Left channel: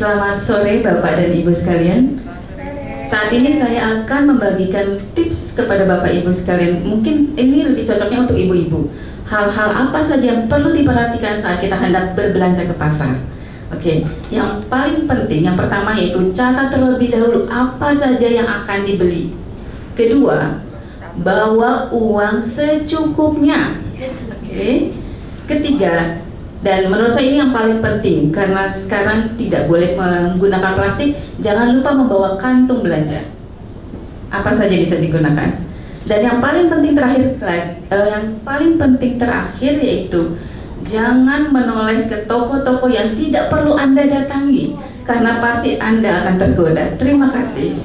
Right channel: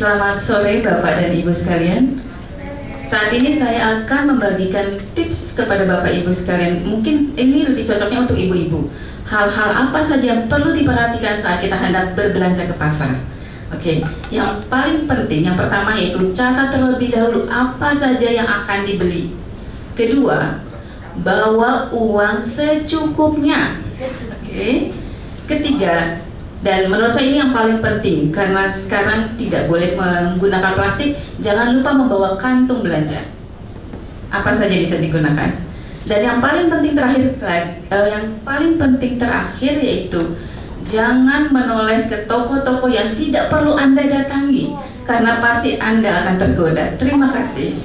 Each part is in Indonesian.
Selamat sore Bapak dan Ibu sekalian. Saat ini saya akan membagikan tips kepada Bapak Ibu sekalian. Mungkin ini lebih cocoknya untuk ibu-ibu. Hal-hal apa saja yang perlu diperhatikan saat kita hendak berbelanja ke pasar. Oke, yang paling penting, yang pertama yaitu catat terlebih dahulu apa saja yang akan dibeli. Kedua, bawa uang secukupnya. Oke. Ketiga, dan menurut saya ini yang paling penting karena sekarang tidak boleh menggunakan plastik, jangan lupa membawa kantung belanja. Apa saja bisa digunakan. Dan yang paling penting terakhir yaitu jangan menoleh ke toko-toko yang tidak perlu Anda datangi karena pasti Anda akan tergoda. Terima kasih.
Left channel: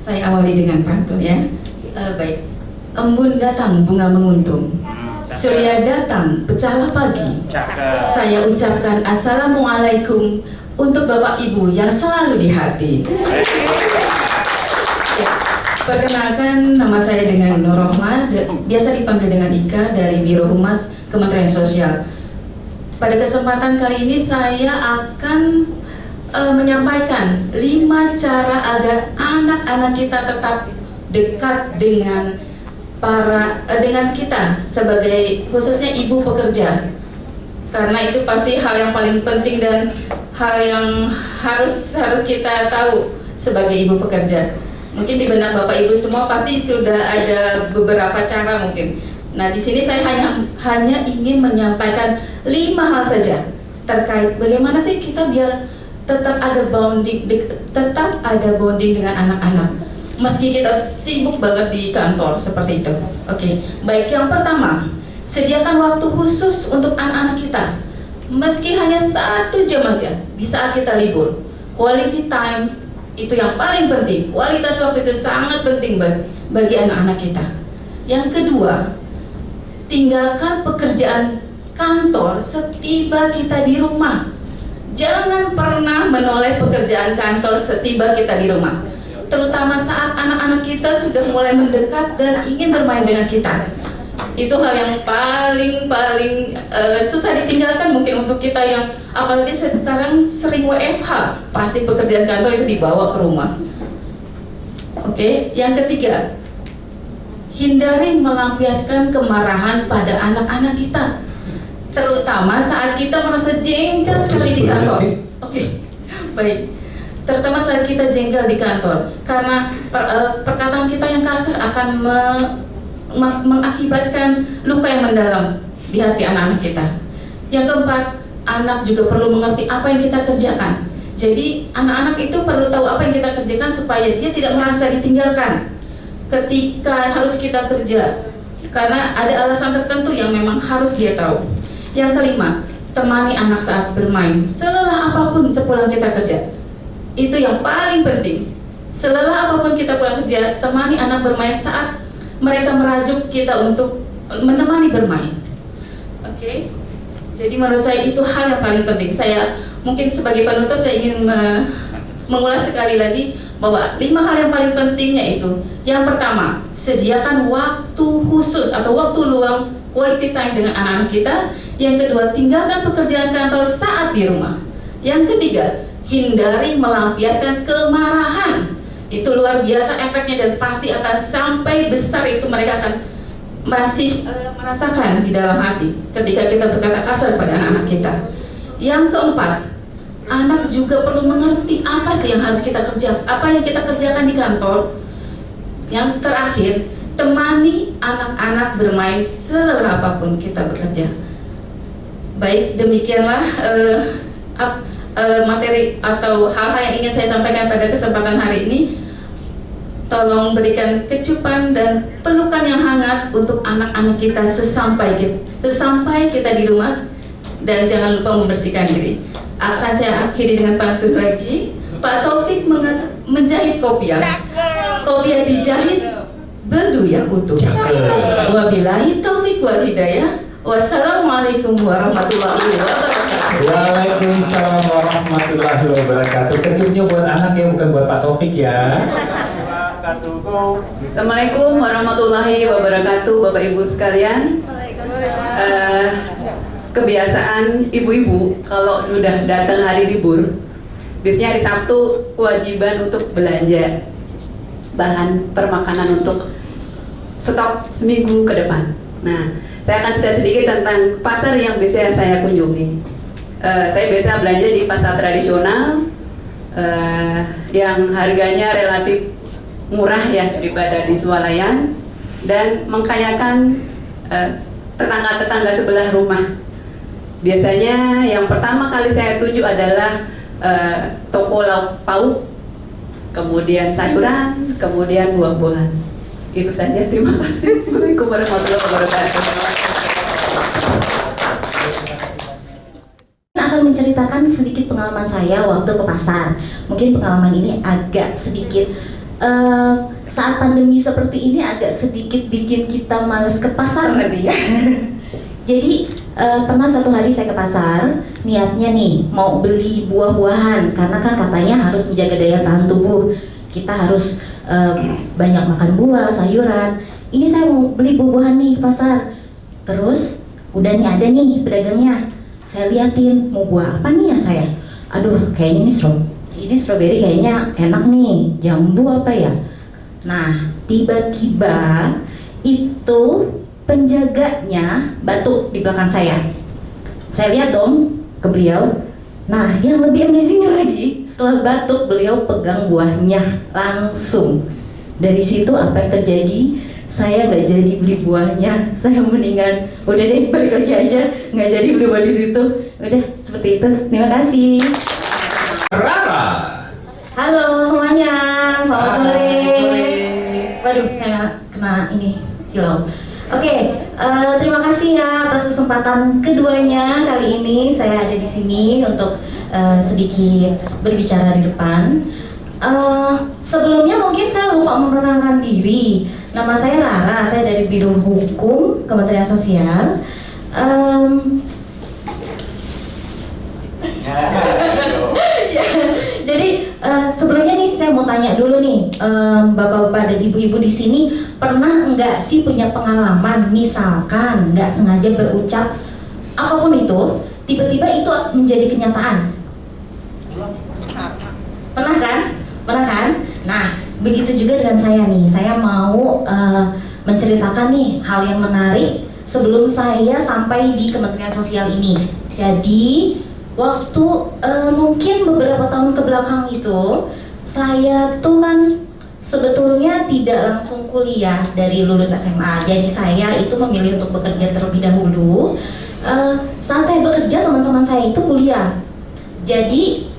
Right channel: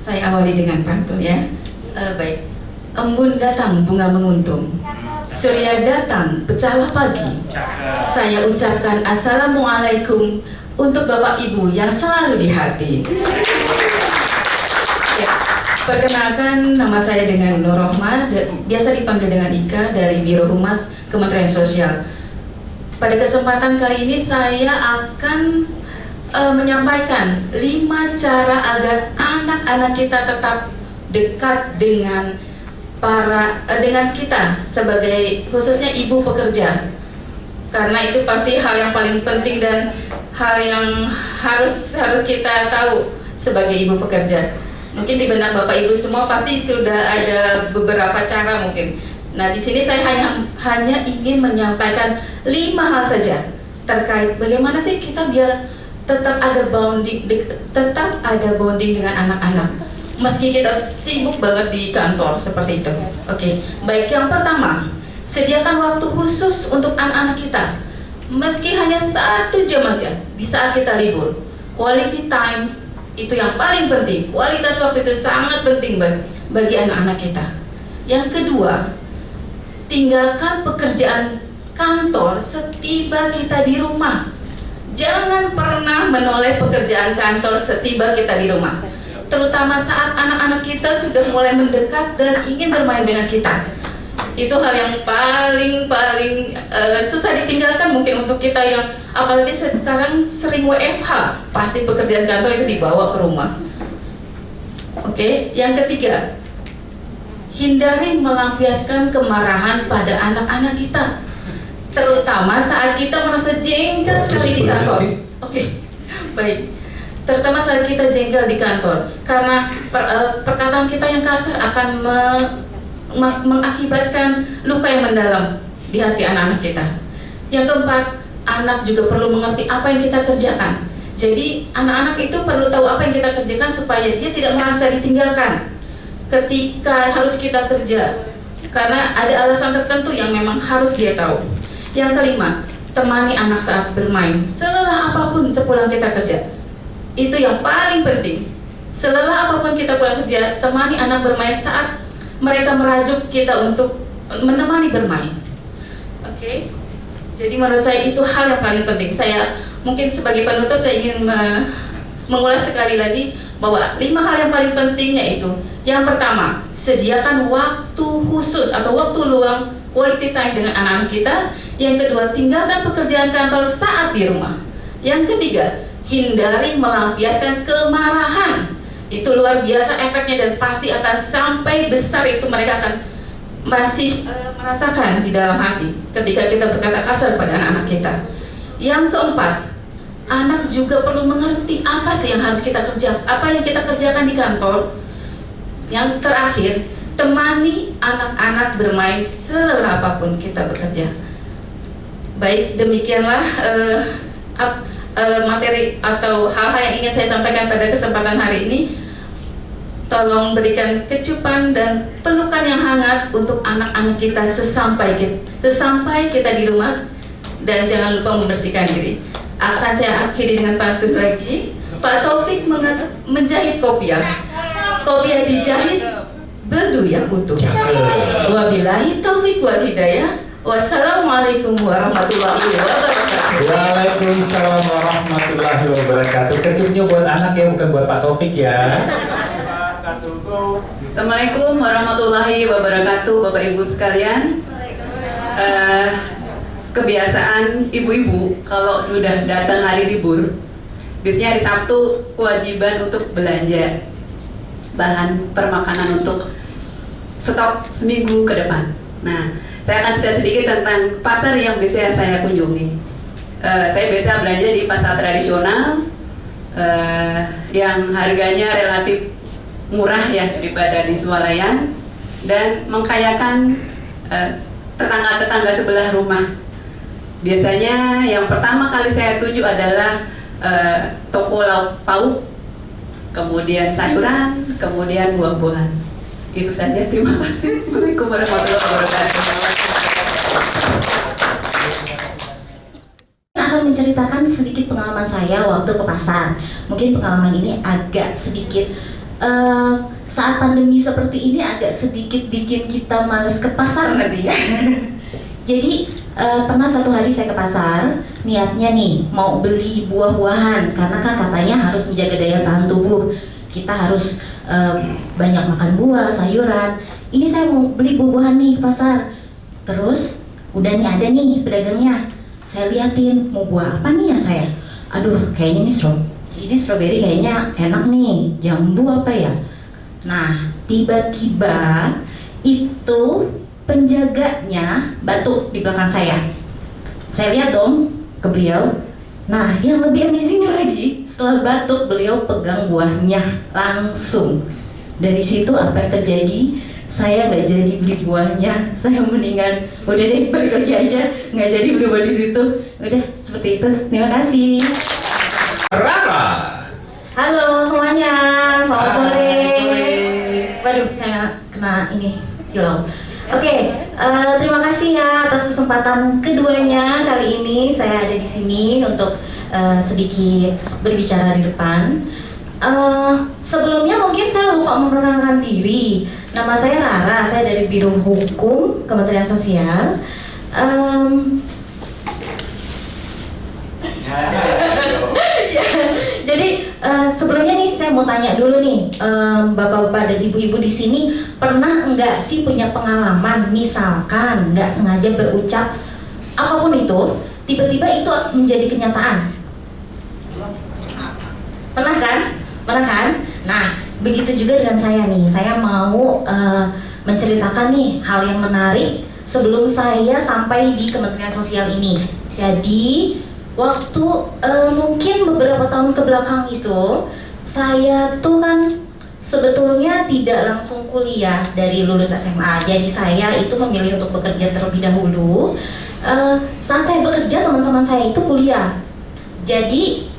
Saya awali dengan pantun ya. Baik. Embun datang bunga menguntung, surya datang pecahlah pagi. Saya ucapkan assalamualaikum untuk Bapak Ibu yang selalu di hati. Ya, perkenalkan nama saya dengan Nur Rohma, biasa dipanggil dengan Ika dari Biro Humas Kementerian Sosial. Pada kesempatan kali ini saya akan menyampaikan 5 cara agar anak-anak kita tetap dekat dengan kita sebagai khususnya ibu pekerja, karena itu pasti hal yang paling penting dan hal yang harus kita tahu sebagai ibu pekerja. Mungkin di benak Bapak Ibu semua pasti sudah ada beberapa cara mungkin. Nah, di sini saya hanya ingin menyampaikan 5 hal saja terkait bagaimana sih kita biar tetap ada bonding dengan anak-anak. Meski kita sibuk banget di kantor seperti itu. Oke, baik, yang pertama, sediakan waktu khusus untuk anak-anak kita. Meski hanya 1 jam aja di saat kita libur. Quality time itu yang paling penting. Kualitas waktu itu sangat penting bagi anak-anak kita. Yang kedua, tinggalkan pekerjaan kantor setiba kita di rumah. Jangan pernah menoleh pekerjaan kantor setiba kita di rumah, terutama saat anak-anak kita sudah mulai mendekat dan ingin bermain dengan kita. Itu hal yang paling susah ditinggalkan mungkin untuk kita yang apalagi sekarang sering WFH, pasti pekerjaan kantor itu dibawa ke rumah. Oke, yang ketiga, hindari melampiaskan kemarahan pada anak-anak kita, terutama saat kita merasa jengkel sekali di kantor. Oke, baik. Terutama saat kita jengkel di kantor, karena perkataan kita yang kasar akan mengakibatkan luka yang mendalam di hati anak-anak kita. Yang keempat, anak juga perlu mengerti apa yang kita kerjakan. Jadi anak-anak itu perlu tahu apa yang kita kerjakan supaya dia tidak merasa ditinggalkan ketika harus kita kerja, karena ada alasan tertentu yang memang harus dia tahu. Yang kelima, temani anak saat bermain selelah apapun sepulang kita kerja. Itu yang paling penting. Selelah apapun kita pulang kerja, temani anak bermain saat mereka merajuk kita untuk menemani bermain. Oke. Jadi menurut saya itu hal yang paling penting. Saya mungkin sebagai penutup saya ingin mengulas sekali lagi bahwa 5 hal yang paling penting yaitu yang pertama, sediakan waktu khusus atau waktu luang quality time dengan anak-anak kita. Yang kedua, tinggalkan pekerjaan kantor saat di rumah. Yang ketiga, hindari melampiaskan kemarahan. Itu luar biasa efeknya dan pasti akan sampai besar itu mereka akan masih merasakan di dalam hati ketika kita berkata kasar pada anak-anak kita. Yang keempat, anak juga perlu mengerti apa sih yang harus kita kerjakan, apa yang kita kerjakan di kantor. Yang terakhir, temani anak-anak bermain selelah apapun kita bekerja. Baik, demikianlah materi atau hal-hal yang ingin saya sampaikan pada kesempatan hari ini. Tolong berikan kecupan dan pelukan yang hangat untuk anak-anak kita sesampai kita di rumah, dan jangan lupa membersihkan diri. Akan saya akhiri dengan pantun lagi. Pak Taufik menjahit kopiah. Kopiah dijahit bedu yang utuh. Wabillahi taufik wal hidayah. Wassalamualaikum warahmatullahi wabarakatuh. Waalaikumsalam warahmatullahi wabarakatuh. Kecupnya buat anak ya, bukan buat Pak Taufik ya. Assalamualaikum warahmatullahi wabarakatuh, Bapak Ibu sekalian. kebiasaan ibu-ibu kalau udah datang hari libur, biasanya hari Sabtu kewajiban untuk belanja bahan permakanan untuk stok seminggu ke depan. Nah, saya akan cerita sedikit tentang pasar yang biasa saya kunjungi. Saya biasa belanja di pasar tradisional yang harganya relatif murah ya daripada di swalayan dan mengkayakan tetangga-tetangga sebelah rumah. Biasanya yang pertama kali saya tuju adalah toko lauk pauk, kemudian sayuran, kemudian buah-buahan. Itu saja, terima kasih. Assalamualaikum warahmatullahi wabarakatuh. Akan menceritakan sedikit pengalaman saya waktu ke pasar. Mungkin pengalaman ini agak sedikit saat pandemi seperti ini agak sedikit bikin kita males ke pasar nanti ya. Jadi pernah satu hari saya ke pasar, niatnya nih mau beli buah-buahan karena kan katanya harus menjaga daya tahan tubuh. Kita harus banyak makan buah, sayuran. Ini saya mau beli buah-buahan nih ke pasar. Terus udah nih ada nih pedagangnya. Saya liatin mau buah apa nih ya saya. Aduh, kayaknya ini strawberry kayaknya enak nih. Jambu apa ya? Nah, tiba-tiba itu penjaganya batuk di belakang saya. Saya lihat dong ke beliau. Nah, yang lebih amazingnya lagi, setelah batuk beliau pegang buahnya langsung. Dari situ apa yang terjadi? Saya nggak jadi beli buahnya. Saya mendingan udah deh balik lagi aja, nggak jadi beli buah di situ. Udah seperti itu. Terima kasih. Rara. Halo semuanya, selamat sore. Waduh, saya kena ini silau. Oke, terima kasih ya atas kesempatan keduanya. Kali ini saya ada di sini untuk sedikit berbicara di depan. Sebelumnya mungkin saya lupa memperkenalkan diri. Nama saya Rara, saya dari Biro Hukum Kementerian Sosial. Ya, jadi sebelumnya nih saya mau tanya dulu nih, bapak-bapak dan ibu-ibu di sini pernah enggak sih punya pengalaman misalkan nggak sengaja berucap apapun itu, tiba-tiba itu menjadi kenyataan? Pernah kan? Pernah kan? Nah, begitu juga dengan saya nih. Saya mau menceritakan nih hal yang menarik sebelum saya sampai di Kementerian Sosial ini. Jadi waktu mungkin beberapa tahun ke belakang itu saya tuh kan sebetulnya tidak langsung kuliah dari lulus SMA. Jadi saya itu memilih untuk bekerja terlebih dahulu. Saat saya bekerja teman-teman saya itu kuliah. Jadi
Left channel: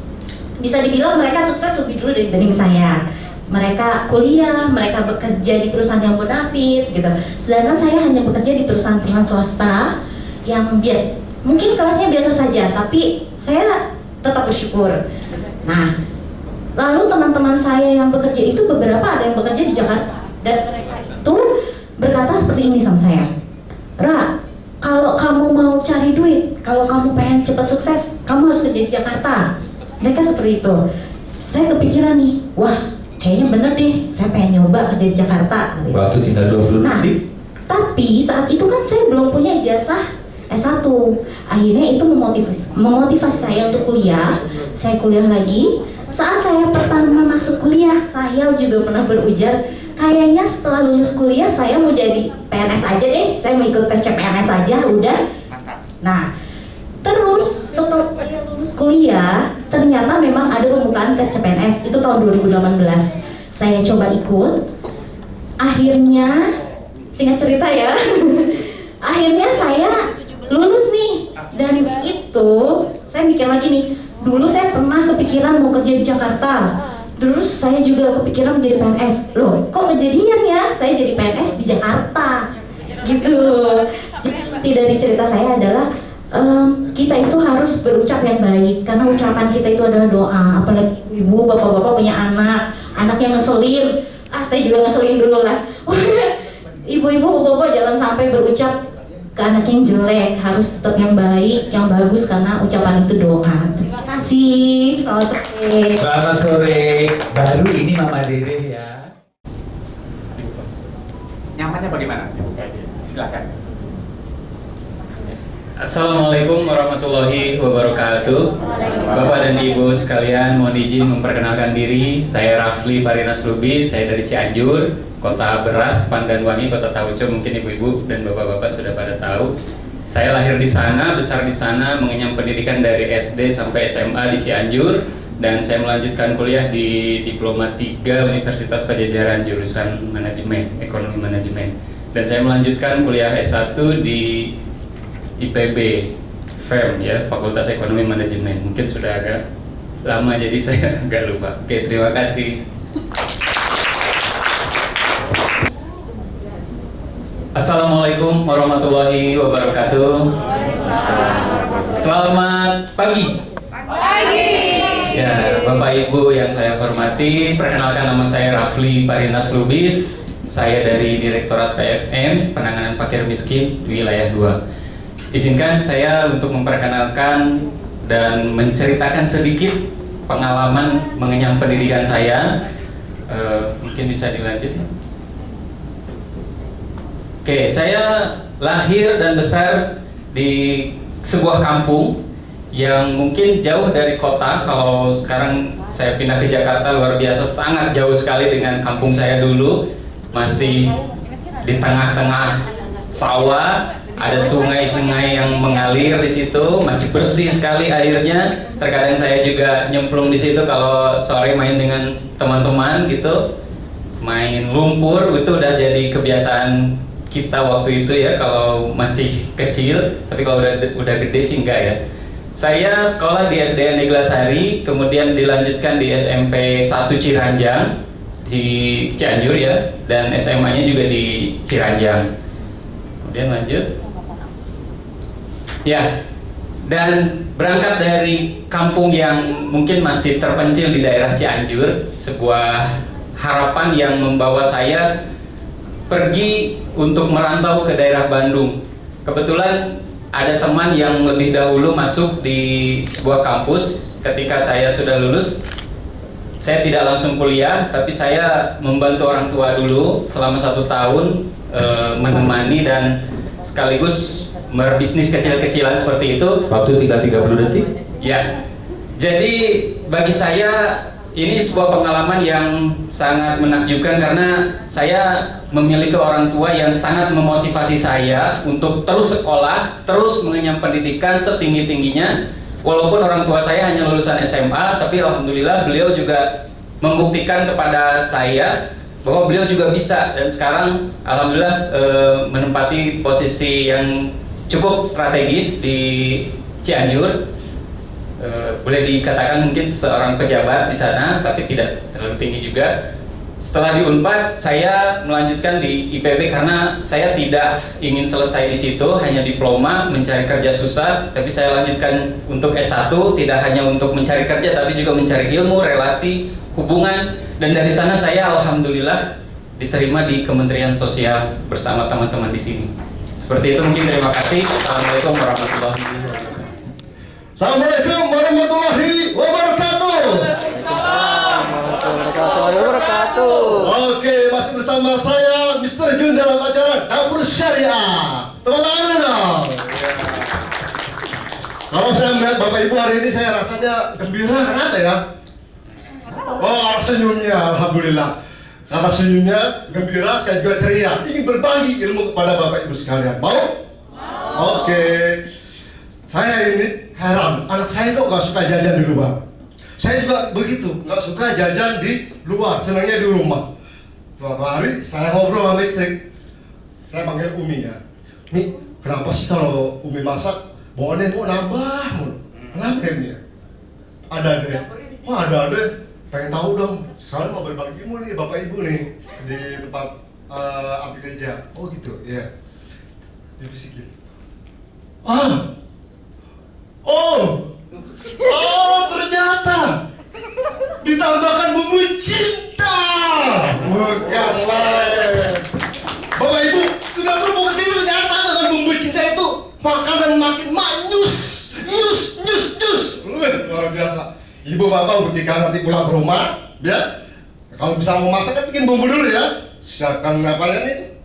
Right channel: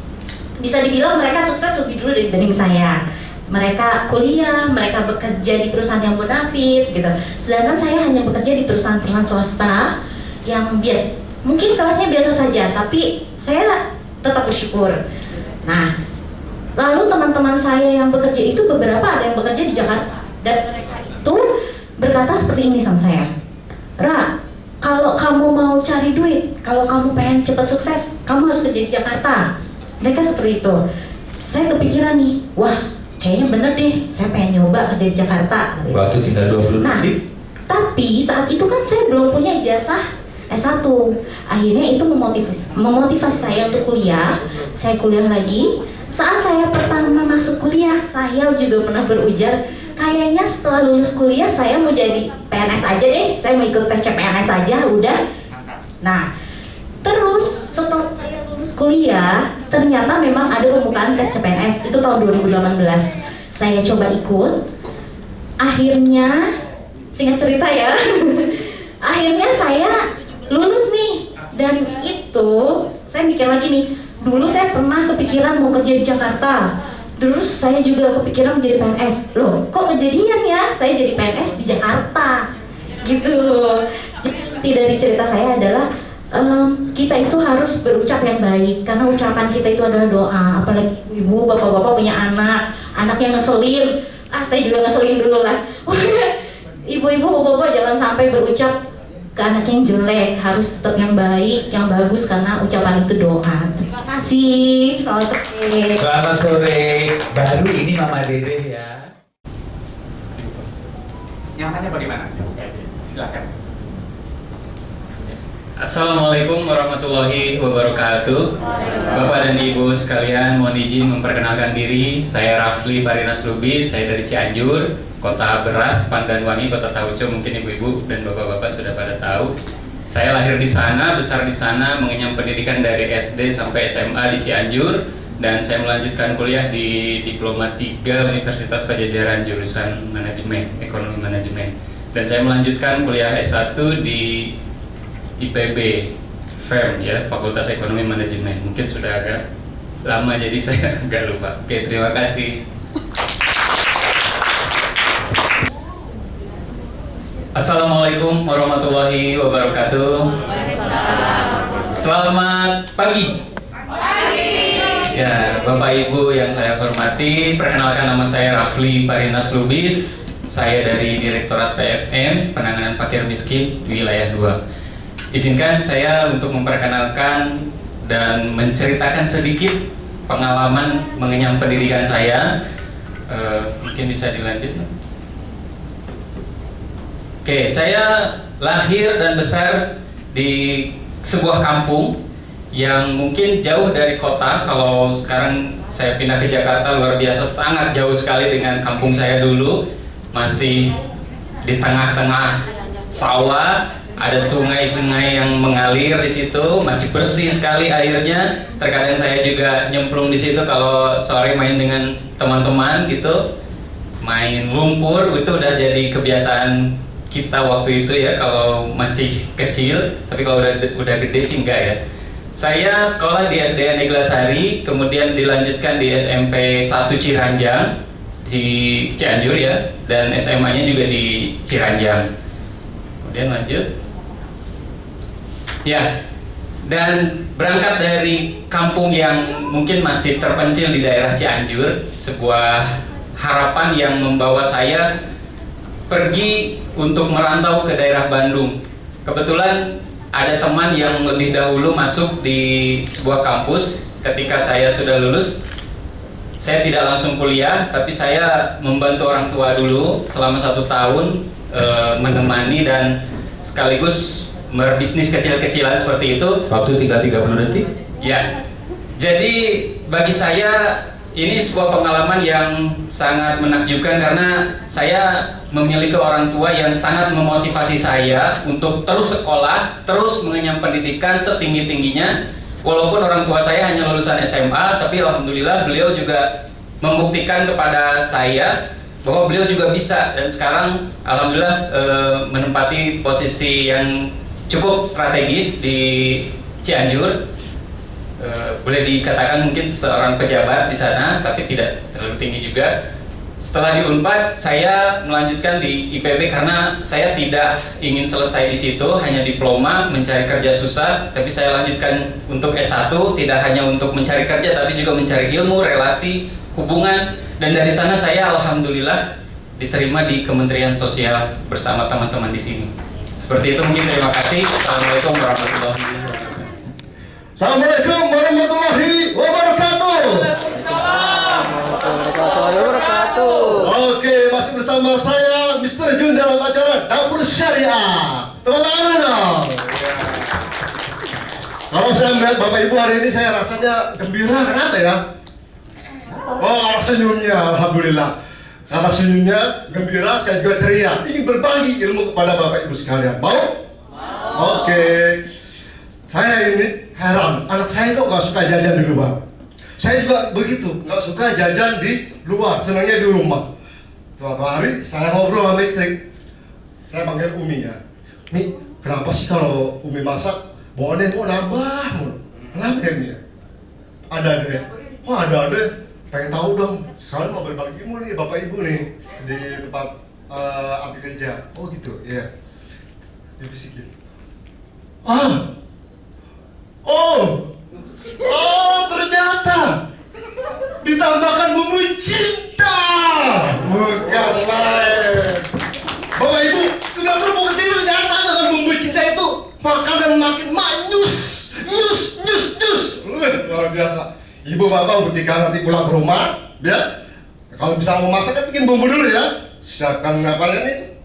bisa dibilang mereka sukses lebih dulu dibanding saya. Mereka kuliah, mereka bekerja di perusahaan yang bonafit gitu. Sedangkan saya hanya bekerja di perusahaan-perusahaan swasta yang biasa. Mungkin kelasnya biasa saja, tapi saya tetap bersyukur. Nah, lalu teman-teman saya yang bekerja itu beberapa ada yang bekerja di Jakarta dan mereka itu berkata seperti ini sama saya. Ra, kalau kamu mau cari duit, kalau kamu pengen cepat sukses, kamu harus kerja di Jakarta. Mereka seperti itu. Saya kepikiran nih, wah kayaknya bener deh, saya pengen nyoba kerja di Jakarta. Waktu tinggal 20 Nah, detik. tapi saat itu kan saya belum punya ijazah S1. Akhirnya itu memotivasi saya untuk kuliah. Saya kuliah lagi. Saat saya pertama masuk kuliah, saya juga pernah berujar, kayaknya setelah lulus kuliah saya mau jadi PNS aja deh. Saya mau ikut tes CPNS aja, udah. Nah, terus setelah saya lulus kuliah, ternyata memang ada pembukaan tes CPNS. Itu tahun 2018. Saya coba ikut. Akhirnya, singkat cerita ya, akhirnya saya lulus nih. Dan itu saya mikir lagi nih, dulu saya pernah kepikiran mau kerja di Jakarta. Terus saya juga kepikiran menjadi PNS. Loh, kok kejadian ya? Saya jadi PNS di Jakarta. Gitu. Jadi dari cerita saya adalah kita itu harus berucap yang baik, karena ucapan kita itu adalah doa. Apalagi ibu, bapak-bapak punya anak yang ngeselin. Saya juga ngeselin dulu lah. Ibu-ibu, bapak-bapak jangan sampai berucap ke anak yang jelek, harus tetap yang baik, yang bagus, karena ucapan itu doa. Terima kasih. Selamat sore. Selamat sore. Baru ini Mama Dede ya. Nyamannya bagaimana? Silakan. Assalamualaikum warahmatullahi wabarakatuh. Bapak dan Ibu sekalian, mohon izin memperkenalkan diri. Saya Rafli Parinas Lubis, saya dari Cianjur, kota beras, pandan wangi, kota tauco. Mungkin ibu-ibu dan bapak-bapak sudah pada tahu. Saya lahir di sana, besar di sana, mengenyam pendidikan dari SD sampai SMA di Cianjur, dan saya melanjutkan kuliah di Diploma 3 Universitas Pajajaran jurusan Manajemen, Ekonomi Manajemen. Dan saya melanjutkan kuliah S1 di IPB FEM ya, Fakultas Ekonomi Manajemen. Mungkin sudah agak lama jadi saya agak lupa. Oke, terima kasih. Assalamualaikum warahmatullahi wabarakatuh. Selamat pagi. Ya, Bapak Ibu yang saya hormati, perkenalkan nama saya Rafli Parinas Lubis. Saya dari Direktorat PFM, Penanganan Fakir Miskin Wilayah 2. Izinkan saya untuk memperkenalkan dan menceritakan sedikit pengalaman mengenyam pendidikan saya. Mungkin bisa dilanjut. Oke, saya lahir dan besar di sebuah kampung yang mungkin jauh dari kota. Kalau sekarang saya pindah ke Jakarta, luar biasa, sangat jauh sekali dengan kampung saya dulu. Masih di tengah-tengah sawah, ada sungai-sungai yang mengalir di situ, masih bersih sekali airnya. Terkadang saya juga nyemplung di situ kalau sore main dengan teman-teman gitu, main lumpur. Itu udah jadi kebiasaan kita waktu itu ya, kalau masih kecil. Tapi kalau udah gede sih enggak ya. Saya sekolah di SDN Neglasari, kemudian dilanjutkan di SMP 1 Ciranjang di Cianjur ya, dan SMA-nya juga di Ciranjang. Kemudian lanjut. Ya, dan berangkat dari kampung yang mungkin masih terpencil di daerah Cianjur, sebuah harapan yang membawa saya pergi untuk merantau ke daerah Bandung. Kebetulan ada teman yang lebih dahulu masuk di sebuah kampus. Ketika saya sudah lulus, saya tidak langsung kuliah, tapi saya membantu orang tua dulu selama 1 tahun, menemani dan sekaligus berbisnis kecil-kecilan seperti itu. Waktu tinggal 30 detik? Ya, jadi bagi saya ini sebuah pengalaman yang sangat menakjubkan karena saya memiliki orang tua yang sangat memotivasi saya untuk terus sekolah, terus mengenyam pendidikan setinggi-tingginya. Walaupun orang tua saya hanya lulusan SMA, tapi alhamdulillah beliau juga membuktikan kepada saya bahwa beliau juga bisa, dan sekarang alhamdulillah menempati posisi yang cukup strategis di Cianjur. Boleh dikatakan mungkin seorang pejabat di sana, tapi tidak terlalu tinggi juga. Setelah di Unpad, saya melanjutkan di IPB karena saya tidak ingin selesai di situ, hanya diploma, mencari kerja susah. Tapi saya lanjutkan untuk S1, tidak hanya untuk mencari kerja, tapi juga mencari ilmu, relasi, hubungan. Dan dari sana saya alhamdulillah diterima di Kementerian Sosial bersama teman-teman di sini. Seperti itu mungkin, terima kasih. Assalamualaikum warahmatullahi wabarakatuh. Assalamualaikum warahmatullahi wabarakatuh. Oke, masih bersama saya Mr. Jun dalam acara Dapur Syariah. Tepuk tangan dong. Kalau saya melihat Bapak Ibu hari ini, saya rasanya gembira. Kenapa ya? Oh, karena senyumnya, alhamdulillah. Karena senyumnya gembira, saya juga ceria. Ingin berbagi ilmu kepada Bapak Ibu sekalian. Mau? Oke. Saya ini heran, anak saya kok gak suka jajan di luar. Saya juga begitu, gak suka jajan di luar, senangnya di rumah. Suatu hari saya ngobrol sama istri, saya panggil Umi ya. Mi, kenapa sih kalau Umi masak, bawaannya kok nambah mulu? Kenapa ya Mi? Ada deh. Kok ada deh? Pengen tahu dong. Soalnya mau berbagi ilmu nih Bapak Ibu nih di tempat Abi kerja. Oh gitu, ya. Dibisikin. Oh, ternyata ditambahkan bumbu cinta, bukan lain. Bapak Ibu sudah terbukti ternyata dengan bumbu cinta itu makanan makin manyus, nyus. Luar biasa. Ibu bapak ketika nanti pulang ke rumah, ya, kalau bisa mau masak kan bikin bumbu dulu ya. Siapkan apa ini?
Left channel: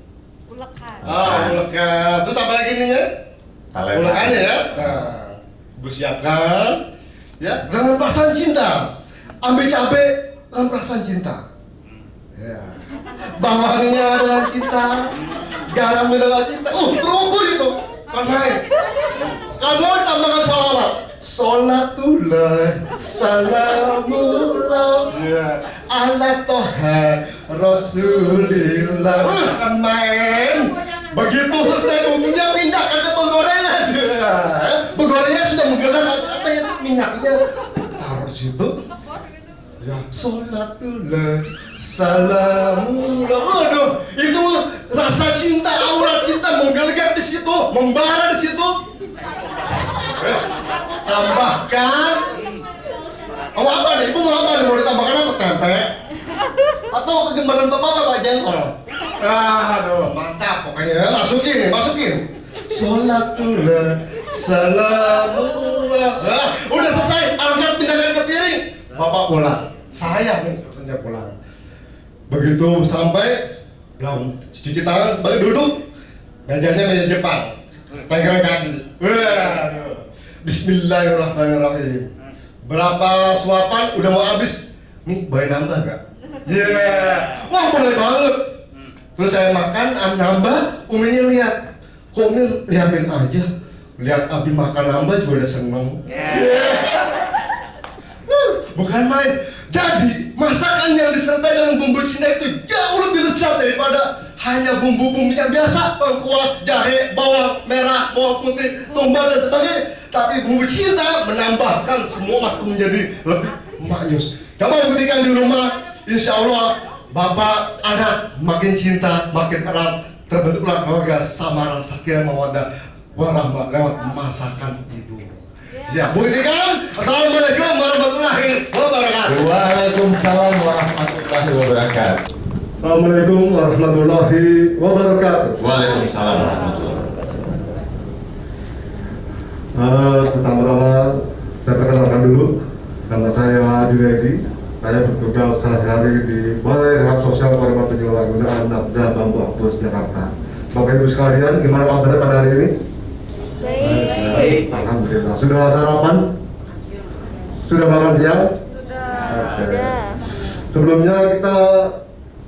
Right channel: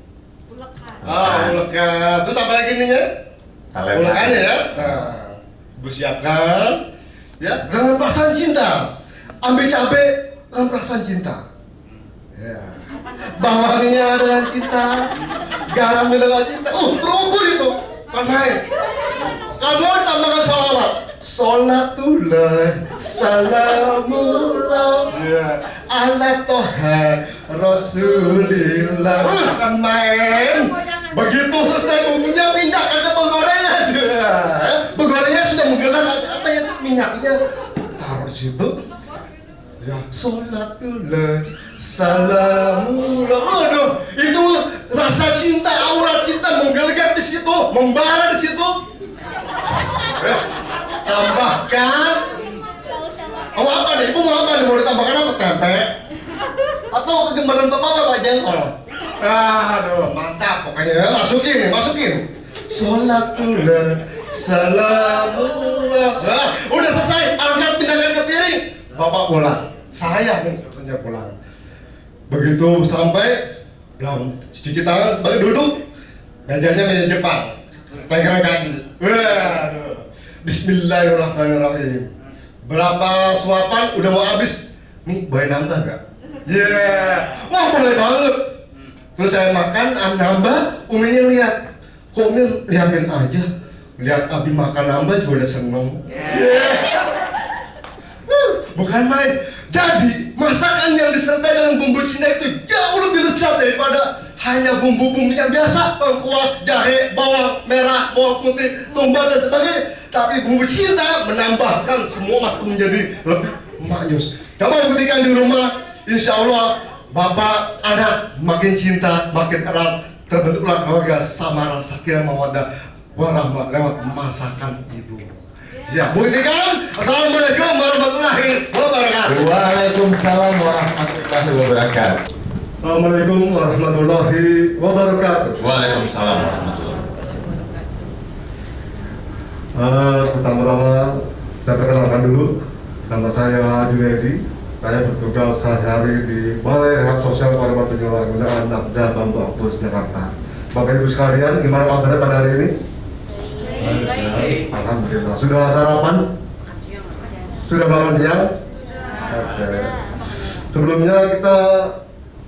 Ulekan. Ulekan. Terus apa lagi nih ya? Mulakannya ya. Nah, Ibu siapkan ya dengan perasaan cinta. Ambil cabai dengan perasaan cinta. Ya. Bawangnya dengan cinta, garam dengan cinta. Terukur itu. Pandai. Kamu ditambahkan sholawat. Sholatullah, salamullah, ya, ala toha Rasulillah. Kan main. Begitu selesai bumbunya, pindahkan ke penggorengan. Penggorengnya sudah menggelar apa ya minyaknya. Taruh situ. Ya, sholatullah, salamullah. Waduh, itu rasa cinta, aura cinta menggelegar di situ, membara di situ. Tambahkan. Mau apa nih? Ibu mau apa nih? Mau ditambahkan apa? Tempe? Atau kegembaran bapak jengkol? Aduh, mantap pokoknya. Masukin. Sholatullah, salamullah. Udah selesai. Angkat, pindahkan ke piring. Bapak pulang. Saya nih katanya pulang. Begitu sampai belum cuci tangan, balik duduk. Mejanya meja Jepang. Pegang kaki. Waduh. Bismillahirrahmanirrahim. Berapa suapan udah mau habis? Nih, boleh nambah gak? Wah, boleh banget. Terus saya makan, nambah, Uminya lihat. Kok Umi liatin aja? Lihat Abi makan nambah juga udah seneng. Bukan main. Jadi, masakan yang disertai dengan bumbu cinta itu jauh lebih lezat daripada hanya bumbu-bumbunya biasa, lengkuas, jahe, bawang merah, bawang putih, tumbar dan sebagainya. Tapi bumbu cinta menambahkan semua masakan menjadi lebih maknyus. Coba buktikan di rumah, insya Allah bapak anak makin cinta, makin erat, terbentuklah keluarga sama sakinah mawaddah warahmah lewat masakan ibu. Ya, buktikan. Assalamualaikum warahmatullahi wabarakatuh. Waalaikumsalam warahmatullahi wabarakatuh. Assalamualaikum warahmatullahi wabarakatuh. Waalaikumsalam warahmatullahi wabarakatuh. Pertama-tama saya perkenalkan dulu. Nama saya Junaidi. Saya bertugas sehari-hari di Balai Rehab Sosial Korban Penyalahgunaan Nafza Bantu Apus Jakarta. Bapak Ibu sekalian, gimana kabarnya pada hari ini? Baik. Alhamdulillah. Sudah sarapan? Sudah makan siang? Oke. Sebelumnya kita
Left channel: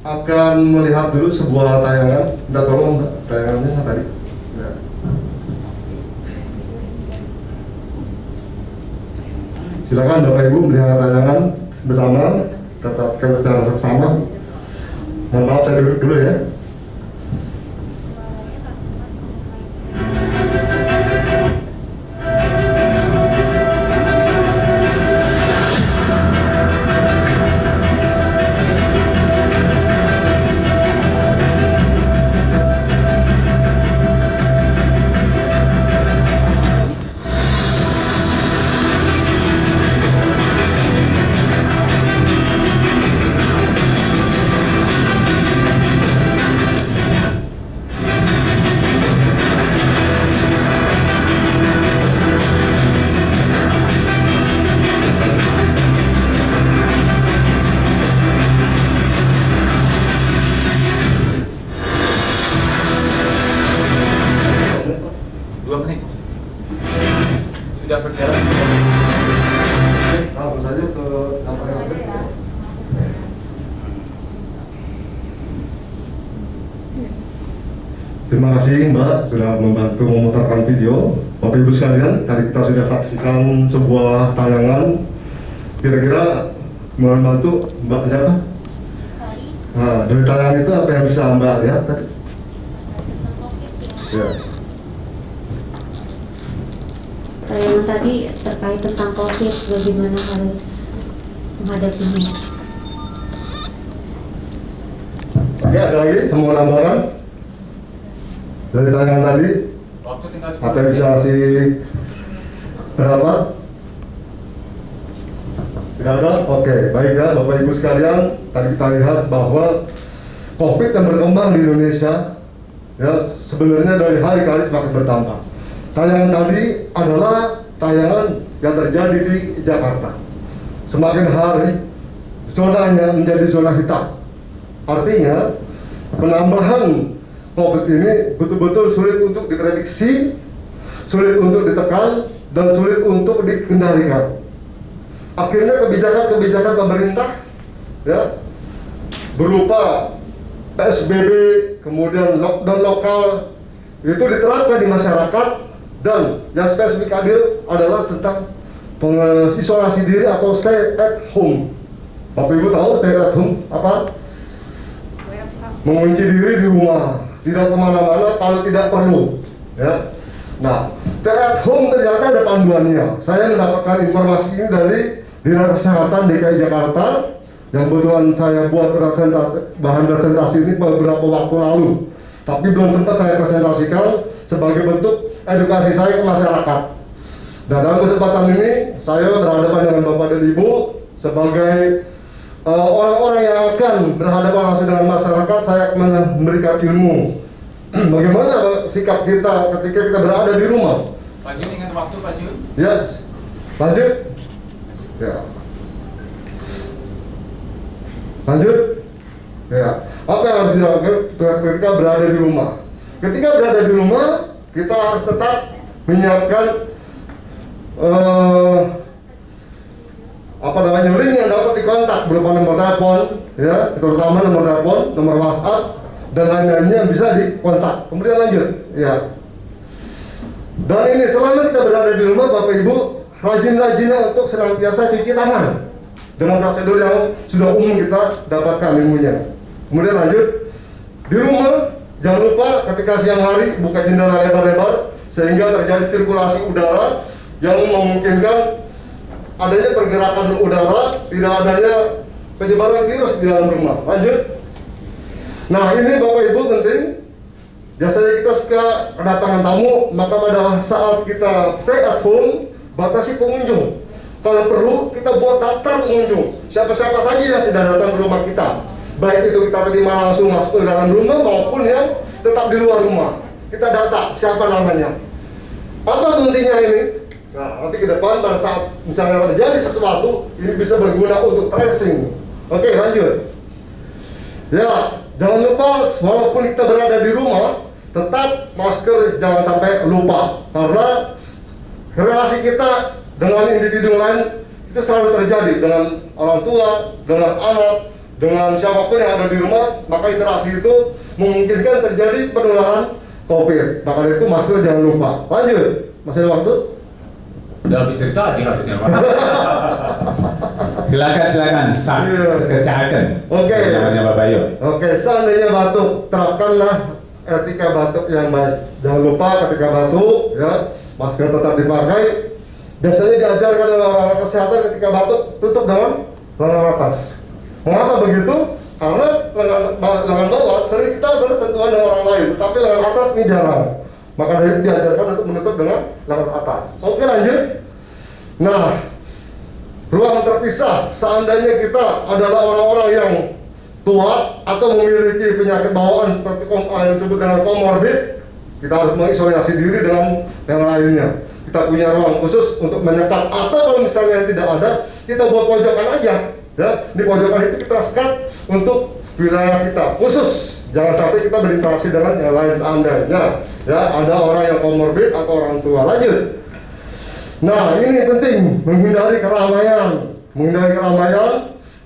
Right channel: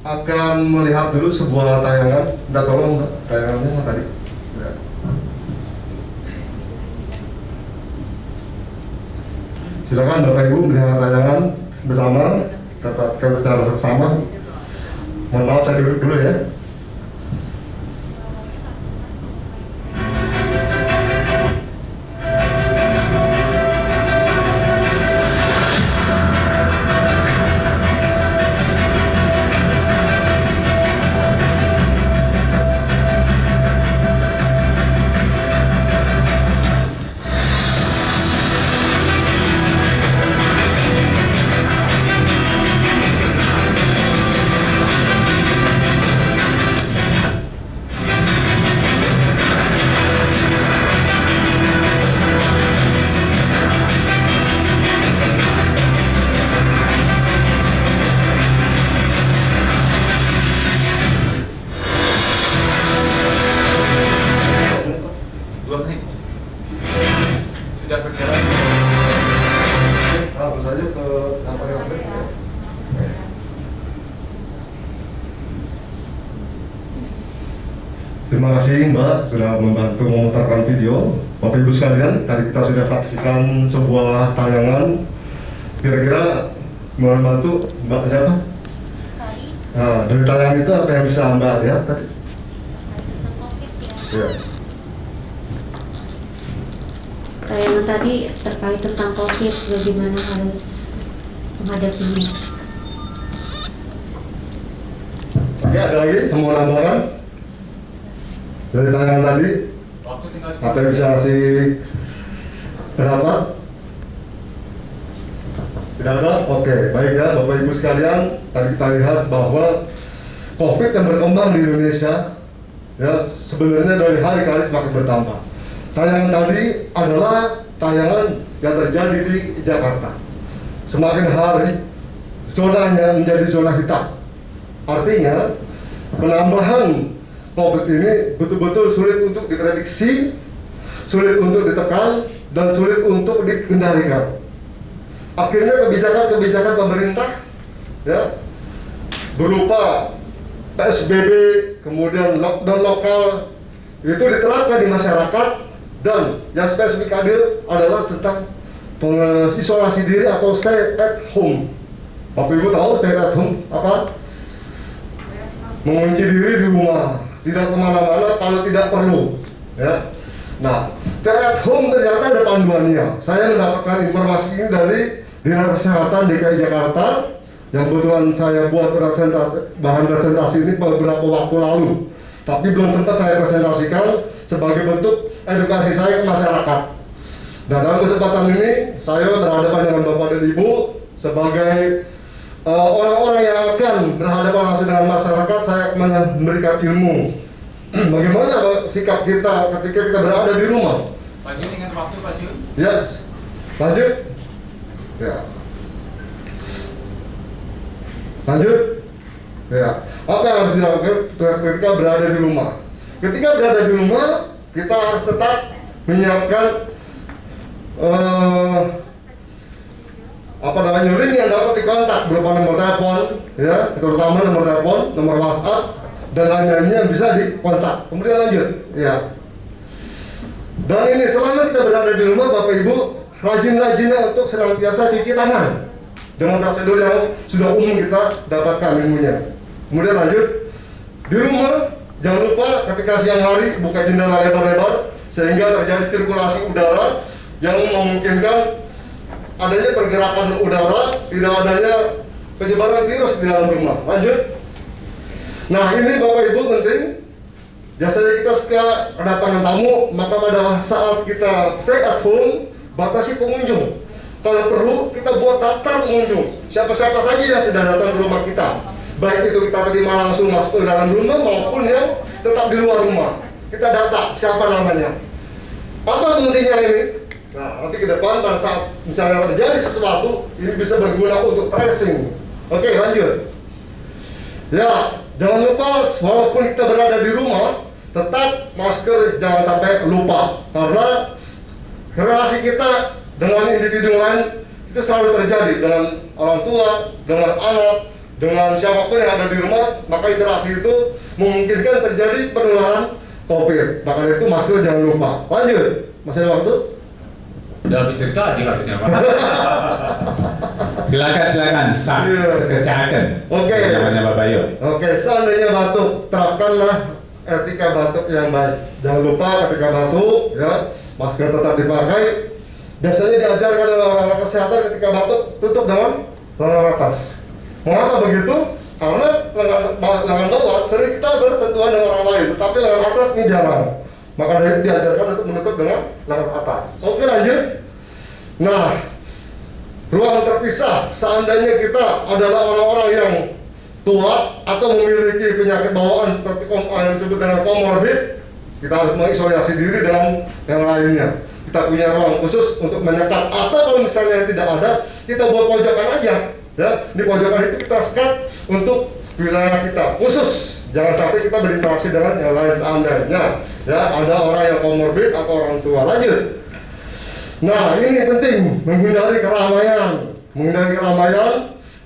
akan melihat dulu sebuah tayangan. Minta tolong Mbak, tayangannya tadi. Ya. Silakan Bapak Ibu melihat tayangan bersama, tetapkan secara seksama. Mohon maaf saya duduk dulu ya. Sudah berjalan. Langsung saja ke apa yang ada. Terima kasih Mbak sudah membantu memutarkan video. Bapak Ibu sekalian, tadi kita sudah saksikan sebuah tayangan. Kira-kira membantu Mbak siapa? Nah, dari tayangan itu apa yang bisa Mbak lihat tadi? Ya. Tayangan tadi terkait tentang COVID, bagaimana harus menghadapinya. Oke, ada lagi yang mau nambahkan? Dari tayangan tadi? Waktu tinggal Apa yang bisa kasih berapa? Tidak ada? Oke, baik ya Bapak Ibu sekalian. Tadi kita lihat bahwa COVID yang berkembang di Indonesia ya sebenarnya dari hari ke hari semakin bertambah. Tayangan tadi adalah tayangan yang terjadi di Jakarta. Semakin hari zonanya menjadi zona hitam. Artinya penambahan COVID ini betul-betul sulit untuk diprediksi, sulit untuk ditekan dan sulit untuk dikendalikan. Akhirnya kebijakan-kebijakan pemerintah ya berupa PSBB, kemudian lockdown lokal itu diterapkan di masyarakat, dan yang spesifik adalah tentang isolasi diri atau stay at home. Bapak Ibu tahu stay at home apa? Mengunci diri di rumah, tidak kemana-mana kalau tidak perlu ya. Nah, stay at home ternyata ada panduannya. Saya mendapatkan informasi ini dari Dinas Kesehatan DKI Jakarta yang kebetulan saya buat bahan presentasi ini beberapa waktu lalu, tapi belum sempat saya presentasikan sebagai bentuk edukasi saya ke masyarakat. Dan dalam kesempatan ini saya berhadapan dengan Bapak dan Ibu sebagai orang-orang yang akan berhadapan langsung dengan masyarakat. Saya memberikan ilmu bagaimana sikap kita ketika kita berada di rumah. Pak Jun ingat waktu Pak Jun? Ya, lanjut. Ya. Lanjut. Ya. Apa yang harus dilakukan ketika berada di rumah? Ketika berada di rumah, kita harus tetap menyiapkan link yang dapat dikontak berupa nomor telepon, ya, terutama nomor telepon, nomor WhatsApp dan lain-lainnya yang bisa dikontak. Kemudian lanjut, ya. Dan ini selama kita berada di rumah, Bapak Ibu, rajin-rajinnya untuk senantiasa cuci tangan dengan prosedur yang sudah umum kita dapatkan ilmunya. Kemudian lanjut, di rumah jangan lupa ketika siang hari buka jendela lebar-lebar sehingga terjadi sirkulasi udara yang memungkinkan adanya pergerakan udara, tidak adanya penyebaran virus di dalam rumah. Lanjut. Nah, ini Bapak Ibu penting. Biasanya kita suka kedatangan tamu, maka pada saat kita stay at home, batasi pengunjung. Kalau perlu, kita buat daftar pengunjung. Siapa-siapa saja yang sudah datang ke rumah kita. Baik itu kita terima langsung masuk ke dalam rumah maupun yang tetap di luar rumah. Kita data siapa namanya. Apa pentingnya ini? Nah, nanti ke depan pada saat misalnya terjadi sesuatu, ini bisa berguna untuk tracing. Oke, lanjut. Ya, jangan lupa walaupun kita berada di rumah, tetap masker jangan sampai lupa. Karena relasi kita dengan individu lain itu selalu terjadi dengan orang tua, dengan anak, dengan siapapun yang ada di rumah, maka interaksi itu memungkinkan terjadi penularan COVID. Maka dari itu masker jangan lupa. Lanjut, masih ada waktu? Udah habis dari tadi harusnya Pak. silakan. Sekecakan. Oke. Namanya Bapak Yo. Oke, seandainya batuk, terapkanlah etika batuk yang baik. Jangan lupa ketika batuk, ya, masker tetap dipakai. Biasanya diajarkan oleh orang-orang kesehatan ketika batuk, tutup dengan lengan atas. Mengapa begitu? Karena lengan bawah sering kita bersentuhan dengan orang lain, tetapi lengan atas ini jarang. Maka dari itu diajarkan untuk menutup dengan lengan atas. Oke, lanjut. Nah, ruang terpisah. Seandainya kita adalah orang-orang yang tua atau memiliki penyakit bawaan seperti yang disebut dengan komorbid, kita harus mengisolasi diri dengan yang lainnya. Kita punya ruang khusus untuk menyekat. Atau kalau misalnya tidak ada, kita buat pojokan aja. Ya, di pojokan itu kita sekat untuk wilayah kita khusus. Jangan sampai kita berinteraksi dengan yang lain seandainya. Ya, ada orang yang komorbid atau orang tua. Lanjut. Nah, ini penting, menghindari keramaian. Menghindari keramaian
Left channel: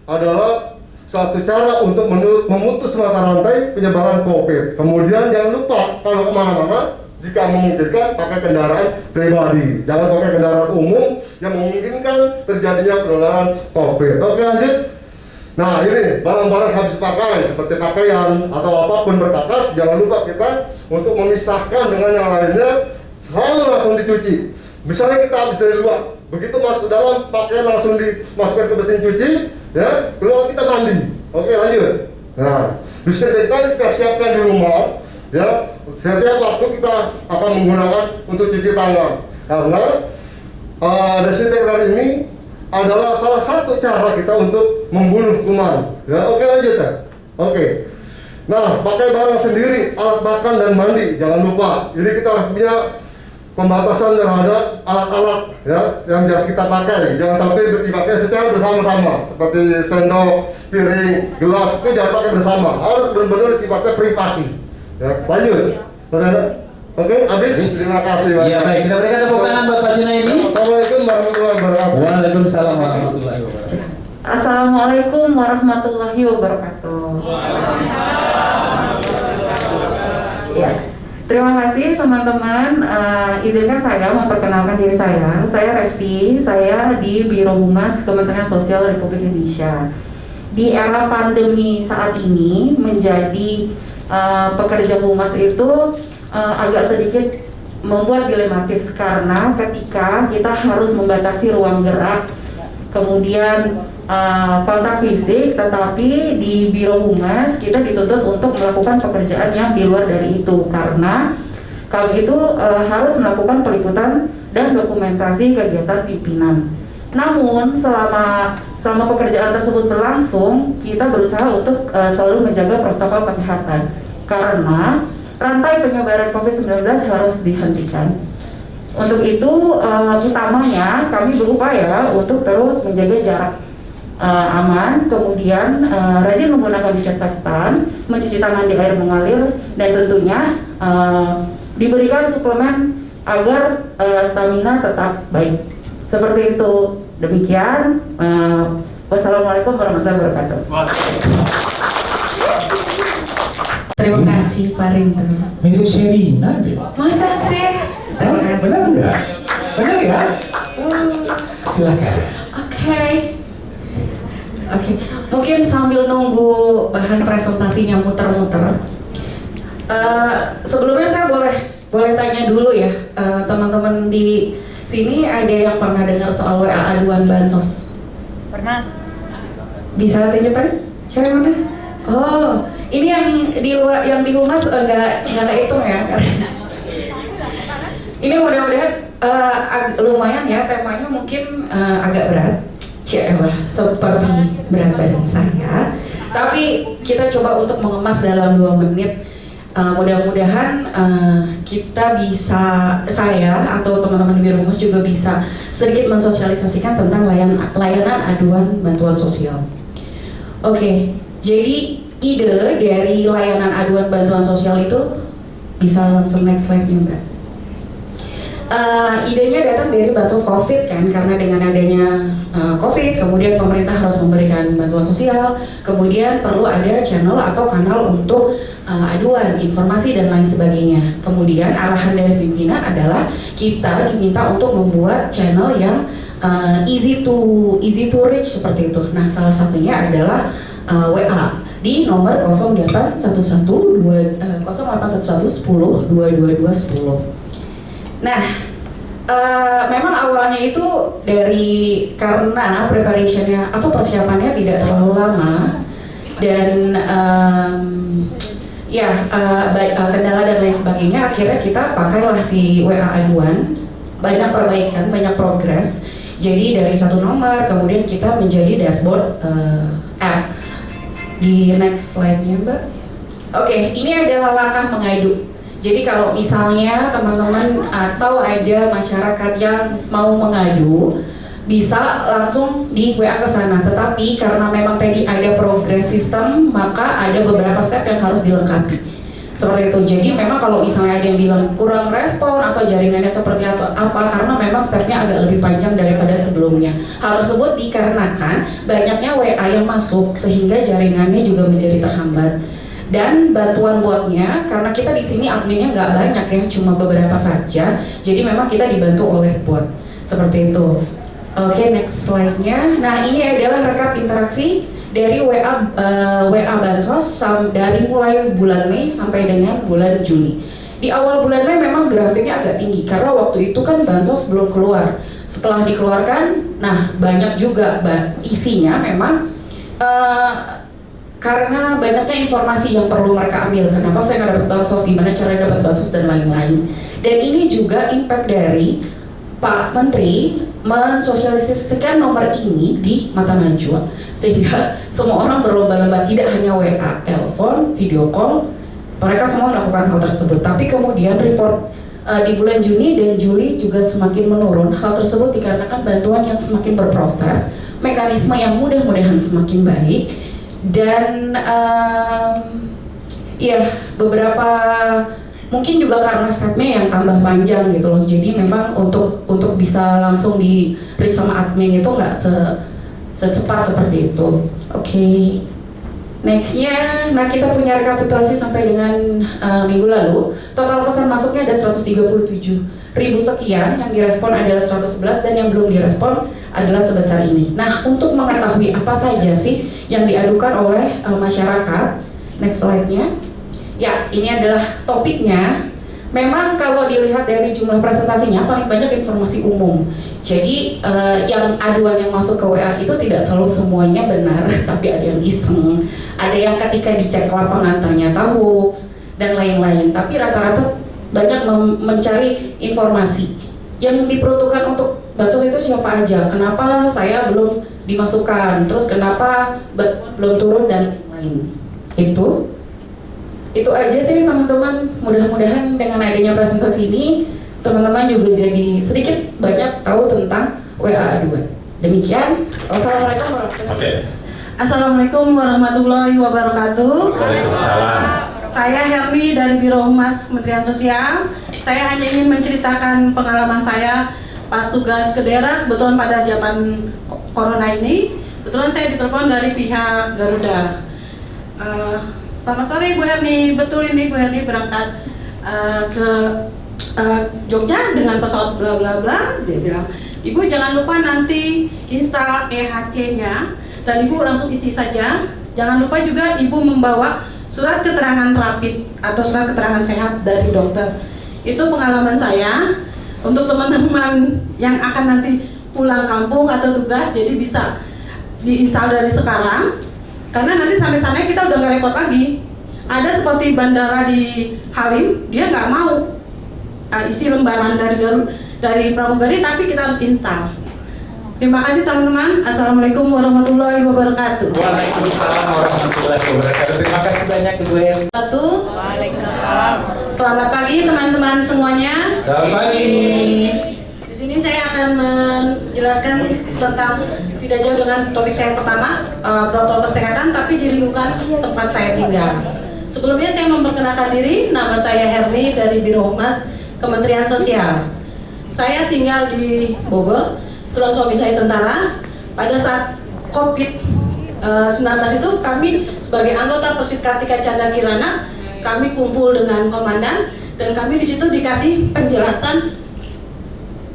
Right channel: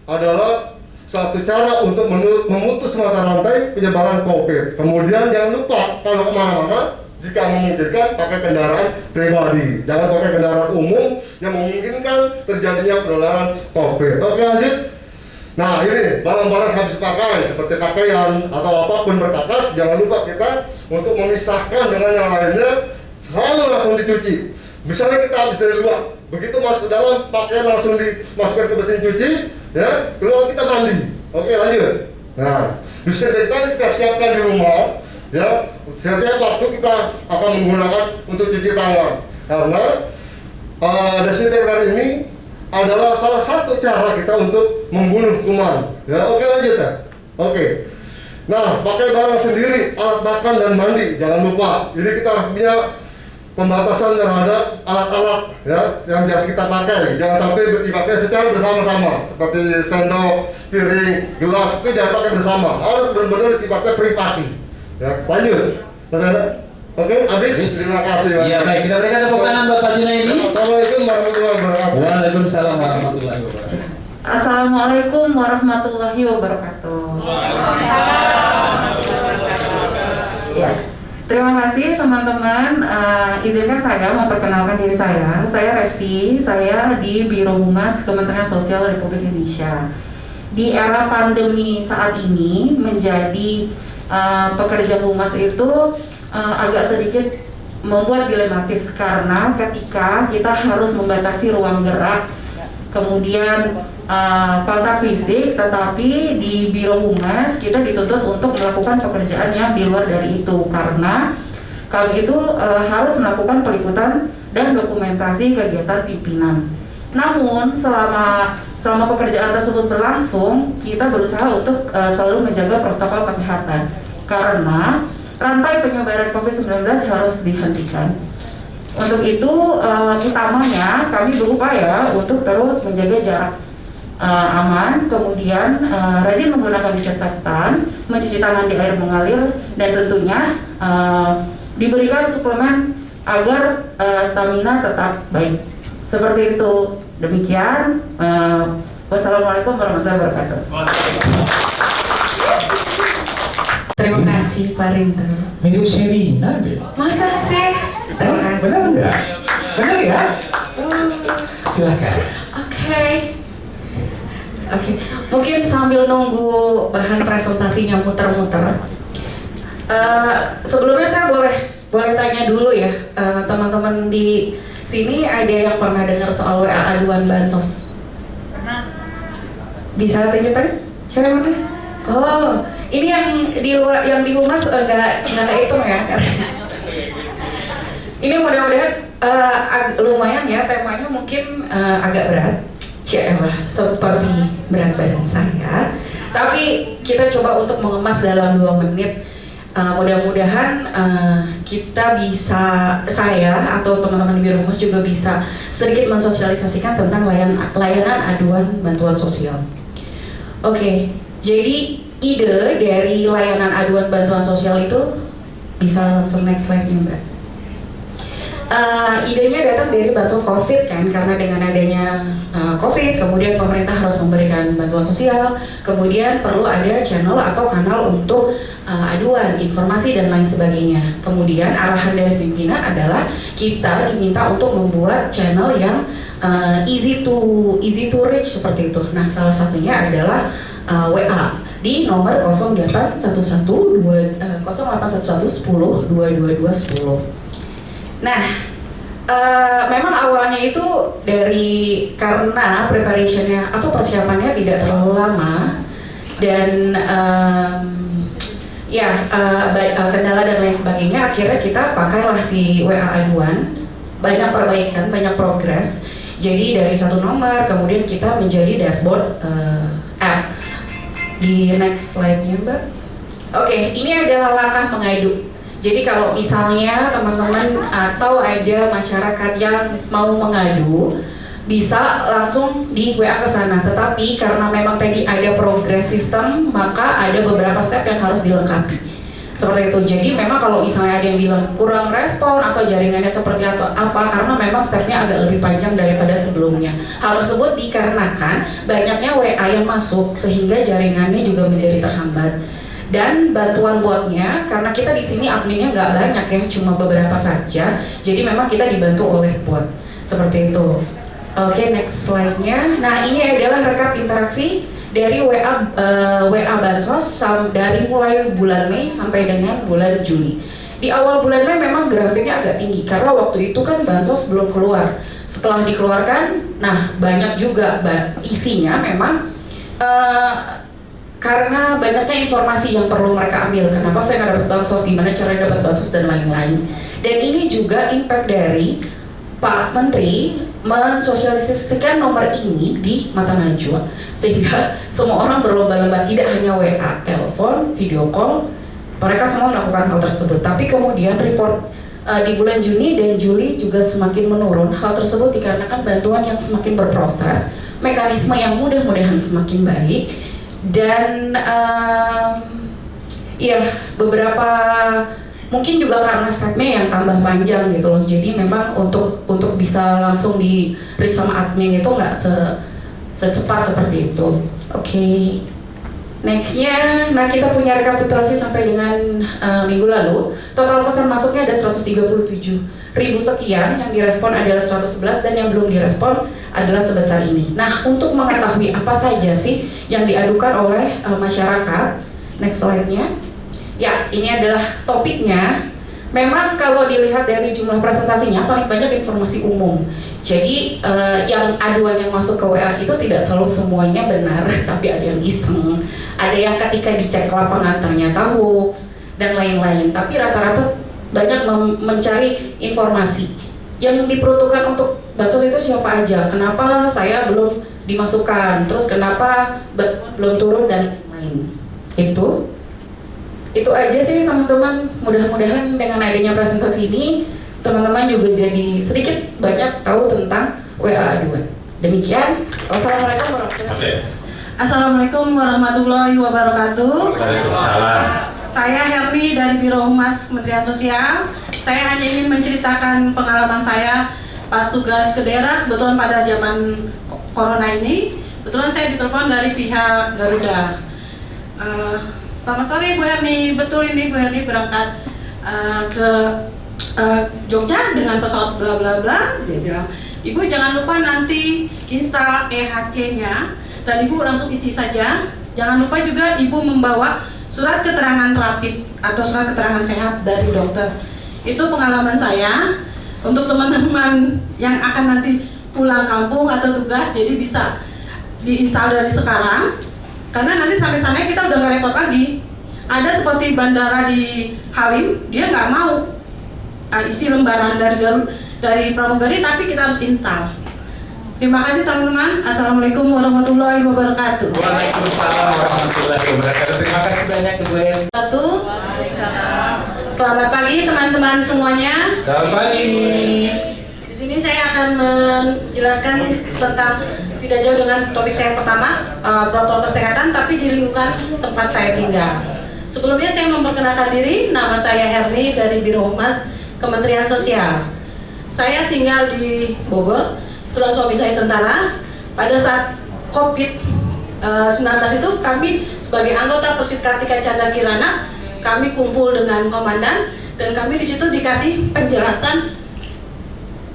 adalah satu cara untuk memutus mata rantai penyebaran COVID. Kemudian jangan lupa kalau kemana-mana, jika memungkinkan pakai kendaraan pribadi. Jangan pakai kendaraan umum yang memungkinkan terjadinya penularan COVID. Oke, lanjut. Nah, ini barang-barang habis pakai seperti pakaian atau apapun berkakas, jangan lupa kita untuk memisahkan dengan yang lainnya, selalu langsung dicuci. Misalnya kita habis dari luar, begitu masuk ke dalam, pakaian langsung dimasukkan ke mesin cuci, ya, keluar kita mandi. Oke, lanjut. Nah, disinfektan kita siapkan di rumah, ya. Setiap waktu kita akan menggunakan untuk cuci tangan, karena desinfektan ini adalah salah satu cara kita untuk membunuh kuman. Ya, oke, lanjut ya. Oke. Nah, pakai barang sendiri, alat makan dan mandi, jangan lupa. Ini kita harus punya pembatasan terhadap alat-alat ya yang biasa kita pakai. Jangan sampai dipakai secara bersama-sama, seperti sendok, piring, gelas itu jangan pakai bersama. Harus benar-benar sifatnya privasi. Ya, lanjut. Oke, habis. Terima kasih. Pak. Iya baik, kita berikan tepuk tangan buat Pak Junaidi. Assalamualaikum warahmatullahi wabarakatuh. Waalaikumsalam warahmatullahi wabarakatuh. Assalamualaikum warahmatullahi wabarakatuh. Ya, terima kasih teman-teman. Izinkan saya memperkenalkan diri saya. Saya Resti. Saya di Biro Humas Kementerian Sosial Republik Indonesia. Di era pandemi saat ini menjadi pekerja humas itu agak sedikit membuat dilematis karena ketika kita harus membatasi ruang gerak, kemudian kontak fisik, tetapi di Biro Humas kita dituntut untuk melakukan pekerjaan yang di luar dari itu karena kami itu harus melakukan peliputan dan dokumentasi kegiatan pimpinan. Namun selama pekerjaan tersebut berlangsung, kita berusaha untuk selalu menjaga protokol kesehatan karena rantai penyebaran COVID-19 harus dihentikan. Untuk itu, utamanya kami berupaya untuk terus menjaga jarak aman, kemudian rajin menggunakan disinfektan, mencuci tangan di air mengalir, dan tentunya diberikan suplemen agar stamina tetap baik. Seperti itu. Demikian. Wassalamualaikum warahmatullahi wabarakatuh. Terima kasih Pak Rinto. Mirip Sherina deh. Masa sih? Terima kasih. Benar enggak? Benar ya? Silakan. Oke. Mungkin sambil nunggu bahan presentasinya muter-muter, sebelumnya saya boleh tanya dulu ya, teman-teman di sini ada yang pernah dengar soal WA aduan bansos? Pernah. Bisa tunjukkan? Siapa yang mana? Oh, ini yang di luar, yang di humas enggak kehitung ya? Ini mudah-mudahan lumayan ya, temanya mungkin agak berat. Seperti berat badan saya. Tapi kita coba untuk mengemas dalam 2 menit. Mudah-mudahan kita bisa, saya atau teman-teman di Biro Humas juga bisa sedikit mensosialisasikan tentang layanan aduan bantuan sosial. Oke, jadi ide dari layanan aduan bantuan sosial itu bisa langsung next slide-nya Mbak. Idenya datang dari bansos COVID kan, karena dengan adanya COVID, kemudian pemerintah harus memberikan bantuan sosial, kemudian perlu ada channel atau kanal untuk aduan, informasi dan lain sebagainya. Kemudian arahan dari pimpinan adalah kita diminta untuk membuat channel yang easy to reach seperti itu. Nah, salah satunya adalah WA di nomor 0811 10 22 10. Nah, memang awalnya itu karena preparationnya atau persiapannya tidak terlalu lama dan kendala dan lain sebagainya, akhirnya kita pakailah si WA aduan, banyak perbaikan, banyak progres. Jadi dari 1 nomor kemudian kita menjadi dashboard app. Di next slide-nya Mbak. Oke, ini adalah langkah mengadu. Jadi kalau misalnya teman-teman atau ada masyarakat yang mau mengadu, bisa langsung di WA ke sana. Tetapi karena memang tadi ada progress system, maka ada beberapa step yang harus dilengkapi. Seperti itu. Jadi memang kalau misalnya ada yang bilang kurang respon atau jaringannya seperti apa, karena memang stepnya agak lebih panjang daripada sebelumnya. Hal tersebut dikarenakan banyaknya WA yang masuk sehingga jaringannya juga menjadi terhambat. Dan bantuan botnya, karena kita di sini adminnya nggak banyak ya, cuma beberapa saja. Jadi memang kita dibantu oleh bot seperti itu. Oke, next slide-nya. Nah, ini adalah rekap interaksi dari WA bansos dari mulai bulan Mei sampai dengan bulan Juli. Di awal bulan Mei memang grafiknya agak tinggi karena waktu itu kan bansos belum keluar. Setelah dikeluarkan, nah banyak juga isinya memang karena banyaknya informasi yang perlu mereka ambil. Kenapa saya nggak dapat bansos, gimana caranya dapat bansos dan lain-lain. Dan ini juga impact dari Pak Menteri mensosialisasikan nomor ini di mata najwa, sehingga semua orang berlomba-lomba, tidak hanya WA, telepon, video call, mereka semua melakukan hal tersebut. Tapi kemudian report di bulan Juni dan Juli juga semakin menurun. Hal tersebut dikarenakan bantuan yang semakin berproses, mekanisme yang mudah-mudahan semakin baik, dan beberapa Mungkin juga karena stepnya yang tambah panjang gitu loh. Jadi memang untuk bisa langsung di reach sama admin itu nggak secepat seperti itu. Oke. Nextnya, nah kita punya rekapitulasi sampai dengan minggu lalu. Total pesan masuknya ada 137.000 sekian, yang direspon adalah 111 dan yang belum direspon adalah sebesar ini. Nah, untuk mengetahui apa saja sih yang diadukan oleh masyarakat, next slide-nya. Ya, ini adalah topiknya. Memang kalau dilihat dari jumlah presentasinya paling banyak informasi umum. Jadi yang aduan yang masuk ke WA itu tidak selalu semuanya benar, tapi ada yang iseng, ada yang ketika dicek lapangan ternyata hoax dan lain-lain. Tapi rata-rata banyak mencari informasi yang diperuntukkan untuk bansos itu siapa aja, kenapa saya belum dimasukkan, terus kenapa belum turun dan lain. Itu aja sih teman-teman. Mudah-mudahan dengan adanya presentasi ini teman-teman juga jadi sedikit banyak tahu tentang WA aduan. Demikian. Wassalamualaikum warahmatullahi wabarakatuh. Assalamualaikum warahmatullahi wabarakatuh. Waalaikumsalam. Saya Herni dari Biro Humas Kementerian Sosial. Saya hanya ingin menceritakan pengalaman saya pas tugas ke daerah, kebetulan pada zaman corona ini. Kebetulan saya ditelepon dari pihak Garuda. Selamat sore Bu Herni, betul ini Bu Herni berangkat ke Jogja dengan pesawat bla bla bla. Dia bilang, Ibu jangan lupa nanti install EHC-nya dan Ibu langsung isi saja. Jangan lupa juga Ibu membawa surat keterangan rapid atau surat keterangan sehat dari dokter. Itu pengalaman saya. Untuk teman-teman yang akan nanti pulang kampung atau tugas, jadi bisa diinstal dari sekarang. Karena nanti sampai sana kita udah nggak repot lagi. Ada seperti bandara di Halim, dia nggak mau isi lembaran dari pramugari, tapi kita harus install. Terima kasih teman-teman. Assalamualaikum warahmatullahi wabarakatuh. Waalaikumsalam warahmatullahi wabarakatuh. Terima kasih banyak Ibu Em. Selamat pagi teman-teman semuanya. Selamat pagi. Di sini saya akan menjelaskan tentang tidak jauh dengan topik saya pertama, protokol kesehatan, tapi di lingkungan tempat saya tinggal. Sebelumnya saya memperkenalkan diri, nama saya Herni dari Biro Humas Kementerian Sosial. Saya tinggal di Bogor, kebetulan suami saya tentara. Pada saat COVID-19 itu kami sebagai anggota Persit Kartika Canda Kirana, kami kumpul dengan komandan dan kami di situ dikasih penjelasan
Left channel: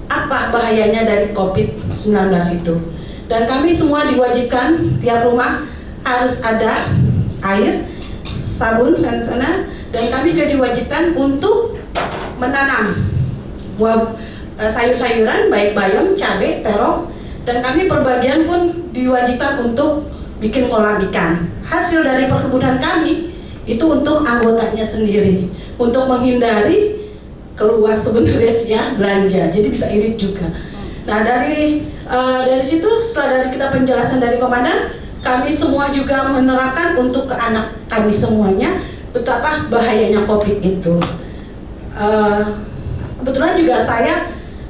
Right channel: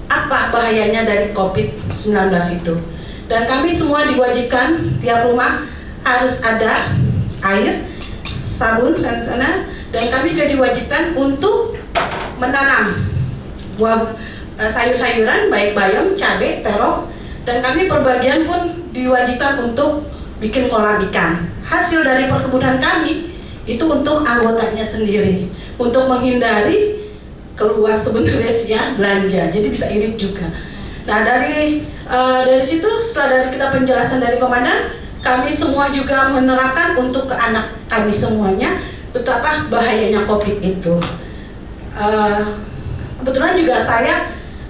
apa bahayanya dari COVID-19 itu. Dan kami semua diwajibkan tiap rumah harus ada air, sabun dan kami juga diwajibkan untuk menanam buah sayur-sayuran baik bayam, cabai, terong, dan kami perbagian pun diwajibkan untuk bikin kolam ikan. Hasil dari perkebunan kami itu untuk anggotanya sendiri, untuk menghindari keluar sebenarnya sih ya belanja, jadi bisa irit juga. Nah dari situ setelah dari kita penjelasan dari komandan, kami semua juga menerapkan untuk ke anak kami semuanya betapa bahayanya COVID itu. Kebetulan juga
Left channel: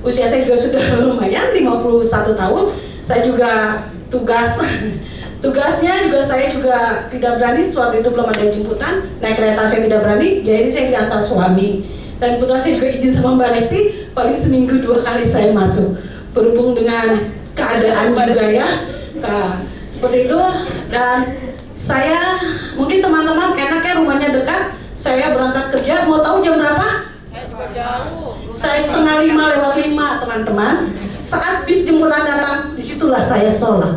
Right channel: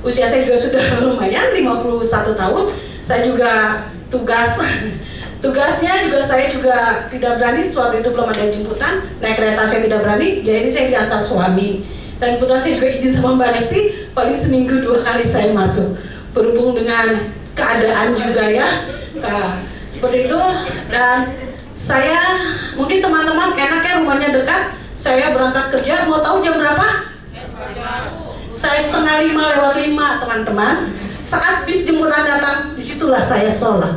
usia saya juga sudah lumayan 51 tahun. Saya juga tugasnya juga saya juga tidak berani, waktu itu belum ada jemputan, naik kereta saya tidak berani, jadi saya diantar suami. Dan kebetulan saya juga izin sama Mbak Resti, paling seminggu 2 kali saya masuk. Berhubung dengan keadaan juga ya, seperti itu. Dan saya, mungkin teman-teman enaknya rumahnya dekat, saya berangkat kerja, mau tahu jam berapa? Saya 4:30 teman-teman. Saat bis jemputan datang, disitulah saya sholat.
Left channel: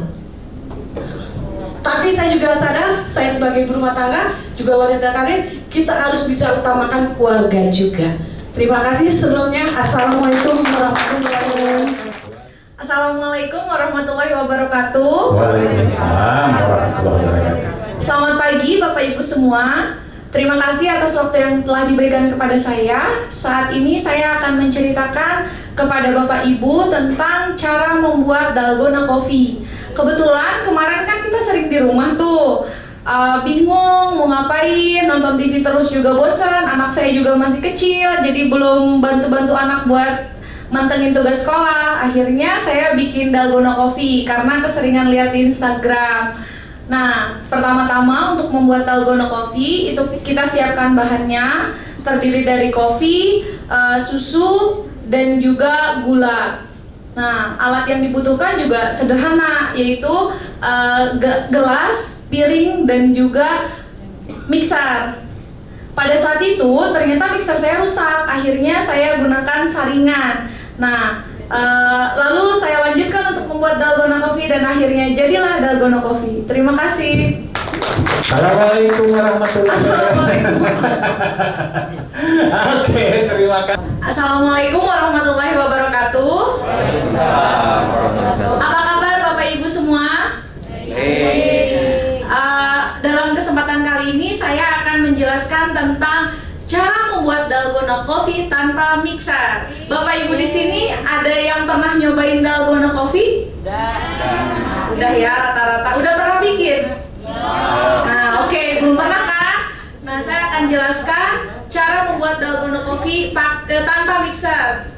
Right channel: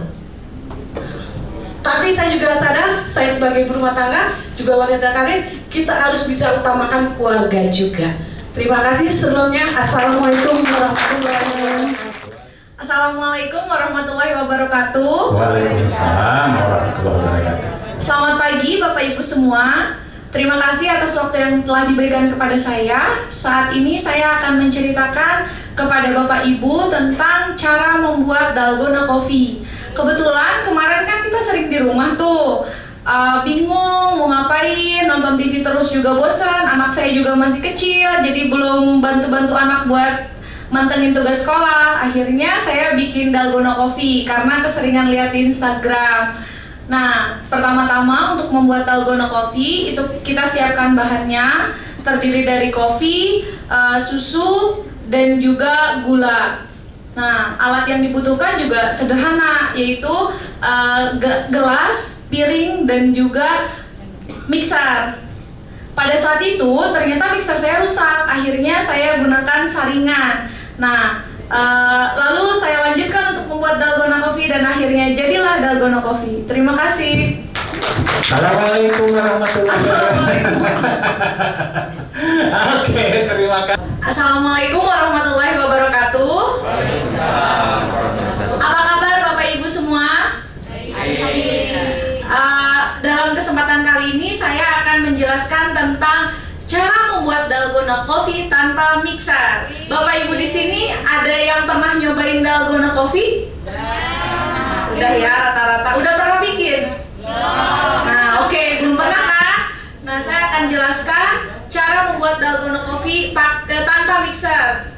Tapi saya juga sadar, saya sebagai ibu rumah tangga, juga wanita karir, kita harus bisa utamakan keluarga juga. Terima kasih sebelumnya. Assalamualaikum warahmatullahi wabarakatuh. Assalamualaikum warahmatullahi wabarakatuh. Waalaikumsalam warahmatullahi wabarakatuh. Selamat pagi Bapak Ibu semua. Terima kasih atas waktu yang telah diberikan kepada saya. Saat ini saya akan menceritakan kepada Bapak Ibu tentang cara membuat dalgona coffee. Kebetulan kemarin kan kita sering di rumah tuh, bingung mau ngapain, nonton TV terus juga bosan. Anak saya juga masih kecil, jadi belum bantu-bantu anak buat mantengin tugas sekolah. Akhirnya saya bikin dalgona coffee karena keseringan lihat di Instagram. Nah, pertama-tama untuk membuat dalgona coffee itu kita siapkan bahannya. terdiri dari kopi, susu, dan juga gula. Nah, alat yang dibutuhkan juga sederhana, yaitu gelas, piring, dan juga mixer. Pada saat itu ternyata mixer saya rusak, akhirnya saya gunakan saringan. Nah, lalu saya lanjutkan untuk membuat dalgona coffee dan akhirnya jadilah dalgona coffee. Terima kasih. Assalamualaikum warahmatullahi wabarakatuh. Oke, terima kasih. Assalamualaikum warahmatullahi wabarakatuh. Apa kabar Bapak Ibu semua? Dalam kesempatan kali ini saya akan menjelaskan tentang cara membuat dalgona coffee tanpa mixer. Bapak Ibu di sini ada yang pernah nyobain dalgona coffee? Udah ya, rata-rata. Udah pernah bikin? Nah, oke, belum pernah kan? Nah, saya akan jelaskan cara membuat dalgona coffee tanpa mixer.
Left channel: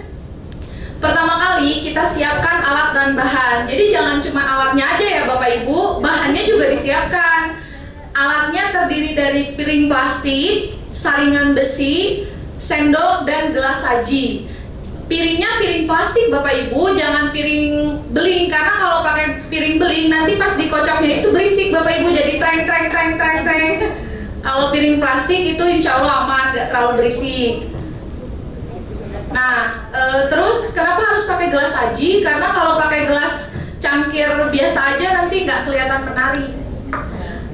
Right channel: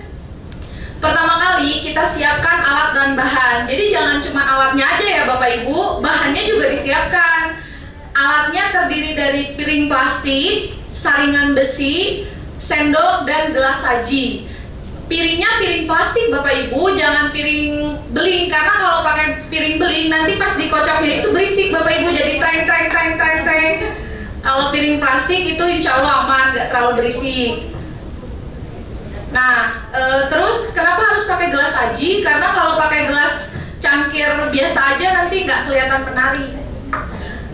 Pertama kali kita siapkan alat dan bahan. Jadi jangan cuma alatnya aja ya Bapak Ibu, bahannya juga disiapkan. Alatnya terdiri dari piring plastik, saringan besi, sendok, dan gelas saji. Piringnya piring plastik Bapak Ibu, jangan piring beling, karena kalau pakai piring beling nanti pas dikocoknya itu berisik Bapak Ibu, jadi treng. Kalau piring plastik itu insya Allah aman, gak terlalu berisik. Nah, terus kenapa harus pakai gelas saji? Karena kalau pakai gelas cangkir biasa aja nanti nggak kelihatan menarik.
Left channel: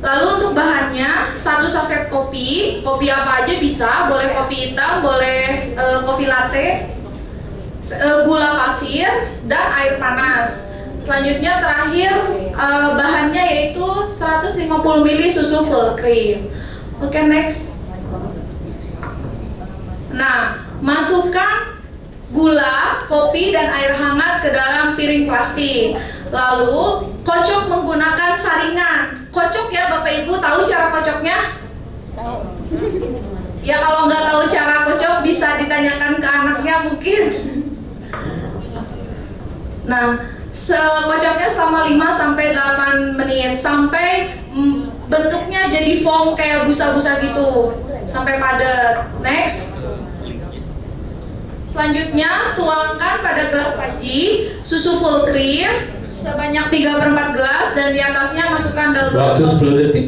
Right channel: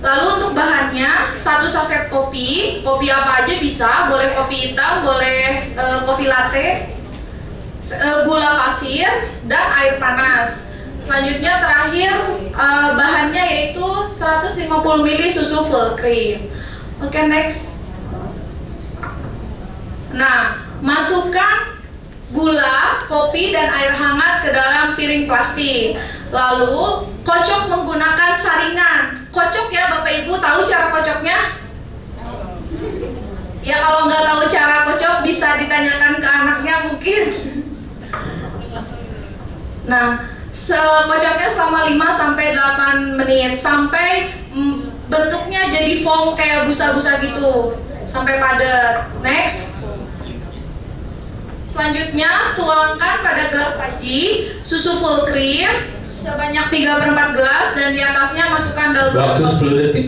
Lalu untuk bahannya, 1 saset kopi apa aja bisa, boleh kopi hitam, boleh kopi latte, gula pasir, dan air panas. Selanjutnya terakhir bahannya yaitu 150 ml susu full cream. Oke, next. Nah, masukkan gula, kopi, dan air hangat ke dalam piring plastik. Lalu kocok menggunakan saringan. Kocok ya Bapak Ibu, tahu cara kocoknya? Ya kalau nggak tahu cara kocok bisa ditanyakan ke anaknya mungkin. Nah, kocoknya selama 5-8 menit sampai bentuknya jadi foam kayak busa-busa gitu, sampai padat. Next. Selanjutnya tuangkan pada gelas saji susu full cream sebanyak 3/4 gelas dan di atasnya masukkan dalgona Waktu 10 detik.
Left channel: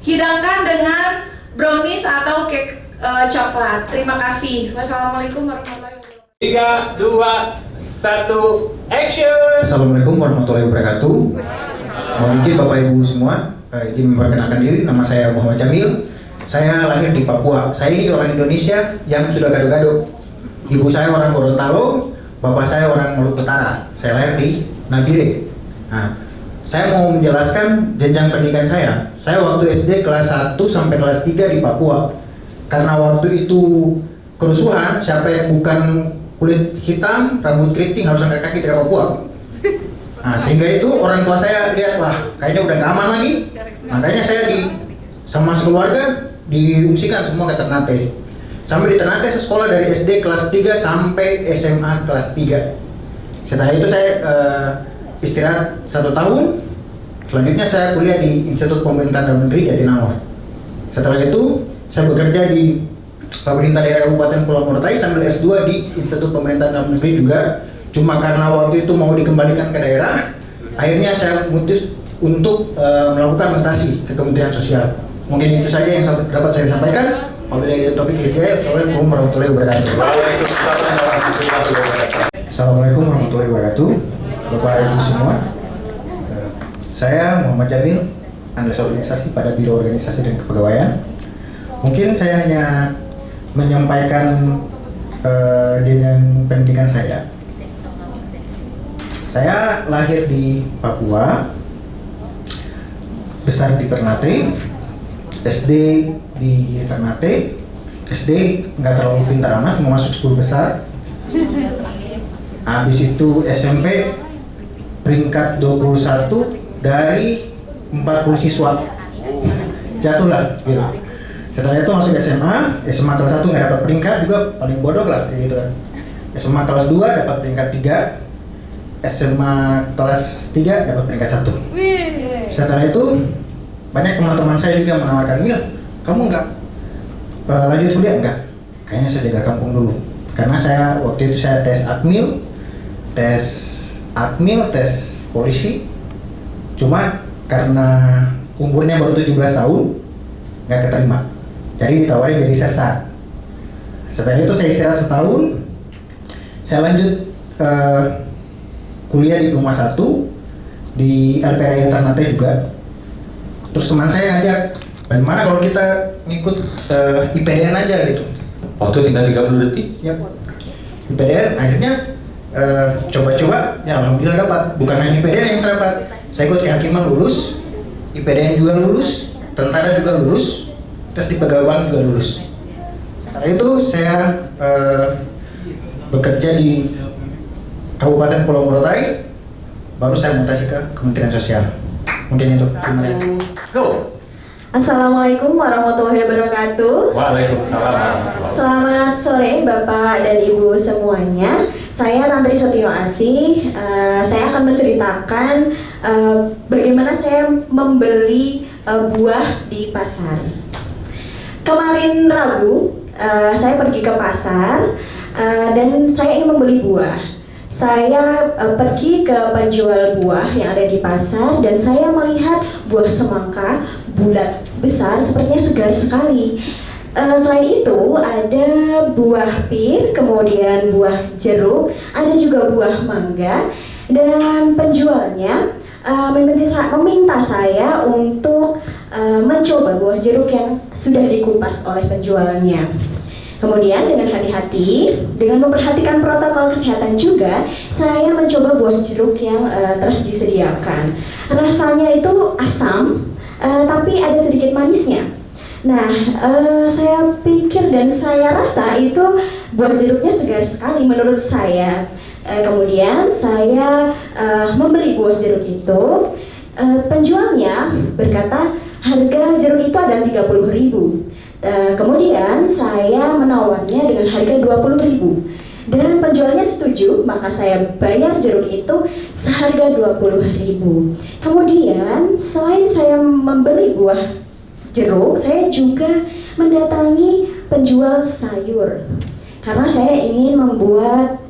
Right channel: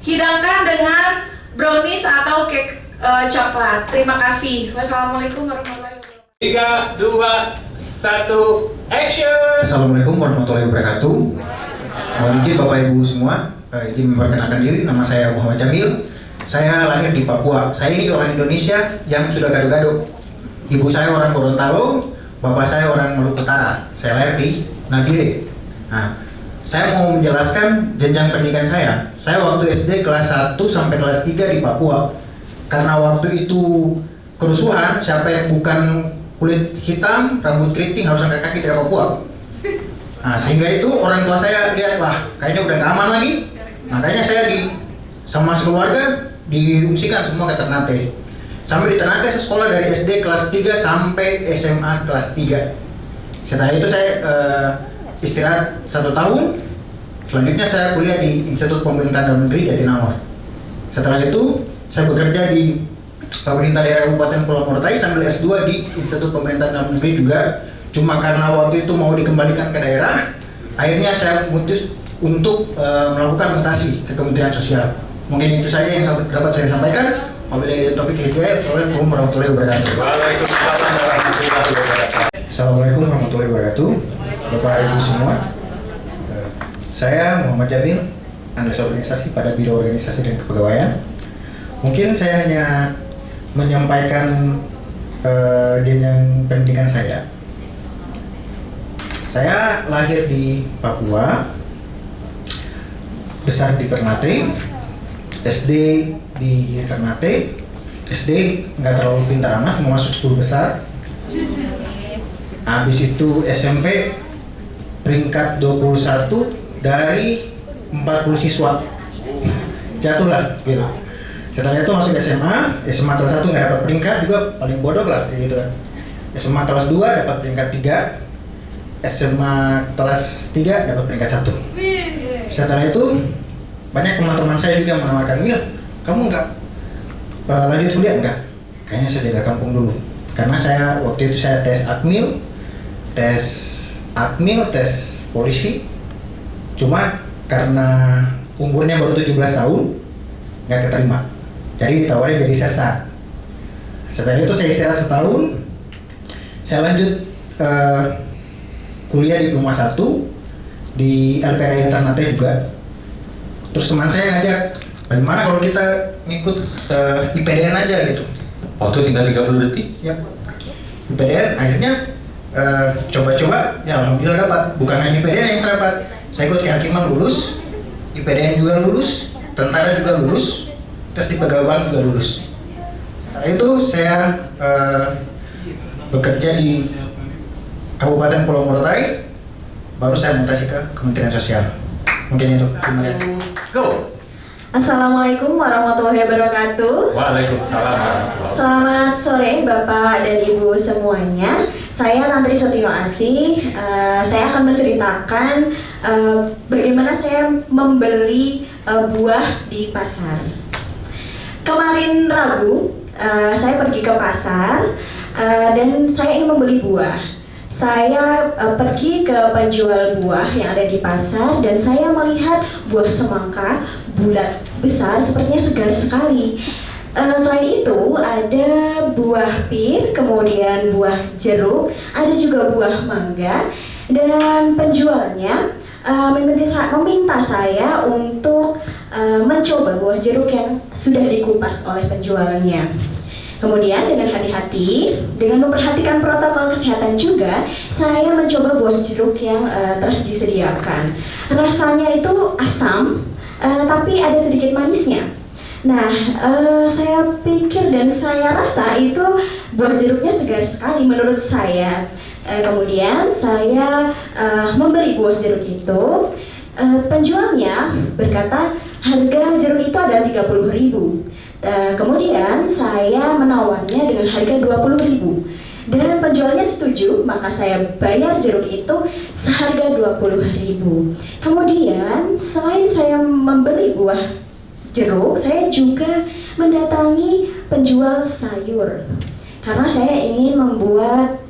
Hidangkan dengan brownies atau cake coklat. Terima kasih. Wassalamualaikum warahmatullahi wabarakatuh. 3, 2, 1, action. Assalamualaikum warahmatullahi wabarakatuh. Mohon izin Bapak Ibu semua, izin memperkenalkan diri. Nama saya Muhammad Jamil. Saya lahir di Papua. Saya ini orang Indonesia yang sudah gado-gado. Ibu saya orang Gorontalo, bapak saya orang Maluku Utara. Saya lahir di Nabire. Nah, saya mau menjelaskan jenjang pendidikan saya. Saya waktu SD kelas 1 sampai kelas 3 di Papua. Karena waktu itu kerusuhan, siapa yang bukan kulit hitam, rambut keriting harus angkat kaki dari Papua. Nah, sehingga itu orang tua saya lihat, wah kayaknya udah gak aman lagi. Makanya saya sama sekeluarga diungsikan semua ke Ternate. Sampai di Ternate saya sekolah dari SD kelas 3 sampai SMA kelas 3. Setelah itu saya istirahat 1 tahun. Selanjutnya saya kuliah di Institut Pemerintahan Dalam Negeri Jatinangor. Setelah itu saya bekerja di Pemerintah Daerah Kabupaten Pulau Morotai sambil S2 di Institut Pemerintahan Dalam Negeri juga. Cuma karena waktu itu mau dikembalikan ke daerah, akhirnya saya memutus untuk melakukan mutasi ke Kementerian Sosial. Mungkin itu saja yang dapat saya sampaikan. Wabillahi taufiq wal hidayah. Assalamualaikum warahmatullahi wabarakatuh. Waalaikumsalam warahmatullahi wabarakatuh. Assalamualaikum warahmatullahi wabarakatuh. Bapak Ibu semua, saya Muhammad Jamil, analis organisasi pada Biro Organisasi dan Kepegawaian. Mungkin saya hanya menyampaikan jenjang pendidikan saya. Saya lahir di Papua, besar di Ternate, SD di Ternate. SD nggak terlalu pintar amat, cuma masuk 10 besar. Habis itu SMP peringkat 21 dari 40 siswa. Jatuhlah gitu. Setelah itu masuk SMA kelas 1 nggak dapat peringkat, juga paling bodoh lah kayak gitu kan. SMA kelas 2 dapat peringkat 3, SMA kelas 3 dapat peringkat 1. Setelah itu banyak teman-teman saya juga menawarkan, Mil, kamu nggak lanjut kuliah? Enggak, kayaknya saya jaga kampung dulu. Karena saya waktu itu saya tes admil, tes polisi. Cuma karena umurnya baru 17 tahun, nggak keterima. Jadi ditawarin jadi sersan. Setelah itu saya istirahat setahun, saya lanjut kuliah diploma 1 di LPI Ternate juga. Terus teman saya ngajak, bagaimana kalau kita ngikut IPDN aja gitu. Waktu tinggal 30 detik. Yap. IPDN akhirnya coba-coba, ya alhamdulillah dapat. Bukan hanya IPDN yang saya dapat, saya ikut kehakiman lulus, IPDN juga lulus, tentara juga lulus, tes di pegawaian juga lulus. Setelah itu saya bekerja di Kabupaten Pulau Morotai, baru saya mutasi ke Kementerian Sosial. Mungkin itu. Terima kasih. Go. Assalamualaikum warahmatullahi wabarakatuh. Waalaikumsalam warahmatullahi. Selamat sore Bapak dan Ibu semuanya. Saya Tantri Setio Asih. Saya akan menceritakan bagaimana saya membeli buah di pasar. Kemarin Rabu, saya pergi ke pasar dan saya ingin membeli buah. Saya pergi ke penjual buah yang ada di pasar dan saya melihat buah semangka bulat besar, sepertinya segar sekali. Selain itu ada buah pir, kemudian buah jeruk, ada juga buah mangga, dan penjualnya meminta saya untuk mencoba buah jeruk yang sudah dikupas oleh penjualnya. Kemudian dengan hati-hati, dengan memperhatikan protokol kesehatan juga, saya mencoba buah jeruk yang telah disediakan. Rasanya itu asam, tapi ada sedikit manisnya. Nah, saya pikir dan saya rasa itu buah jeruknya segar sekali menurut saya. Kemudian saya membeli buah jeruk itu. Penjualnya berkata harga jeruk itu adalah 30.000. Kemudian saya menawarnya dengan harga 20.000 dan penjualnya setuju, maka saya bayar jeruk itu seharga 20.000. Kemudian selain saya membeli buah jeruk, saya juga mendatangi penjual sayur karena saya ingin membuat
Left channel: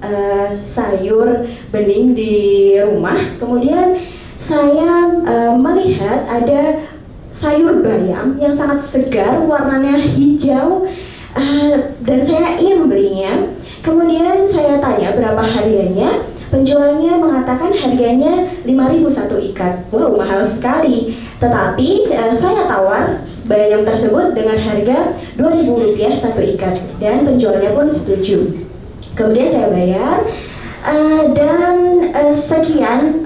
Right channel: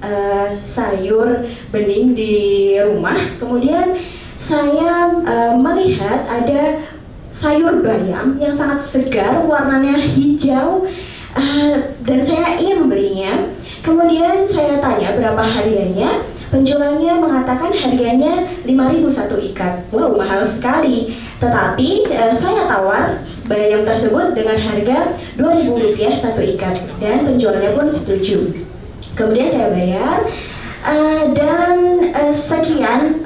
sayur bening di rumah. Kemudian saya melihat ada sayur bayam yang sangat segar, warnanya hijau, dan saya ingin membelinya. Kemudian saya tanya berapa harganya. Penjualnya mengatakan harganya 5.000 satu ikat. Wow, mahal sekali. Tetapi saya tawar bayam tersebut dengan harga Rp2.000 satu ikat, dan penjualnya pun setuju. Kemudian saya bayar. Dan sekian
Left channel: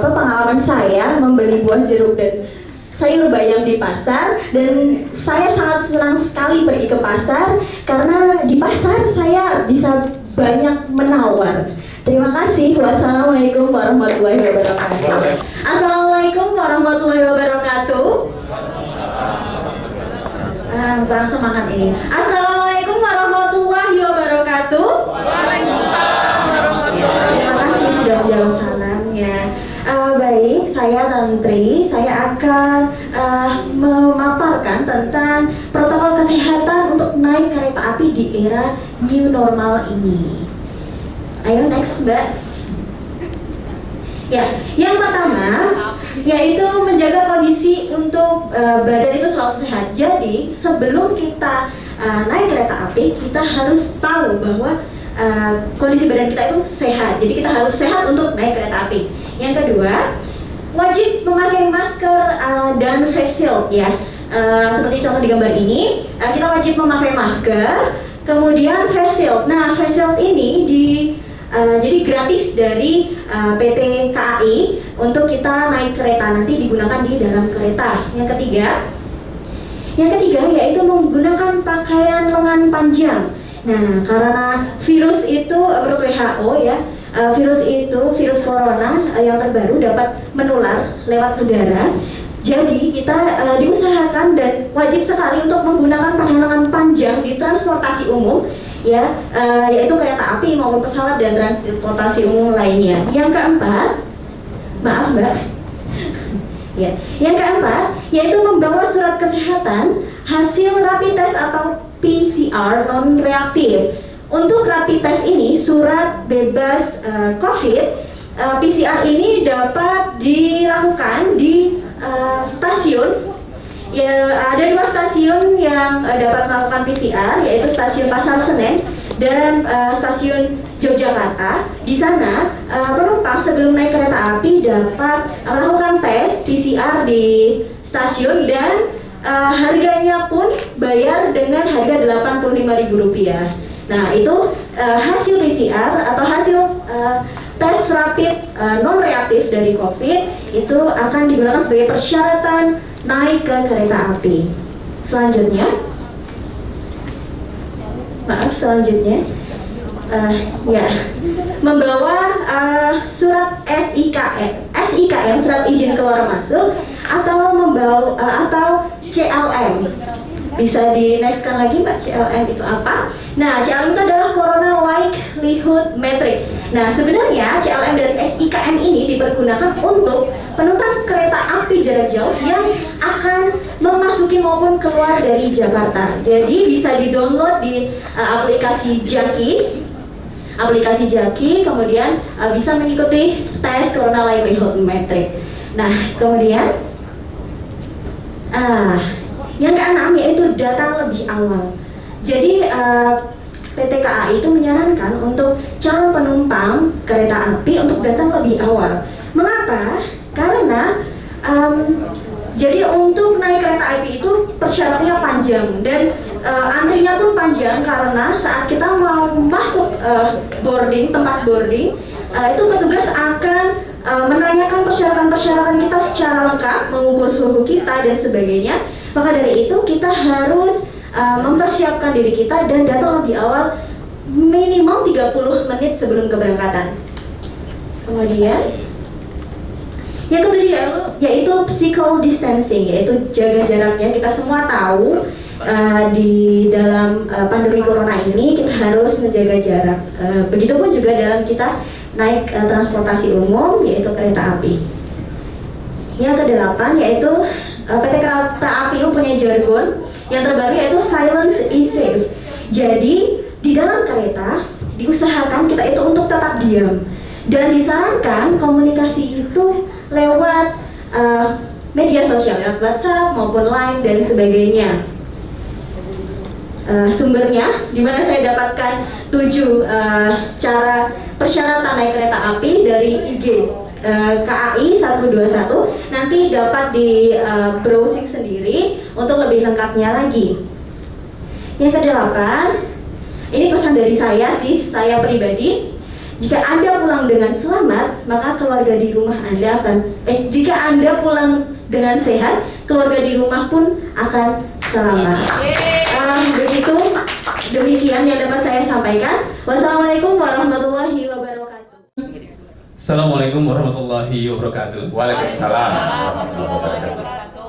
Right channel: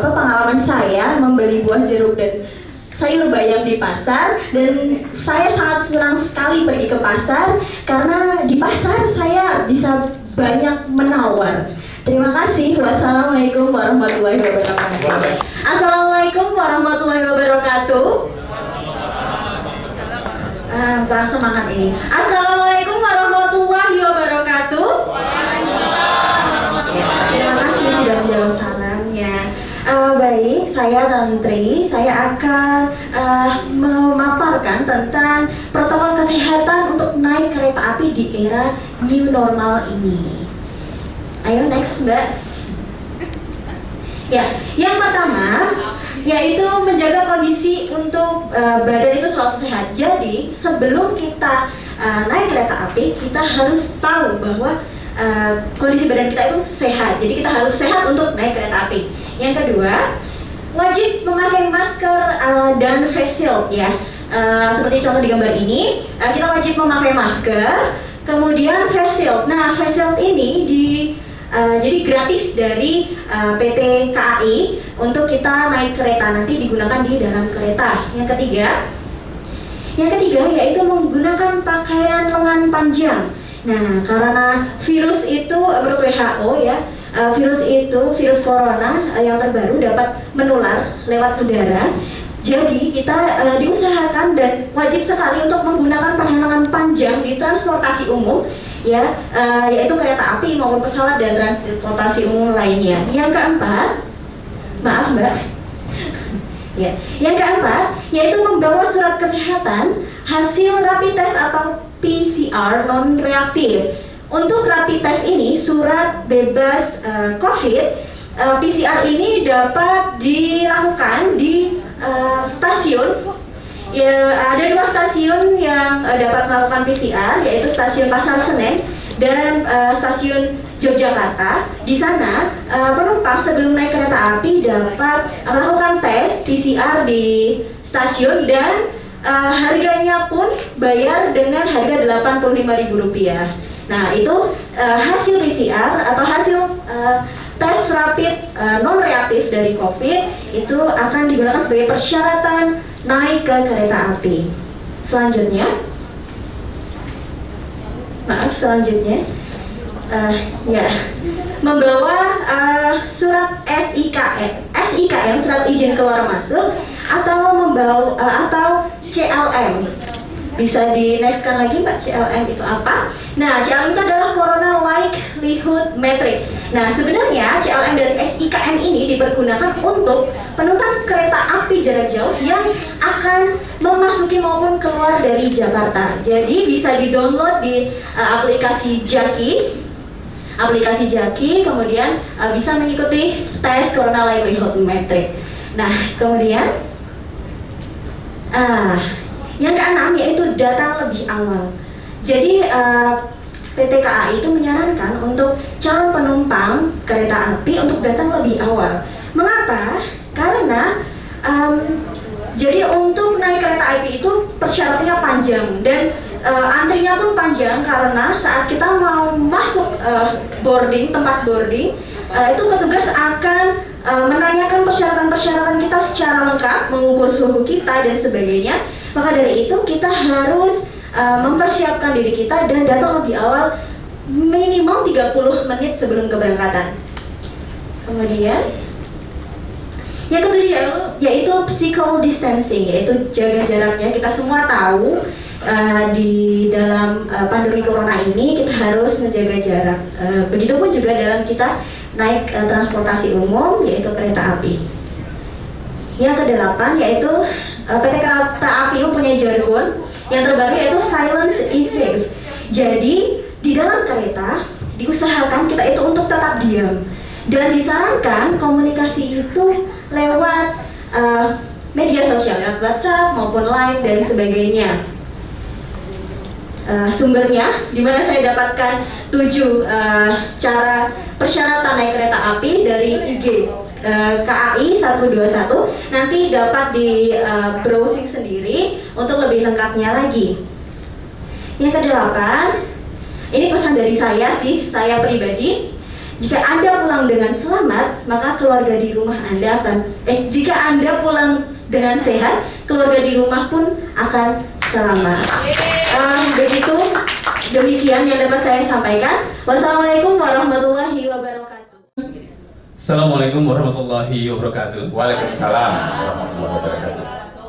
pengalaman saya membeli buah jeruk dan sayur bayam di pasar, dan saya sangat senang sekali pergi ke pasar karena di pasar saya bisa banyak menawar. Terima kasih. Wassalamualaikum warahmatullahi wabarakatuh. Assalamualaikum warahmatullahi wabarakatuh. Kurang semangat ini. Assalamualaikum warahmatullahi wabarakatuh. Terima kasih sudah menjawab salamnya. Baik, saya Tantri. Saya akan memaparkan tentang protokol kesehatan untuk naik kereta api di era new normal ini. Ayo next, Mbak. Ya, yang pertama yaitu menjaga kondisi untuk badan itu selalu sehat. Jadi sebelum kita naik kereta api, kita harus tahu bahwa kondisi badan kita itu sehat. Jadi kita harus sehat untuk naik kereta api. Yang kedua, wajib memakai masker dan face shield ya. Seperti contoh di gambar ini, kita wajib memakai masker, kemudian face shield. Nah, face shield ini jadi gratis dari PT KAI untuk kita naik kereta, nanti digunakan di dalam kereta. Yang ketiga yaitu menggunakan pakaian lengan panjang. Nah, karena virus itu menurut WHO ya, virus corona yang terbaru dapat menular lewat udara. Jadi kita diusahakan dan wajib sekali untuk menggunakan pakaian lengan panjang di transportasi umum ya, yaitu kereta api maupun pesawat dan transportasi umum lainnya. Yang keempat, maaf Mbak. Ya, yang keempat yaitu membawa surat kesehatan hasil rapid test atau PCR PCR non reaktif. Untuk rapid test ini, surat bebas COVID, PCR ini dapat dilakukan di stasiun. Ya, ada 2 stasiun yang dapat melakukan PCR, yaitu stasiun Pasar Senen dan stasiun Yogyakarta. Di sana penumpang sebelum naik kereta api dapat melakukan tes PCR di stasiun dan harganya pun bayar dengan harga Rp85.000. Nah, itu hasil PCR atau hasil tes rapid non reaktif dari COVID itu akan digunakan sebagai persyaratan naik ke kereta api. Selanjutnya, membawa surat SIKM, surat izin keluar masuk, atau membawa atau CLM. Bisa di nextkan lagi Mbak, CLM itu apa? Nah, CLM itu adalah Corona Likelihood Metric. Nah, sebenarnya CLM dan SIKM ini dipergunakan untuk penumpang kereta api jarak jauh yang akan memasuki maupun keluar dari Jakarta. Jadi bisa di-download di aplikasi Jaki. Kemudian bisa mengikuti tes Corona Likelihood Metric. Nah, kemudian yang keenam yaitu datang lebih awal. Jadi PT KAI itu menyarankan untuk calon penumpang kereta api untuk datang lebih awal. Mengapa? Karena jadi untuk naik kereta api itu persyaratannya panjang dan antrinya pun panjang karena saat kita mau masuk tempat boarding itu petugas akan menanyakan persyaratan-persyaratan kita secara lengkap, mengukur suhu kita dan sebagainya. Maka dari itu kita harus mempersiapkan diri kita dan datang lebih awal minimal 30 menit sebelum keberangkatan. Kemudian yang ketujuh yaitu physical distancing, yaitu jaga jaraknya. Kita semua tahu di dalam pandemi corona ini kita harus menjaga jarak. Begitupun juga dalam kita naik transportasi umum, yaitu kereta api. Yang kedelapan yaitu PT Kereta Api mempunyai jargon yang terbaru yaitu silence is safe. Jadi di dalam kereta diusahakan kita itu untuk tetap diam dan disarankan komunikasi itu lewat media sosial, lewat WhatsApp maupun Line dan sebagainya. Sumbernya di mana saya dapatkan 7 cara persyaratan naik kereta api dari IG KAI 121. Nanti dapat di browsing sendiri untuk lebih lengkapnya lagi. Yang kedelapan, ini pesan dari saya pribadi. Jika Anda pulang dengan selamat, maka keluarga di rumah Anda jika Anda pulang dengan sehat, keluarga di rumah pun akan selamat. Begitu, demikian yang dapat saya sampaikan. Wassalamualaikum warahmatullahi wabarakatuh. Assalamualaikum warahmatullahi wabarakatuh. Waalaikumsalam warahmatullahi wabarakatuh.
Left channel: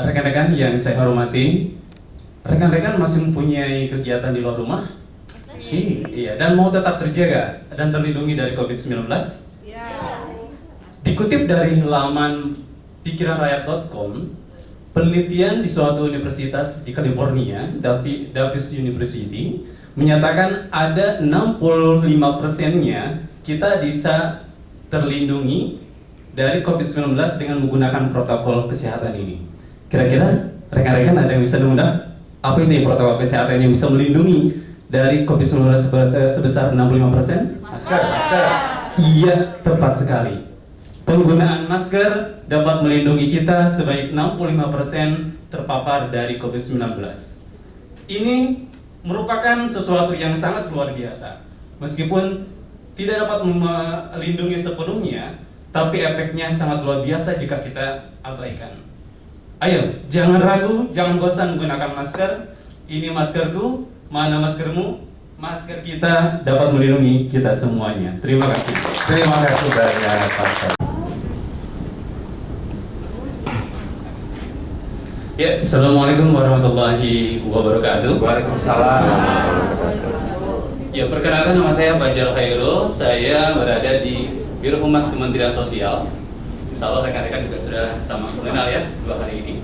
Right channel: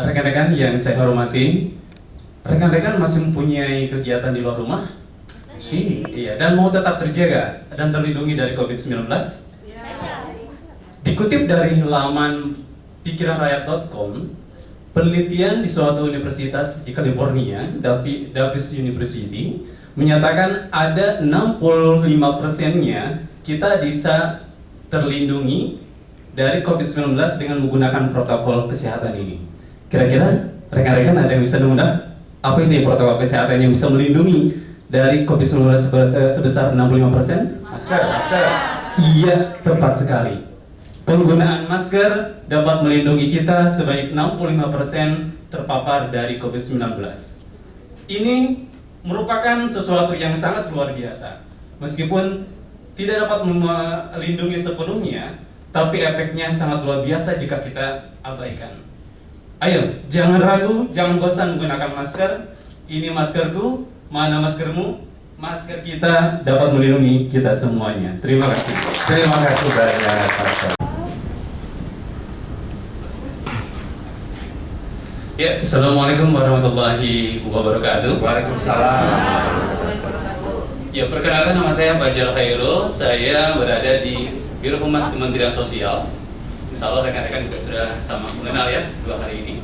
Rekan-rekan yang saya hormati, rekan-rekan masih mempunyai kegiatan di luar rumah? Iya, dan mau tetap terjaga dan terlindungi dari COVID-19? Dikutip dari laman pikiranrakyat.com, penelitian di suatu universitas di California, Davis University, menyatakan ada 65%-nya kita bisa terlindungi dari COVID-19 dengan menggunakan protokol kesehatan ini. Kira-kira rekan-rekan ada yang bisa menebak apa itu protokol kesehatan yang bisa melindungi dari COVID-19 sebesar 65%? Masker. Iya, tepat sekali. Penggunaan masker dapat melindungi kita sebanyak 65% terpapar dari COVID-19. Ini merupakan sesuatu yang sangat luar biasa. Meskipun tidak dapat melindungi sepenuhnya, tapi efeknya sangat luar biasa jika kita abaikan. Ayo, jangan ragu, jangan bosan menggunakan masker. Ini maskerku, mana maskermu? Masker kita dapat melindungi kita semuanya. Terima kasih. Terima kasih banyak Pak. Ya, Assalamualaikum warahmatullahi wabarakatuh. Waalaikumsalam. Ya, perkenalkan nama saya Bajal Khairul. Saya berada di Biro Humas Kementerian Sosial. Insya Allah rekan-rekan juga sudah sama mengenal ya 2 hari ini.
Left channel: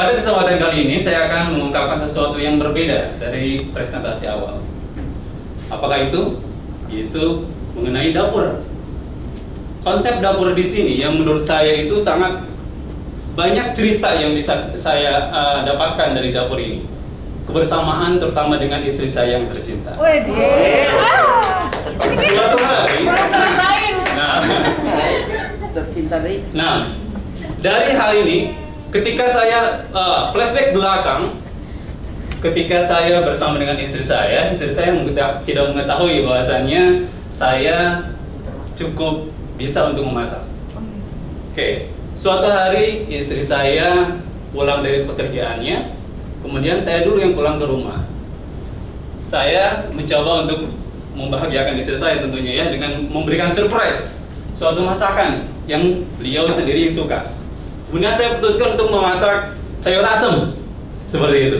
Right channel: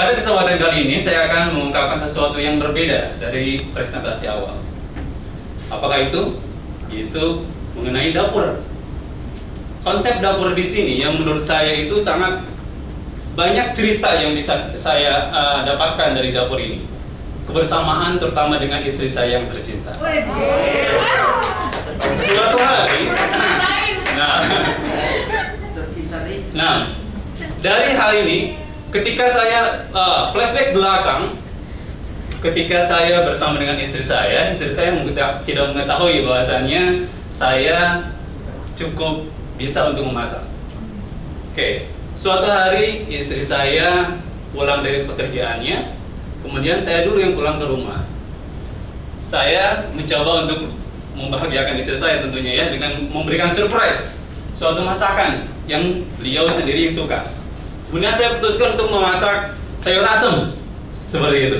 pada kesempatan kali ini saya akan mengungkapkan sesuatu yang berbeda dari presentasi awal. Apakah itu? Yaitu mengenai dapur. Konsep dapur di sini yang menurut saya itu sangat banyak cerita yang bisa saya dapatkan dari dapur ini. Kebersamaan terutama dengan istri saya yang tercinta. Suatu hari, nah, dari hal ini, ketika saya flashback belakang, ketika saya bersama dengan istri saya tidak mengetahui bahwasannya saya cukup bisa untuk memasak. Oke, suatu hari istri saya pulang dari pekerjaannya, kemudian saya dulu yang pulang ke rumah. Saya mencoba untuk membahagiakan istri saya tentunya ya dengan memberikan surprise suatu masakan yang beliau sendiri suka. Kemudian saya putuskan untuk memasak sayur asem seperti itu.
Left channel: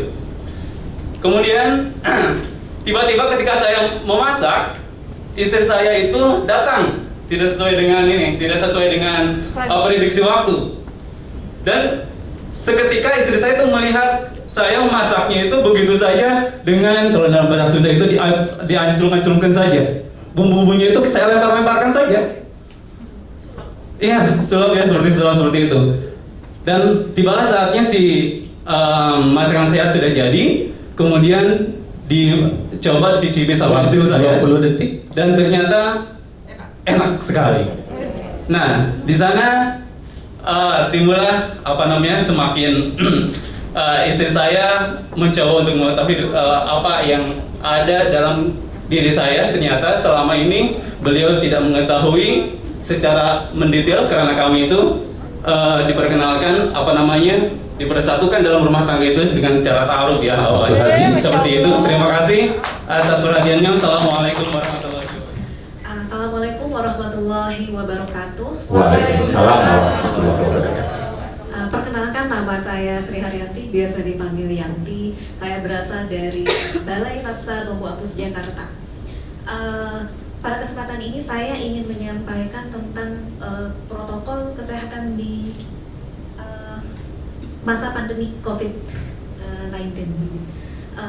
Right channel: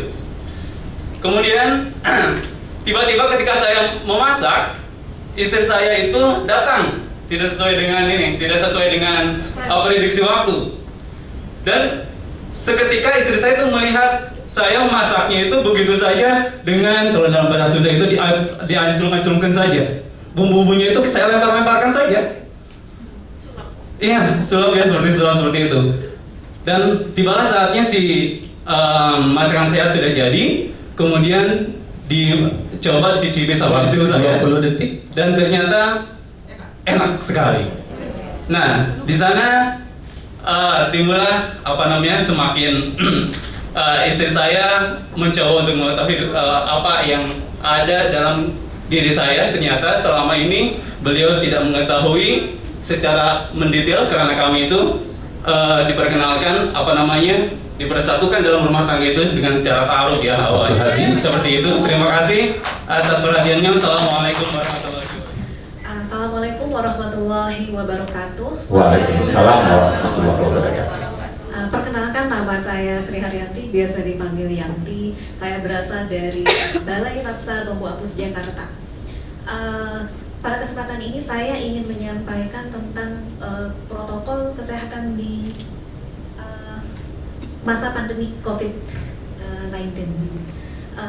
Kemudian tiba-tiba ketika saya memasak, istri saya itu datang tidak sesuai dengan prediksi waktu. Dan seketika istri saya itu melihat saya memasaknya itu begitu saja dengan, kalau dalam bahasa Sunda itu diancur-ancurkan saja. Bumbu-bumbunya itu saya lempar-lemparkan saja. Iya, sulap ya, seperti itu. Dan tibalah saatnya si masakan saya sudah jadi, kemudian dicoba dicicipi sama istri saya 20 detik dan ternyata enak sekali. Nah, di sana timbullah semakin istri saya mencoba untuk mengetahui apa yang ada dalam diri saya. Ternyata selama ini beliau tidak mengetahui secara mendetail karena kami itu diperkenalkan dipersatukan dalam rumah tangga itu dengan cara ta'aruf ya awalnya. Seperti itu. Terima kasih atas perhatiannya. Assalamualaikum warahmatullahi wabarakatuh. Assalamualaikum warahmatullahi wabarakatuh. Waalaikumsalam warahmatullahi wabarakatuh. Perkenalkan, nama saya Sri Haryanti, biasa dipanggil Yanti. Saya berasal dari Balai Rapsa Bambu Apus Jakarta. Pada kesempatan ini saya ingin menyampaikan tentang protokol kesehatan di masa pandemi COVID-19.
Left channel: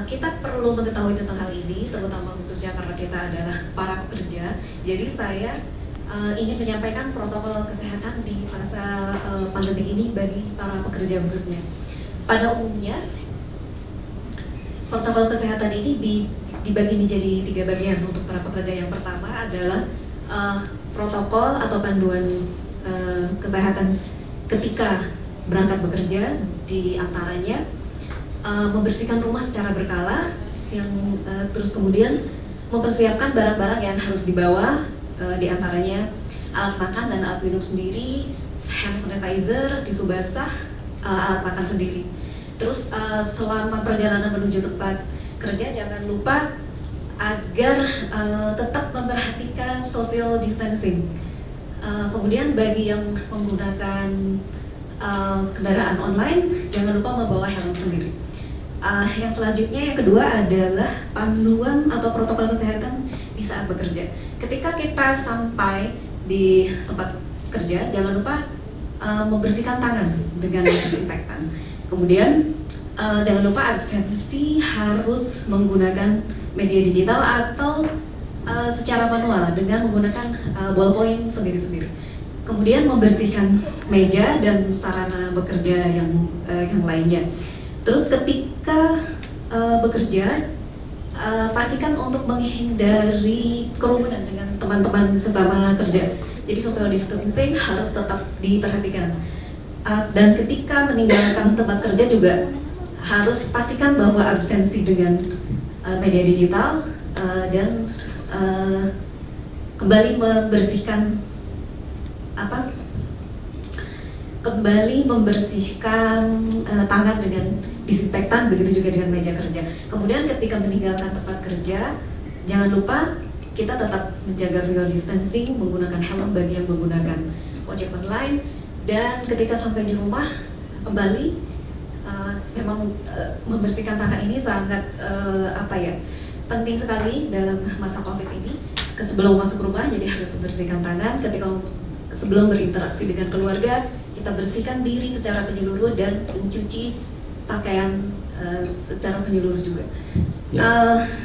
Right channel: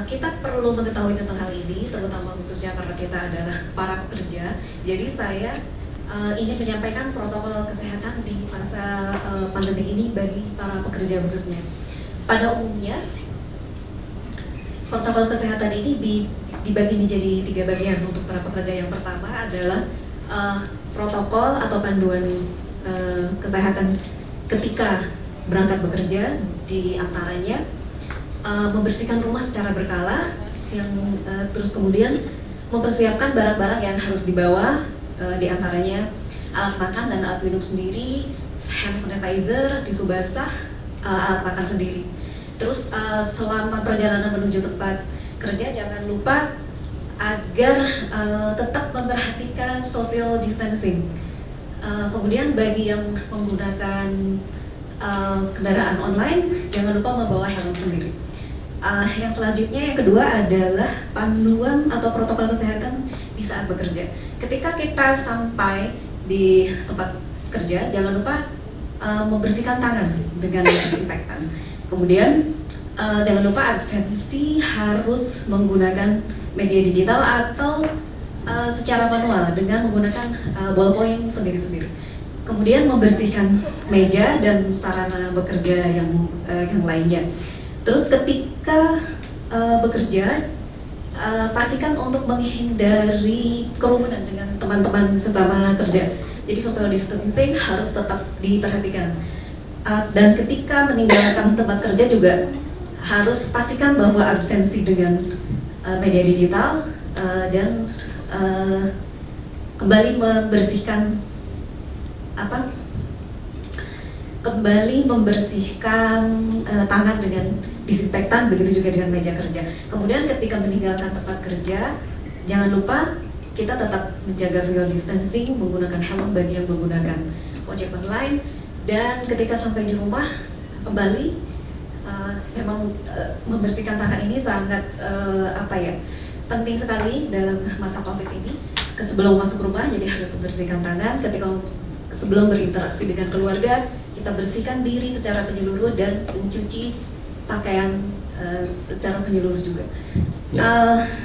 Kita perlu mengetahui tentang hal ini, terutama khususnya karena kita adalah para pekerja. Jadi saya ingin menyampaikan protokol kesehatan di masa pandemi ini bagi para pekerja khususnya. Pada umumnya, protokol kesehatan ini dibagi menjadi 3 bagian untuk para pekerja. Yang pertama adalah protokol atau panduan kesehatan ketika berangkat bekerja, di antaranya membersihkan rumah secara berkala, yang terus kemudian mempersiapkan barang-barang yang harus dibawa, di antaranya alat makan dan alat minum sendiri, hand sanitizer, tisu basah, alat makan sendiri. Terus selama perjalanan menuju tempat kerja jangan lupa agar tetap memperhatikan social distancing. Kemudian bagi yang menggunakan kendaraan online jangan lupa membawa helm sendiri. Yang selanjutnya, yang kedua adalah panduan atau protokol kesehatan di saat bekerja. Ketika kita sampai di tempat kerja, jangan lupa membersihkan tangan dengan disinfektan. Kemudian jangan lupa absensi harus menggunakan media digital atau secara manual dengan menggunakan ballpoint sendiri-sendiri. Kemudian membersihkan meja dan sarana bekerja yang lainnya. Terus ketika bekerja, pastikan untuk menghindari kerumunan dengan teman-teman sesama kerja. Jadi social distancing harus tetap diperhatikan. Dan ketika meninggalkan tempat kerja juga harus pastikan bahwa absensi dengan media digital dan kembali membersihkan tangan dengan disinfektan, begitu juga dengan meja kerja. Kemudian ketika meninggalkan tempat kerja, jangan lupa kita tetap menjaga social distancing, menggunakan helm bagi yang menggunakan ojek online, dan ketika sampai di rumah kembali memang membersihkan tangan ini sangat penting sekali dalam masa COVID ini. Sebelum masuk rumah jadi harus membersihkan tangan, ketika sebelum berinteraksi dengan keluarga kita bersihkan diri secara menyeluruh dan mencuci pakaian secara menyeluruh juga.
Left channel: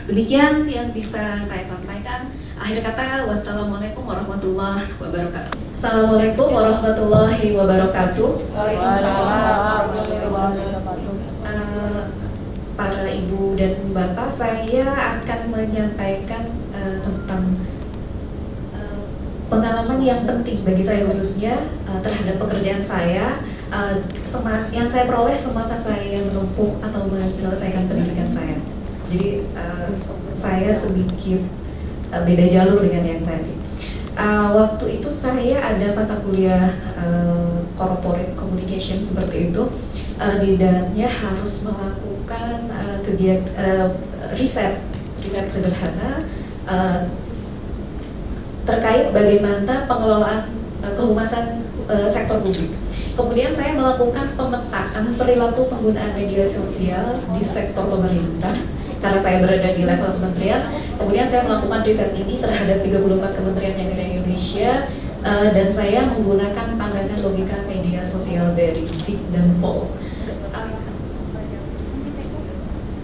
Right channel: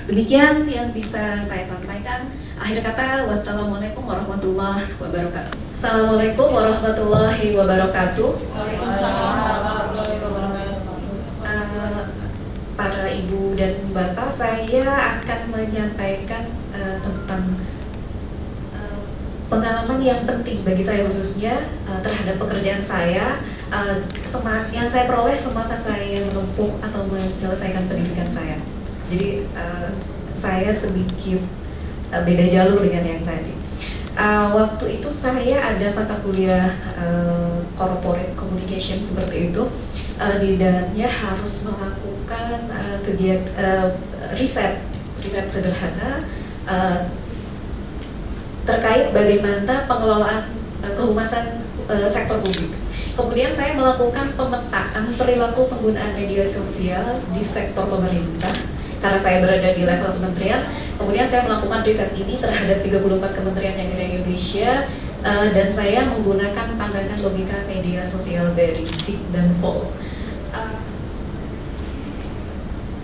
Demikian yang bisa saya sampaikan. Akhir kata, wassalamualaikum warahmatullahi wabarakatuh. Assalamualaikum warahmatullahi wabarakatuh. Para ibu dan bapak, saya akan menyampaikan tentang pengalaman yang penting bagi saya khususnya terhadap pekerjaan saya yang saya peroleh semasa saya menempuh atau menyelesaikan pendidikan saya. Jadi saya sedikit beda jalur dengan yang tadi. Waktu itu saya ada mata kuliah corporate communication seperti itu. Di dalamnya harus melakukan kegiatan riset sederhana terkait bagaimana pengelolaan kehumasan sektor publik. Kemudian saya melakukan pemetaan perilaku penggunaan media sosial di sektor pemerintah karena saya berada di level kementerian. Kemudian saya melakukan riset ini terhadap 34 kementerian yang ada di Indonesia dan saya menggunakan pandangan logika media sosial dari Zig dan Vol.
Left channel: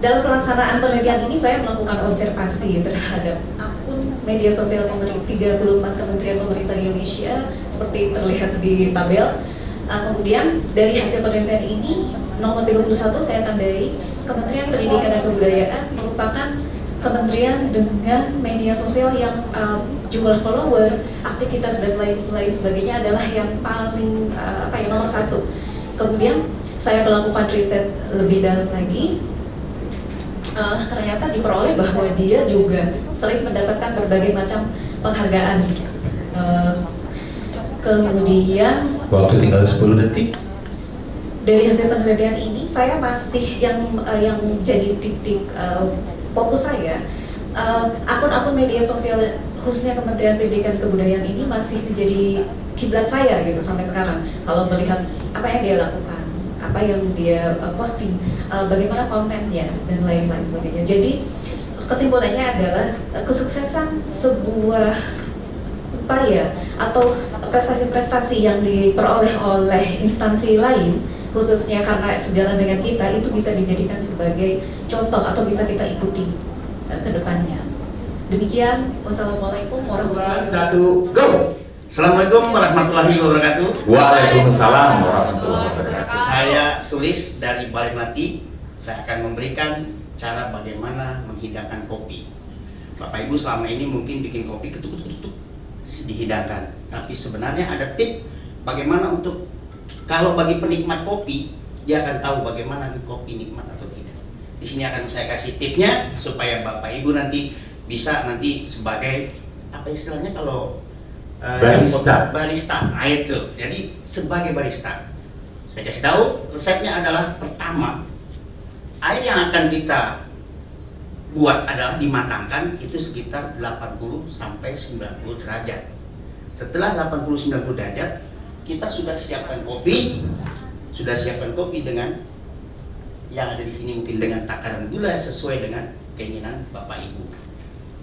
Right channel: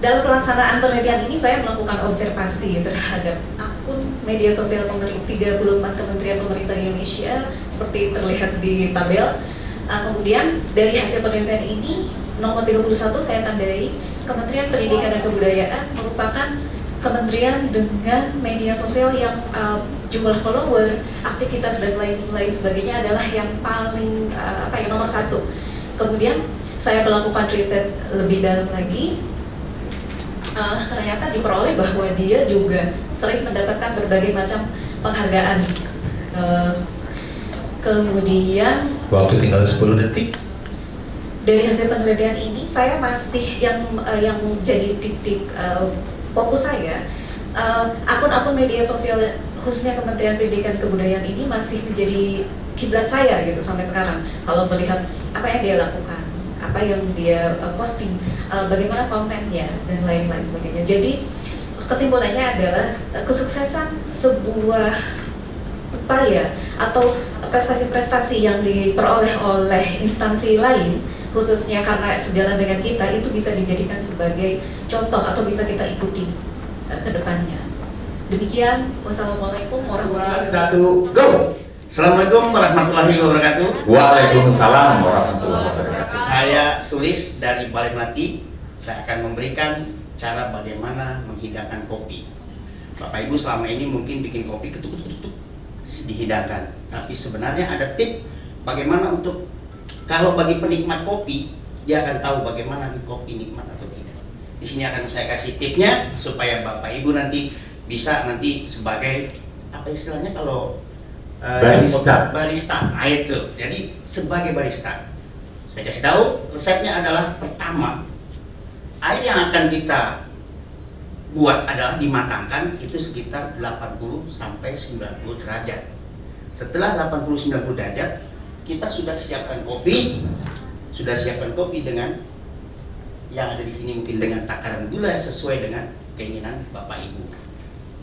Dalam pelaksanaan penelitian ini saya melakukan observasi terhadap akun media sosial 34 kementerian pemerintah di Indonesia seperti terlihat di tabel. Kemudian dari hasil penelitian ini nomor 31 saya tandai Kementerian Pendidikan dan Kebudayaan merupakan kementerian dengan media sosial yang jumlah follower, aktivitas dan lain sebagainya adalah yang paling nomor 1. Kemudian saya melakukan riset lebih dalam lagi. Ternyata diperoleh bahwa dia juga sering mendapatkan berbagai macam penghargaan. Kemudian waktu tinggal 10 detik. Dari hasil penelitian ini saya masih yang jadi titik fokus saya, akun-akun media sosial khususnya Kementerian Pendidikan dan Kebudayaan ini masih menjadi kiblat saya gitu sampai sekarang. Kalau melihat apa yang dia lakukan, apa yang dia posting, bagaimana kontennya dan lain-lain sebagainya. Jadi kesimpulannya adalah kesuksesan sebuah upaya atau prestasi-prestasi yang diperoleh oleh instansi lain, khususnya karena sejalan dengan kita, itu bisa dijadikan sebagai contoh atau bisa kita ikuti ke depannya. Demikian, wassalamualaikum warahmatullahi wabarakatuh. Go! Assalamualaikum warahmatullahi wabarakatuh. Waalaikumsalam warahmatullahi wabarakatuh. Saya Sulis dari Balai Melati. Saya akan memberikan cara bagaimana menghidangkan kopi. Bapak Ibu selama ini mungkin bikin kopi ketuk-ketuk dihidangkan. Tapi sebenarnya ada tip bagaimana untuk kalau bagi penikmat kopi, dia akan tahu bagaimana kopi nikmat atau tidak. Di sini akan saya kasih tipnya supaya Bapak Ibu nanti bisa sebagai apa istilahnya kalau barista. Nah itu. Jadi sebagai barista, saya kasih tahu resepnya adalah pertama, air yang akan kita buat adalah dimatangkan itu sekitar 80 sampai 90 derajat. Setelah 80-90 derajat, kita sudah siapkan kopi. Sudah siapkan kopi dengan yang ada di sini mungkin dengan takaran gula sesuai dengan keinginan Bapak Ibu.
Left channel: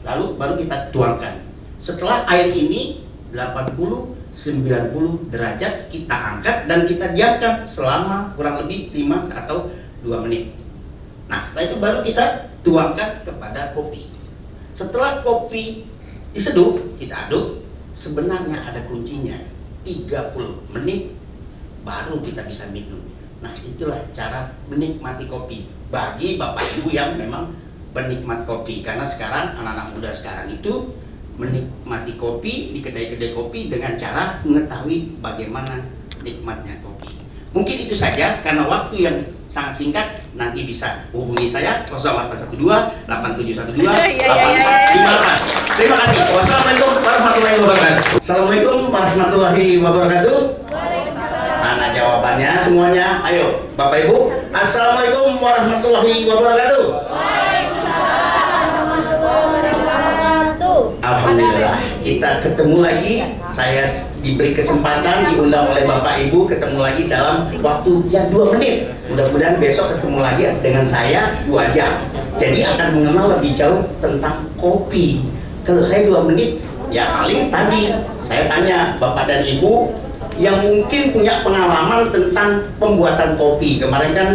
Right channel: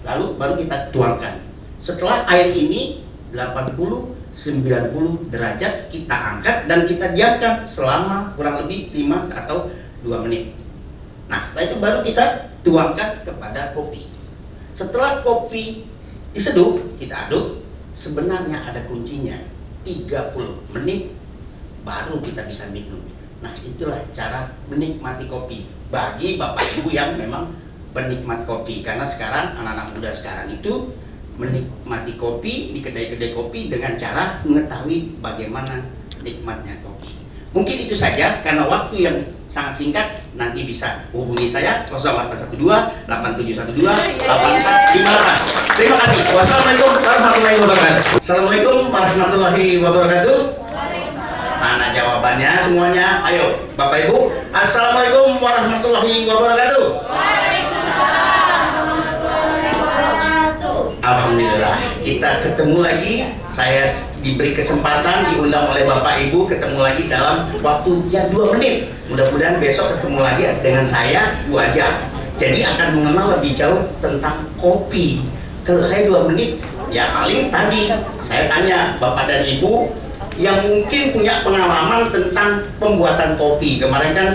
Lalu baru kita tuangkan. Setelah air ini 80-90 derajat kita angkat dan kita diamkan selama kurang lebih 5 atau 2 menit. Nah setelah itu baru kita tuangkan kepada kopi. Setelah kopi diseduh, kita aduk. Sebenarnya ada kuncinya, 30 menit baru kita bisa minum. Nah itulah cara menikmati kopi bagi Bapak Ibu yang memang penikmat kopi. Karena sekarang anak-anak muda sekarang itu menikmati kopi di kedai-kedai kopi dengan cara mengetahui bagaimana nikmatnya kopi. Mungkin itu saja karena waktu yang sangat singkat. Nanti bisa hubungi saya 0812 8712 8458. Terima kasih. Wassalamualaikum warahmatullahi wabarakatuh. Assalamualaikum warahmatullahi wabarakatuh. Mana jawabannya semuanya? Ayo Bapak Ibu. Assalamualaikum warahmatullahi wabarakatuh. Alhamdulillah kita ketemu lagi. Saya diberi kesempatan diundang oleh Bapak Ibu ketemu lagi dalam waktu ya 2 menit. Mudah-mudahan besok ketemu lagi dengan saya 2 jam. Jadi akan mengenal lebih jauh tentang kopi. Kalau saya 2 menit ya paling tadi saya tanya Bapak dan Ibu yang mungkin punya pengalaman tentang pembuatan kopi. Kemarin kan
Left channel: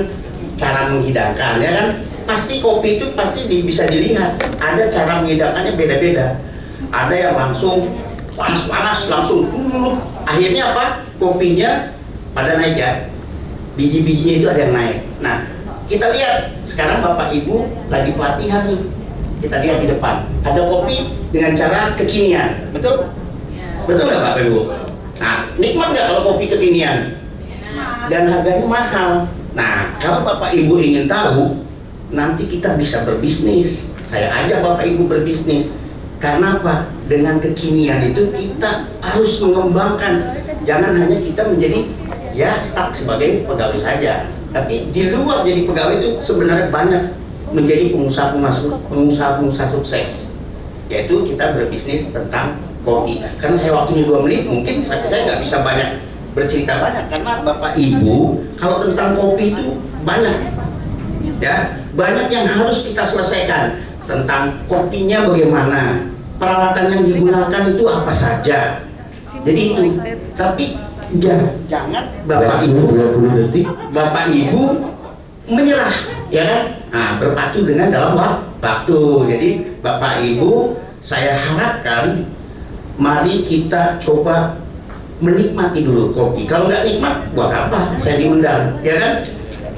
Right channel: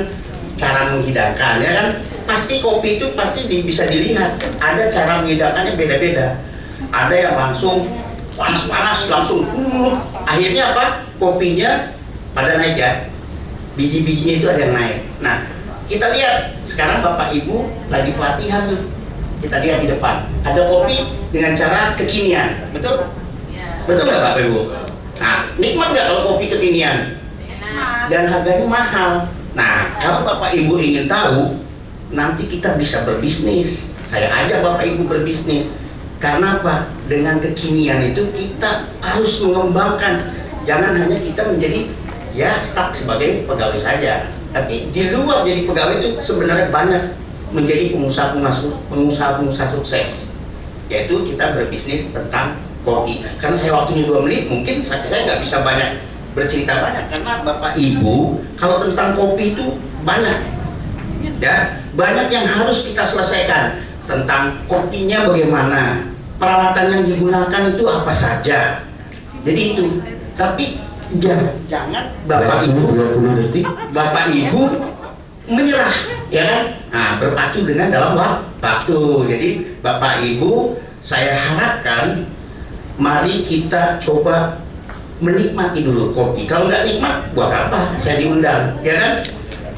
cara menghidangkan, ya kan? Pasti kopi itu pasti bisa dilihat. Ada cara menghidangkannya beda-beda. Ada yang langsung panas-panas, langsung akhirnya apa? Kopinya pada naik ya. Biji-bijinya itu ada yang naik. Nah, kita lihat sekarang Bapak Ibu lagi pelatihan nih. Kita lihat di depan. Ada kopi dengan cara kekinian, betul? Betul nggak Bapak Ibu? Nah, nikmat nggak kalau kopi kekinian? Dan harganya mahal. Nah, kalau Bapak Ibu ingin tahu, nanti kita bisa berbisnis. Saya ajak Bapak Ibu berbisnis. Karena apa? Dengan kekinian itu kita harus mengembangkan. Jangan hanya kita menjadi ya stuck sebagai pegawai saja. Tapi di luar jadi pegawai itu sebenarnya banyak menjadi pengusaha sukses. Yaitu kita berbisnis tentang kopi. Karena saya waktunya 2 menit, mungkin saya nggak bisa banyak bercerita banyak. Karena Bapak Ibu kalau tentang kopi itu banyak, ya banyak yang harus kita selesaikan. Tentang kopinya bagaimana, peralatan yang digunakan itu apa saja. Jadi itu. Tapi jangan Bapak Ibu menyerah, ya kan? Nah, berpacu dengan dalam waktu. Jadi Bapak Ibu, saya harapkan mari kita coba menikmati dulu kopi. Kalau nggak nikmat, buat apa saya diundang, ya kan?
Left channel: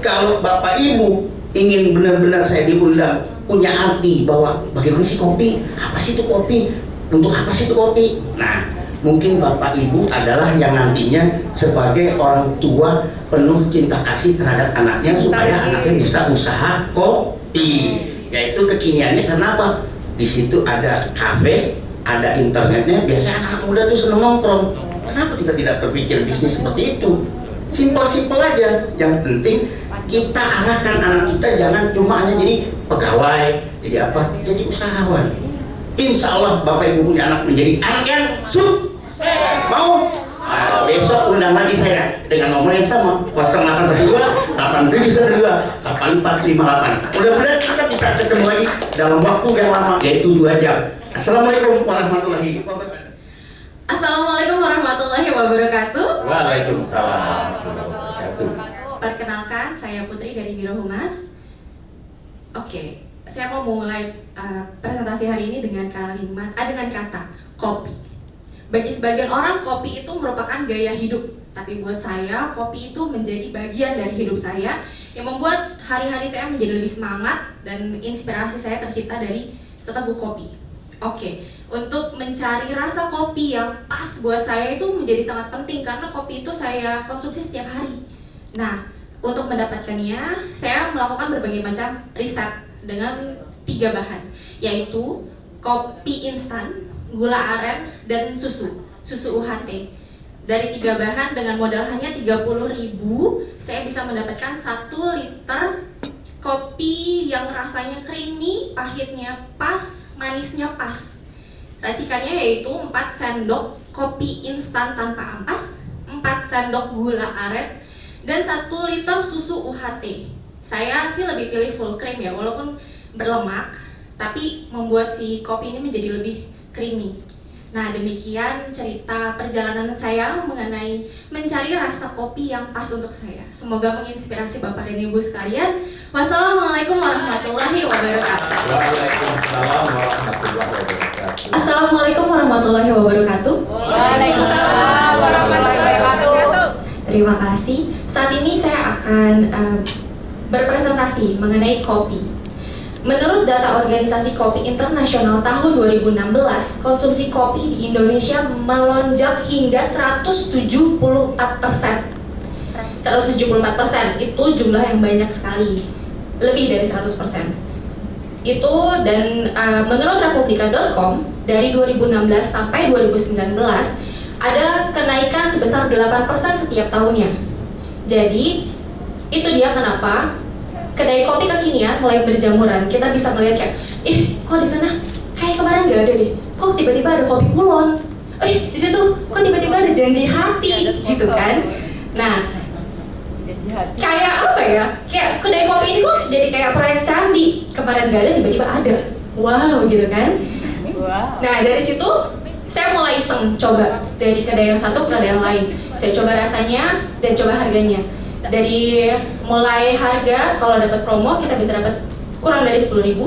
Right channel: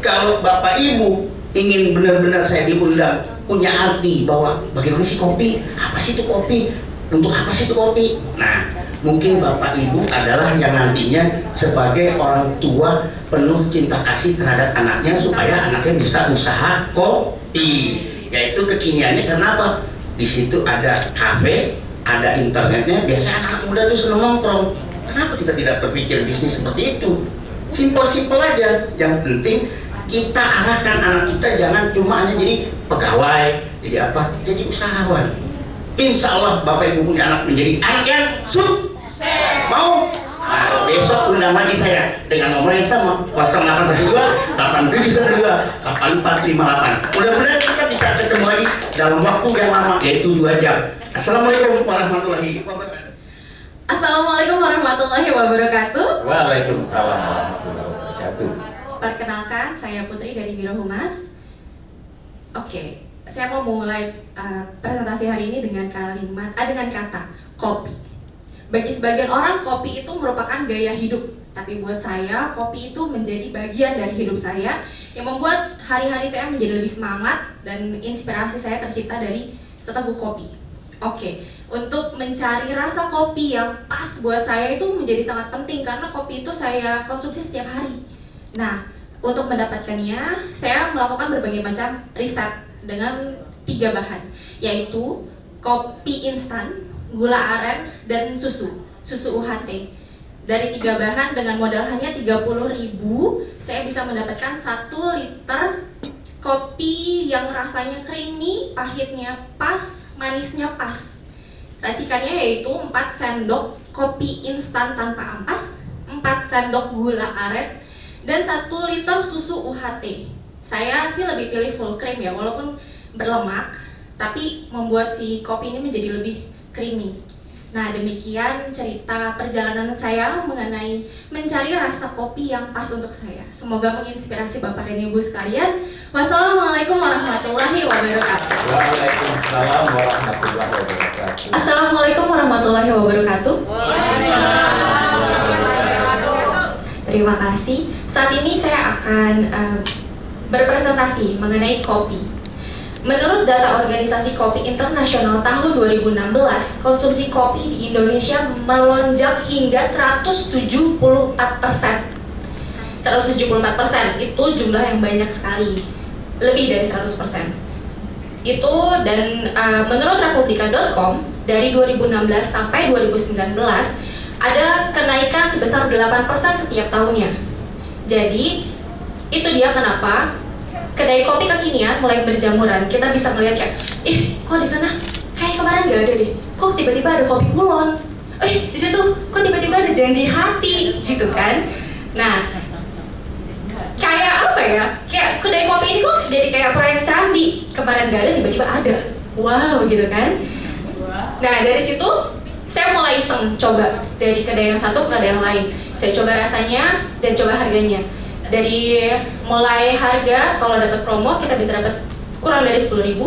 Kalau Bapak Ibu ingin benar-benar saya diundang, punya arti bahwa bagaimana sih kopi, apa sih itu kopi, untuk apa sih itu kopi. Nah, mungkin Bapak Ibu adalah yang nantinya sebagai orang tua penuh cinta kasih terhadap anaknya supaya anaknya bisa usaha kopi. Yaitu kekiniannya karena apa? Di situ ada kafe, ada internetnya. Biasanya anak muda tuh seneng nongkrong. Kenapa kita tidak berpikir bisnis seperti itu? Simpel-simpel aja. Yang penting kita arahkan anak kita jangan cuma hanya jadi pegawai, jadi apa? Jadi usahawan. Insya Allah Bapak Ibu punya anak menjadi anak yang sukses. Mau? Nah, besok undang lagi saya dengan nomor yang sama 0812 8712 8458. Mudah-mudahan kita bisa ketemu lagi dalam waktu yang lama, yaitu 2 jam. Assalamualaikum warahmatullahi wabarakatuh. Assalamualaikum warahmatullahi wabarakatuh. Waalaikumsalam warahmatullahi wabarakatuh. Perkenalkan, saya Putri dari Biro Humas. Oke, saya mau mulai presentasi hari ini dengan dengan kata kopi. Bagi sebagian orang, kopi itu merupakan gaya hidup. Tapi buat saya, kopi itu menjadi bagian dari hidup saya yang membuat hari-hari saya menjadi lebih semangat dan inspirasi saya tercipta dari seteguk kopi. Oke, untuk mencari rasa kopi yang pas buat saya itu menjadi sangat penting karena kopi itu saya konsumsi setiap hari. Nah, untuk mendapatkannya, saya melakukan berbagai macam riset dengan 3 bahan, yaitu kopi instan, gula aren, dan susu UHT. Dari 3 bahan dengan modal hanya 30.000, saya bisa mendapatkan 1 liter kopi yang rasanya creamy, pahitnya pas, manisnya pas. Racikannya yaitu 4 sendok kopi instan tanpa ampas, 4 sendok gula aren, dan 1 liter susu UHT. Saya sih lebih pilih full cream ya, walaupun berlemak, tapi membuat si kopi ini menjadi lebih creamy. Nah, demikian cerita perjalanan saya mengenai mencari rasa kopi yang pas untuk saya. Semoga menginspirasi Bapak dan Ibu sekalian. Wassalamualaikum warahmatullahi wabarakatuh. Waalaikumsalam warahmatullahi wabarakatuh. Assalamualaikum warahmatullahi wabarakatuh. Terima kasih. Saat ini saya akan berpresentasi mengenai kopi. Menurut data Organisasi Kopi Internasional tahun 2016, konsumsi kopi di Indonesia melonjak hingga 174%. 174%, itu jumlah yang banyak sekali. Lebih dari 100%. Itu dan menurut republika.com dari 2016 sampai 2019 ada kenaikan sebesar 8% setiap tahunnya. Jadi, itu dia kenapa kedai kopi kekinian mulai berjamuran. Kita bisa melihat kayak, kok di sana kayak kemarin nggak ada deh. Kok tiba-tiba ada kopi kulon. Di situ kok tiba-tiba ada janji hati, gitu kan? Nah, kayak apa ya? Kayak kedai kopi ini kok jadi kayak proyek candi. Kemarin nggak ada, tiba-tiba ada. Wow, gitu kan? Nah, dari situ saya mulai iseng coba dari kedai yang satu ke kedai yang lain. Saya coba rasanya dan coba harganya. Dari mulai harga, kalau dapat promo kita bisa dapat kurang dari 10.000,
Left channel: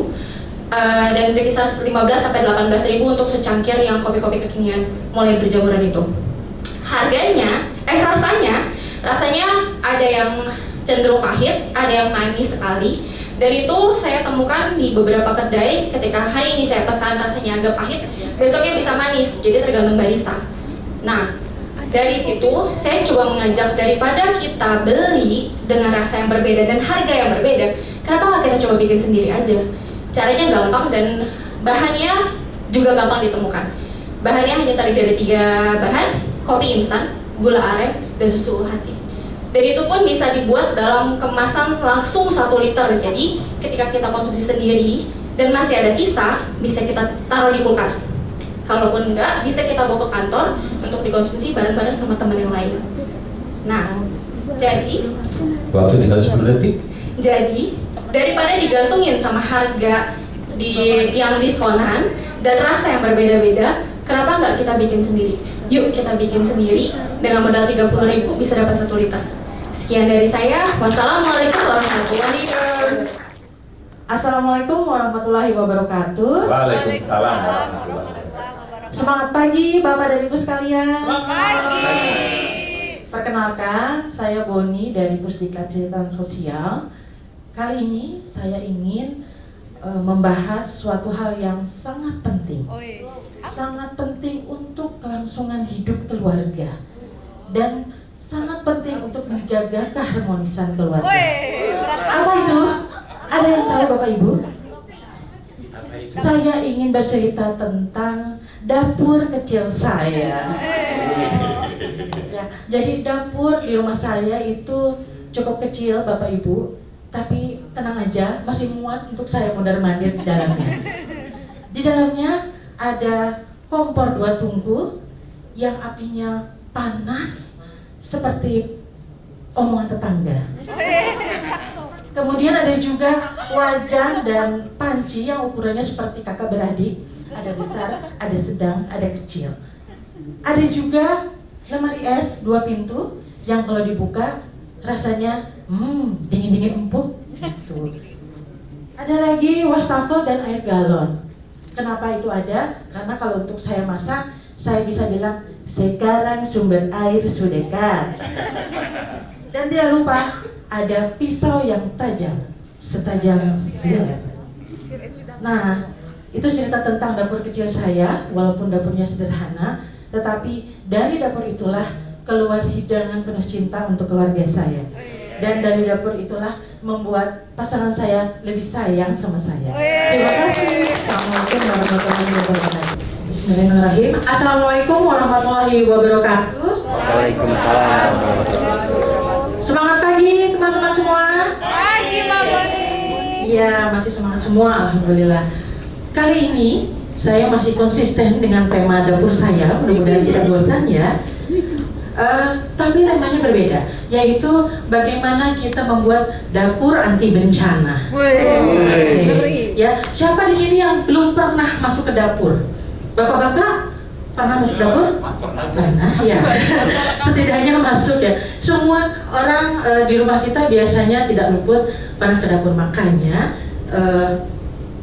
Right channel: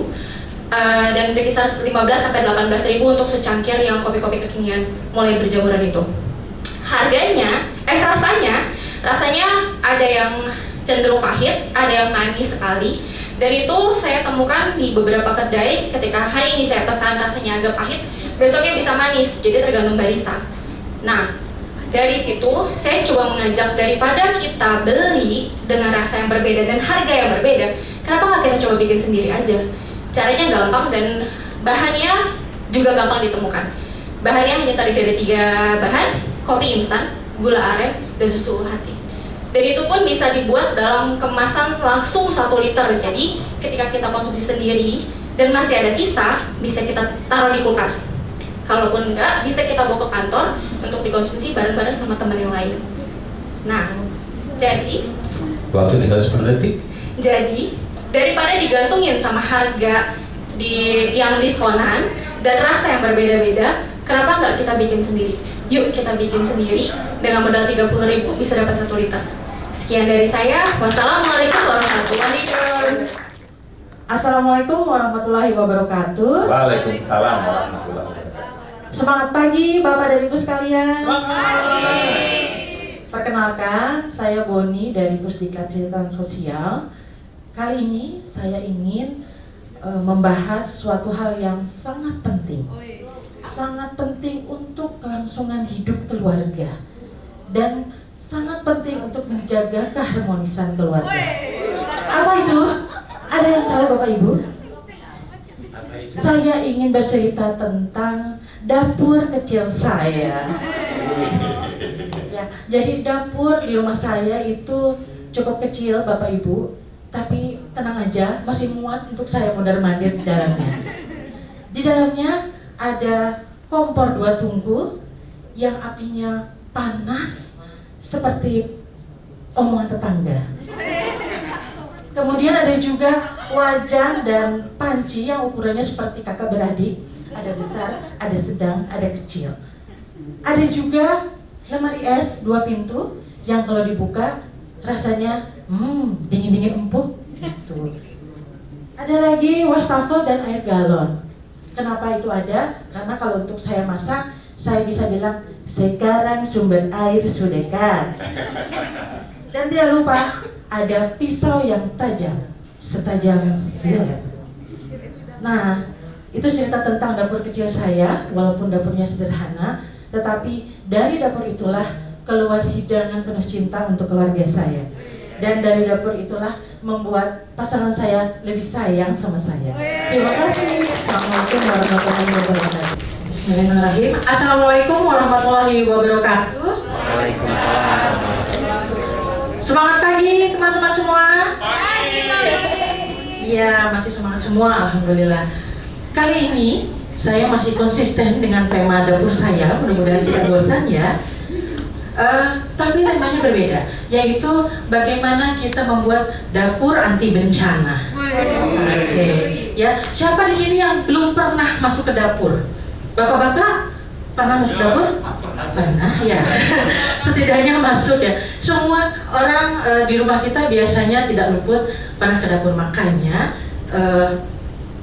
dan dari kisaran 15 sampai 18.000 untuk secangkir yang kopi-kopi kekinian mulai berjamuran itu. Harganya, rasanya ada yang cenderung pahit, ada yang manis sekali. Dan itu saya temukan di beberapa kedai, ketika hari ini saya pesan rasanya agak pahit, besoknya bisa manis, jadi tergantung barista. Nah, dari situ saya coba mengajak, daripada kita beli dengan rasa yang berbeda dan harga yang berbeda, kenapa nggak kita coba bikin sendiri aja? Caranya gampang dan bahannya juga gampang ditemukan. Bahannya hanya terdiri dari 3 bahan, kopi instan, gula aren, dan susu hati. Dan itu pun bisa dibuat dalam kemasan langsung 1 liter. Jadi ketika kita konsumsi sendiri dan masih ada sisa, bisa kita taruh di kulkas. Kalaupun enggak, bisa kita bawa ke kantor untuk dikonsumsi bareng-bareng sama teman yang lain. Nah, jadi waktu tinggal 10 detik. Jadi daripada digantungin sama harga yang diskonan dan rasa yang berbeda-beda, kenapa nggak kita bikin sendiri? Yuk kita bikin sendiri, dengan modal 30.000 bisa dapat 1 liter. Sekian dari saya. Wassalamualaikum warahmatullahi wabarakatuh. Assalamualaikum warahmatullahi wabarakatuh. Waalaikumsalam warahmatullahi wabarakatuh. Semangat pagi Bapak dan Ibu sekalian. Semangat pagi. Perkenalkan, saya Boni dari Pusdiklat Kesejahteraan Sosial. Kali ini saya ingin membahas suatu hal yang sangat penting. Sangat penting untuk kelangsungan hidup keluarga dan sangat penting untuk menjaga keharmonisan keluarga. Apa itu? Ada yang tahu Bapak Ibu? Saya ingin bercerita tentang dapur kecil saya. Ya, jadi dapur di rumah saya itu cukup kecil Bapak Ibu, tapi tenang aja, masih muat untuk saya mondar-mandir di dalamnya. Di dalamnya ada kompor 2 tungku yang apinya panas seperti omongan tetangga. Kemudian ada juga wajan dan panci yang ukurannya seperti kakak beradik, ada besar, ada sedang, ada kecil. Ada juga lemari es 2 pintu yang kalau dibuka rasanya dingin-dingin empuk gitu. Ada lagi wastafel dan air galon. Kenapa itu ada? Karena kalau untuk saya masak, saya bisa bilang sekarang sumber air sudah dekat. Dan tidak lupa ada pisau yang tajam, setajam silet. Nah, itu cerita tentang dapur kecil saya, walaupun dapurnya sederhana, tetapi dari dapur itulah keluar hidangan penuh cinta untuk keluarga saya. Dan dari dapur itulah membuat pasangan saya lebih sayang sama saya. Terima kasih. Assalamualaikum warahmatullahi wabarakatuh. Bismillahirrahmanirrahim. Assalamualaikum warahmatullahi wabarakatuh. Waalaikumsalam. Semangat pagi teman-teman semua. Pagi. Iya, masih semangat semua, alhamdulillah. Kali ini saya masih konsisten dengan tema dapur saya, mudah-mudahan tidak bosan ya. Tapi temanya berbeda, yaitu bagaimana kita membuat dapur anti bencana. Oke. Ya, siapa di sini yang belum pernah masuk ke dapur? Bapak-bapak pernah masuk dapur? Pernah ya. Setidaknya masuk ya. Semua orang di rumah kita biasanya tidak luput pernah ke dapur, makanya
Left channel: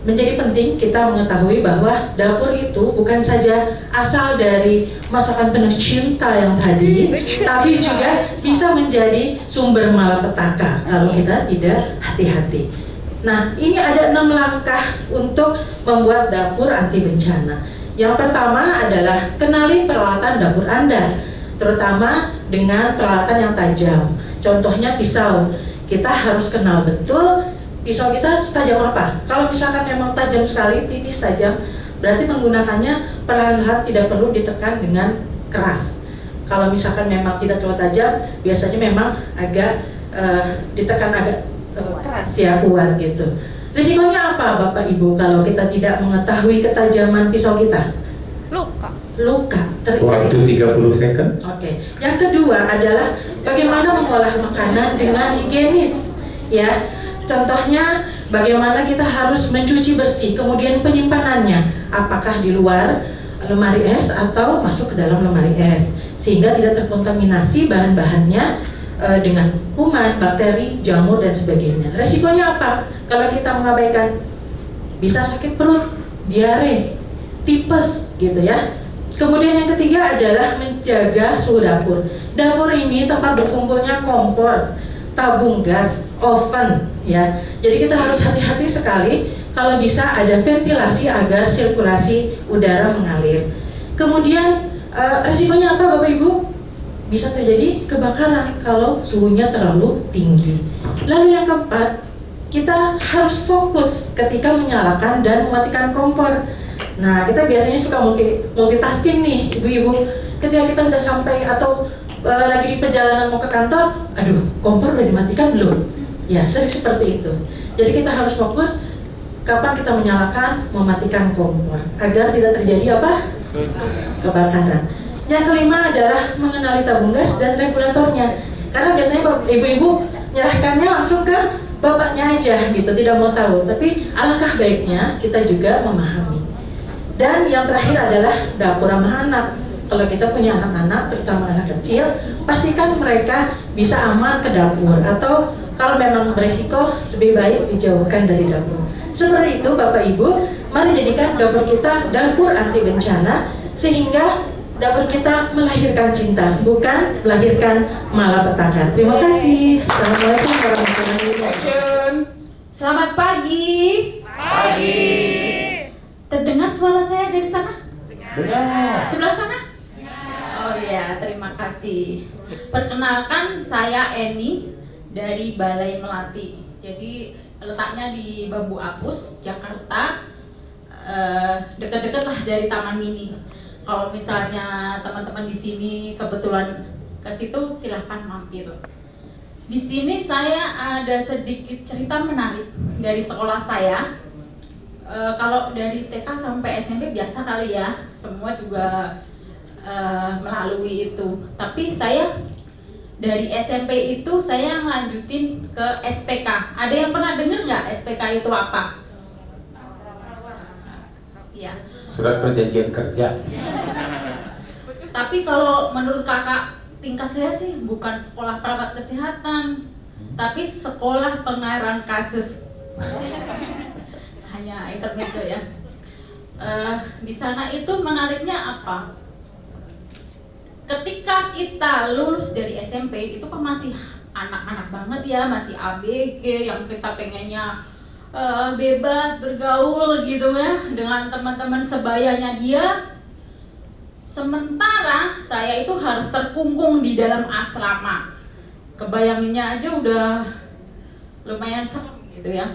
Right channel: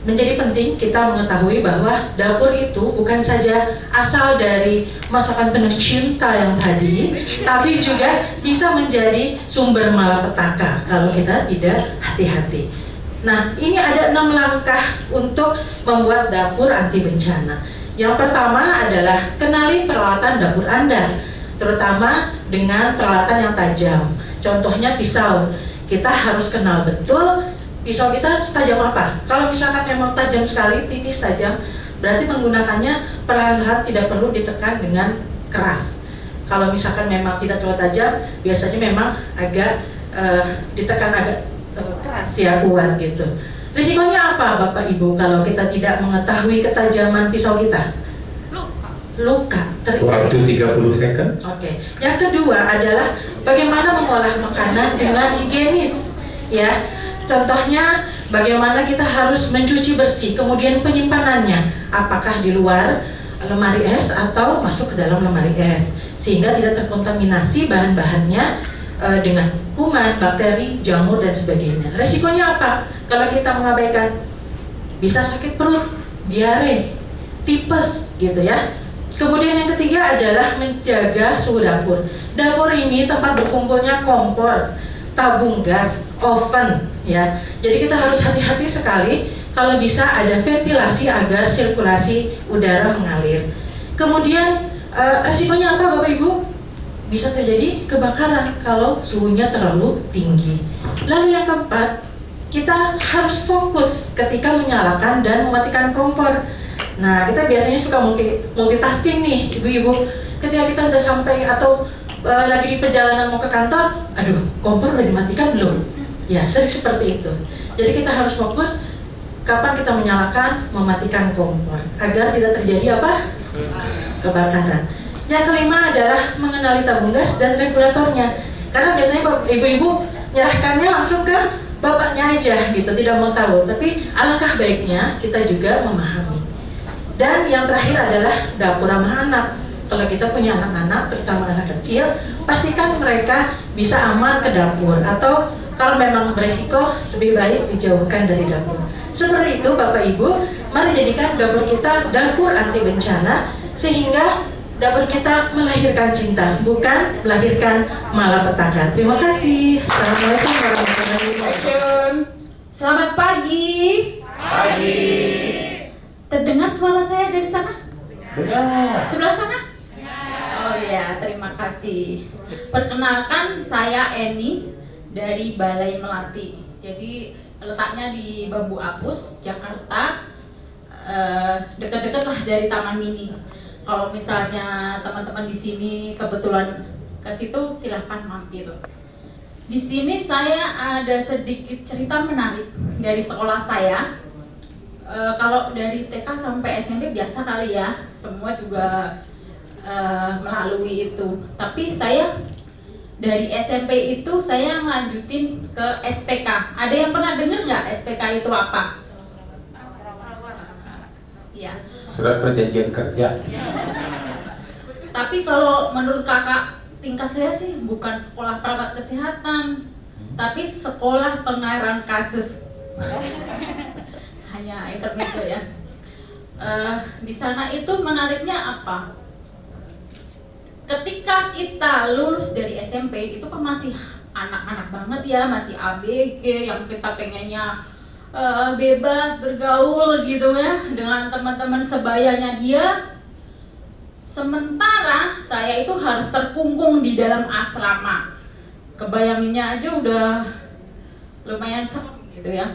menjadi penting kita mengetahui bahwa dapur itu bukan saja asal dari masakan penuh cinta yang tadi, tapi juga bisa menjadi sumber malapetaka kalau kita tidak hati-hati. Nah, ini ada 6 langkah untuk membuat dapur anti bencana. Yang pertama adalah kenali peralatan dapur Anda, terutama dengan peralatan yang tajam. Contohnya pisau. Kita harus kenal betul pisau kita setajam apa. Kalau misalkan memang tajam sekali, tipis tajam, berarti menggunakannya perlahan-lahan, tidak perlu ditekan dengan keras. Kalau misalkan memang tidak terlalu tajam, biasanya memang agak ditekan agak keras ya, kuat gitu. Risikonya apa Bapak Ibu kalau kita tidak mengetahui ketajaman pisau kita? Luka. Waktu 30 second. Oke. Yang kedua adalah bagaimana mengolah makanan dengan higienis, ya. Contohnya bagaimana kita harus mencuci bersih, kemudian penyimpanannya, apakah di luar lemari es atau masuk ke dalam lemari es, sehingga tidak terkontaminasi bahan-bahannya dengan kuman, bakteri, jamur dan sebagainya. Resikonya apa? Kalau kita mengabaikan, bisa sakit perut, diare, tipes gitu ya. Kemudian yang ketiga adalah menjaga suhu dapur. Dapur ini tempat berkumpulnya kompor, tabung gas, oven ya. Jadi kita harus hati-hati sekali kalau bisa ada ventilasi agar sirkulasi udara mengalir. Kemudian resikonya apa Bapak Ibu? Bisa terjadi kebakaran kalau suhunya terlalu tinggi. Lalu yang keempat, kita harus fokus ketika menyalakan dan mematikan kompor. Nah, kita biasanya suka multitasking nih, ibu-ibu. Ketika kita udah sampai atau lagi di perjalanan mau ke kantor, aduh, kompor udah dimatikan belum? Ya, sering seperti itu. Jadi kita harus fokus kapan kita menyalakan, mematikan kompor agar tidak terjadi apa? Kebakaran. Yang kelima adalah mengenali tabung gas dan regulatornya. Karena biasanya ibu-ibu menyerahkannya langsung ke bapaknya aja gitu, tidak mau tahu. Tapi alangkah baiknya kita juga memahami. Dan yang terakhir adalah dapur ramah anak. Kalau kita punya anak-anak, terutama anak kecil, pastikan mereka bisa aman ke dapur. Atau kalau memang berisiko, lebih baik dijauhkan dari dapur. Seperti itu Bapak Ibu, mari jadikan dapur kita dapur anti bencana, sehingga dapur kita melahirkan cinta, bukan melahirkan malapetaka. Terima kasih. Assalamualaikum warahmatullahi wabarakatuh. Selamat pagi. Pagi. Terdengar suara saya dari sana? Dengar. Sebelah sana? Oh iya, terima kasih. Perkenalkan, saya Eni dari Balai Melati. Jadi letaknya di Bambu Apus, Jakarta. Dekat-dekat lah dari Taman Mini. Kalau misalnya teman-teman di sini kebetulan ke situ, silahkan mampir. Di sini saya ada sedikit cerita menarik dari sekolah saya. Kalau dari TK sampai SMP biasa kali ya, semua juga melalui itu. Tapi saya dari SMP itu saya ngelanjutin ke SPK. Ada yang pernah dengar nggak SPK itu apa? Ya. Surat perjanjian kerja. Tapi kalau menurut kakak tingkat saya sih bukan sekolah perawat kesehatan, tapi sekolah pengarang kasus. Hanya intermezzo ya. Di sana itu menariknya apa? Ketika kita lulus dari SMP itu kan masih anak-anak banget ya, masih ABG yang kita pengennya bebas bergaul gitu ya dengan teman-teman sebayanya dia. Sementara saya itu harus terkungkung di dalam asrama. Kebayanginnya aja udah lumayan serem gitu ya.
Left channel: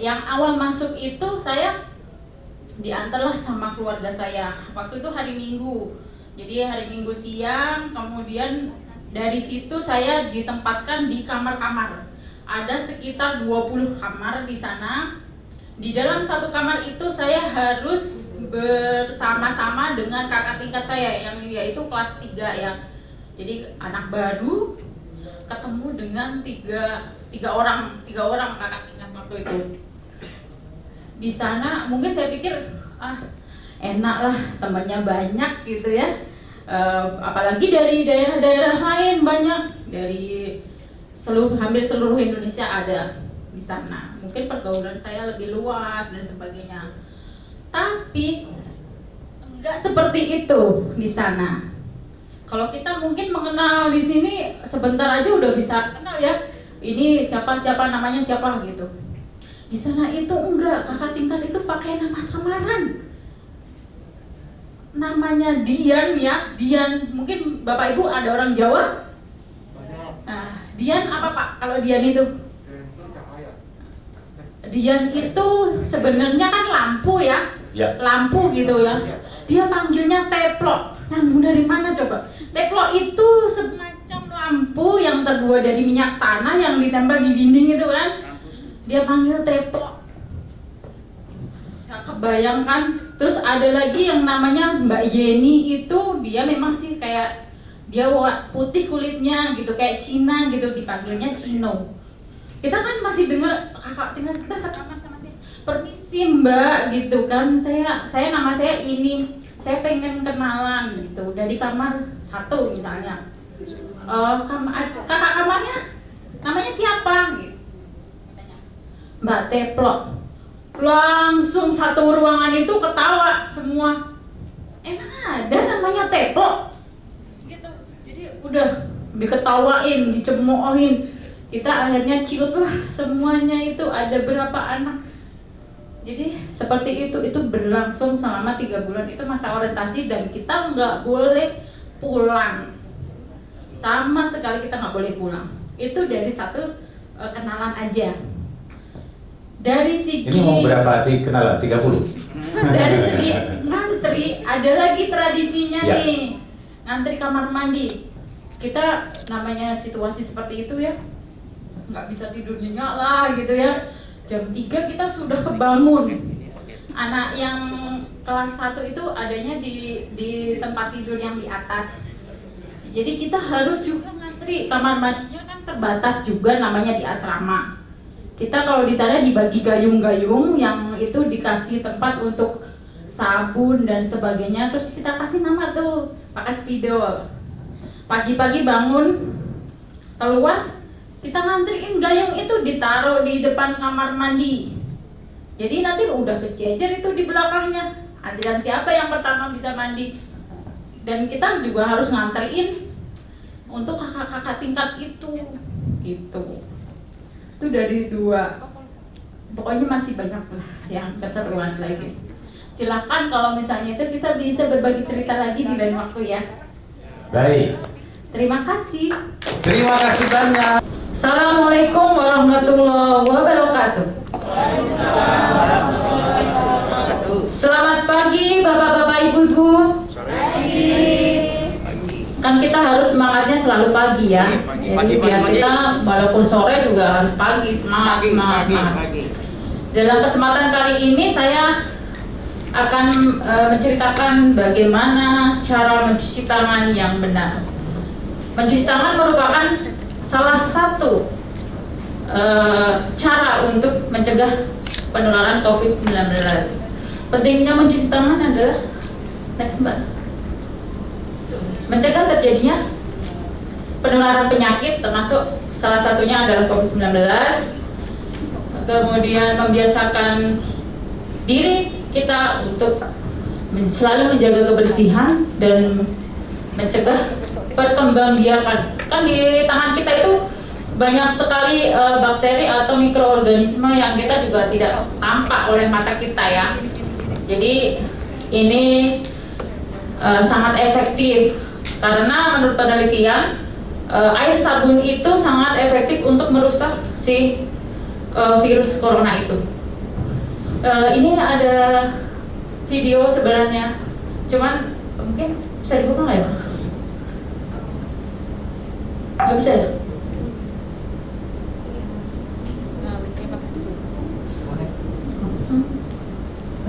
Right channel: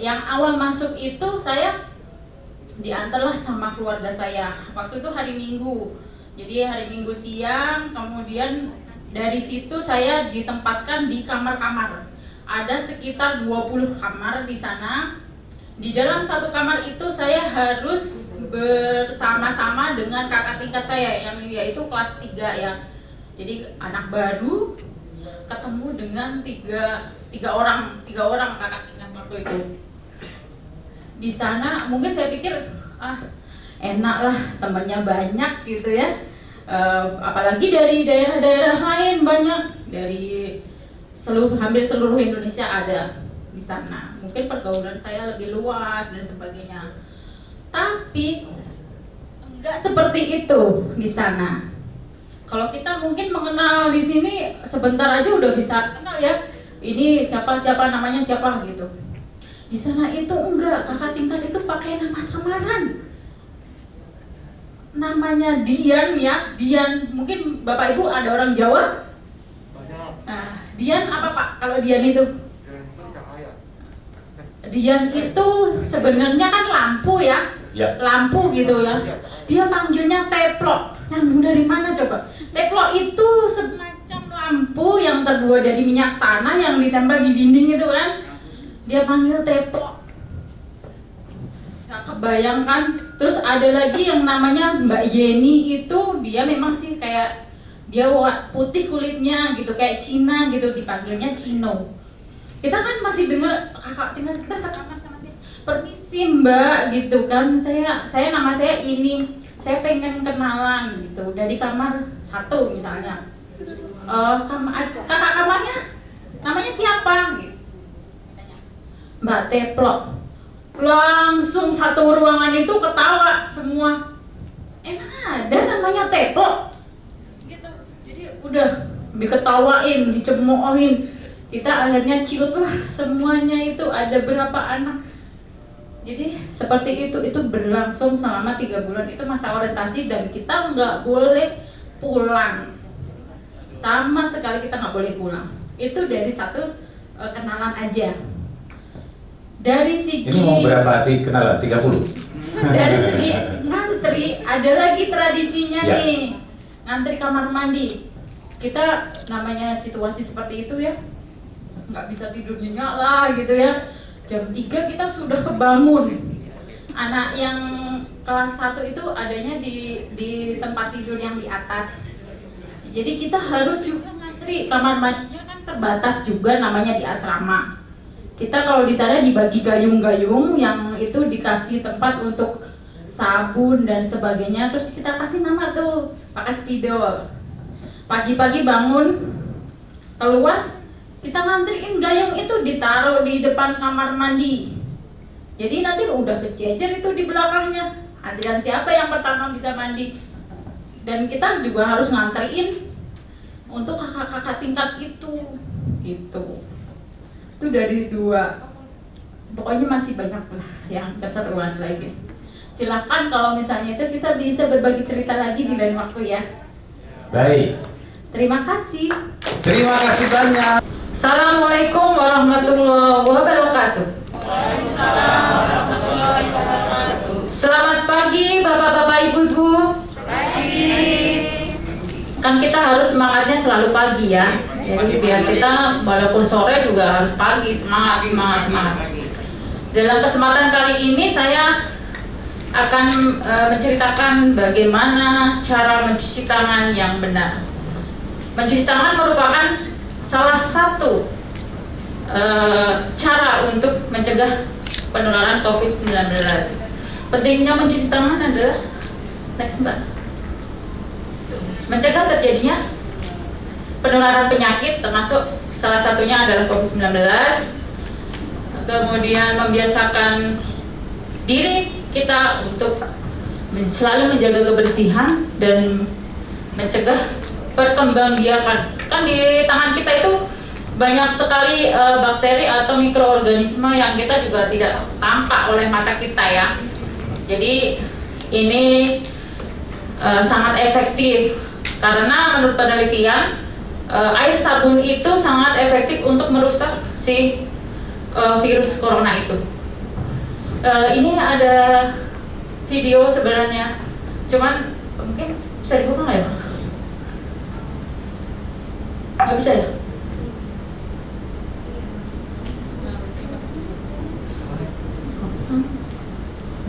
Yang awal masuk itu saya diantarlah sama keluarga saya. Waktu itu hari Minggu. Jadi hari Minggu siang, kemudian dari situ saya ditempatkan di kamar-kamar. Ada sekitar 20 kamar di sana. Di dalam satu kamar itu saya harus bersama-sama dengan kakak tingkat saya yang yaitu kelas 3 ya. Jadi anak baru ketemu dengan tiga orang kakak tingkat waktu itu. Di sana mungkin saya pikir enak lah, temannya banyak gitu ya. Apalagi dari daerah-daerah lain banyak, dari hampir seluruh Indonesia ada di sana. Mungkin pergaulan saya lebih luas dan sebagainya. Tapi enggak seperti itu di sana. Kalau kita mungkin mengenal di sini sebentar aja udah bisa kenal ya. Ini siapa namanya siapa gitu. Di sana itu enggak, kakak tingkat itu pakai nama samaran. Namanya Dian ya, Dian. Mungkin Bapak Ibu ada orang Jawa? Nah, Dian apa Pak kalau Dian itu? Dian itu sebenarnya kan lampu ya, lampu gitu ya. Dia panggilnya teplok. Nyambung dari mana coba? Teplok itu semacam lampu yang terbuat dari minyak tanah yang ditempel di dinding itu kan. Dia panggil teplok. Nah, kebayangkan. Terus ada lagi yang namanya Mbak Yeni itu, dia memang sih kayak dia putih kulitnya gitu kayak Cina gitu, dipanggilnya Cino. Kita kan masih dengar kakak tinggal kita sekamar sama sih. Permisi Mbak gitu kan. Saya nama saya ini. Saya pengen kenalan gitu dari kamar 1 misalnya. kakak kamarnya namanya siapa? Gitu. Mbak Teplok. Langsung satu ruangan itu ketawa semua. Emang ada namanya Teplok? Gitu. Jadi udah diketawain, dicemoohin. Kita akhirnya ciut lah semuanya itu ada berapa anak. Jadi seperti itu berlangsung selama 3 bulan. Itu masa orientasi dan kita nggak boleh pulang. Sama sekali kita nggak boleh pulang. Itu dari satu kenalan aja. Dari segi Ini mau berapa kenalan? 30? dari segi ngantri ada lagi tradisinya Ya. nih, ngantri kamar mandi. Kita namanya situasi seperti itu ya, nggak bisa tidur nyenyak lah gitu ya. Jam 3 kita sudah kebangun. Anak yang kelas 1 itu adanya di tempat tidur yang di atas. Jadi kita harus juga ngantri, kamar mandinya kan terbatas juga namanya di asrama. Kita kalau di sana dibagi gayung-gayung yang itu dikasih tempat untuk sabun dan sebagainya. Terus kita kasih nama tuh pakai spidol. Pagi-pagi bangun keluar, kita ngantriin gayung itu ditaruh di depan kamar mandi. Jadi nanti udah kececer itu di belakangnya. Antrian siapa yang pertama bisa mandi. Dan kita juga harus ngantriin untuk kakak-kakak tingkat itu. Gitu. Itu dari 2. Pokoknya masih banyak lah yang keseruan lagi. Silahkan kalau misalnya itu kita bisa berbagi cerita lagi di lain waktu ya. Baik. Terima kasih. Terima kasih banyak. Assalamualaikum warahmatullahi wabarakatuh. Selamat pagi Bapak-bapak, Ibu-ibu. Kan kita harus semangatnya selalu pagi ya. Jadi biar kita walaupun sore juga harus pagi, semangat. Dalam kesempatan kali ini saya akan menceritakan bagaimana cara mencuci tangan yang benar. Mencuci tangan merupakan salah satu cara untuk mencegah penularan COVID-19. Pentingnya mencuci tangan adalah mencegah terjadinya penularan penyakit, termasuk salah satunya adalah COVID-19. Kemudian membiasakan diri kita untuk selalu menjaga kebersihan dan mencegah perkembangbiakan. Kan di tangan kita itu banyak sekali bakteri atau mikroorganisme yang kita juga tidak tampak oleh mata kita ya. Jadi ini sangat efektif karena menurut penelitian air sabun itu sangat efektif untuk merusak si virus corona itu. Ini ada video sebenarnya, cuman mungkin bisa dibuka nggak ya? Nggak bisa ya?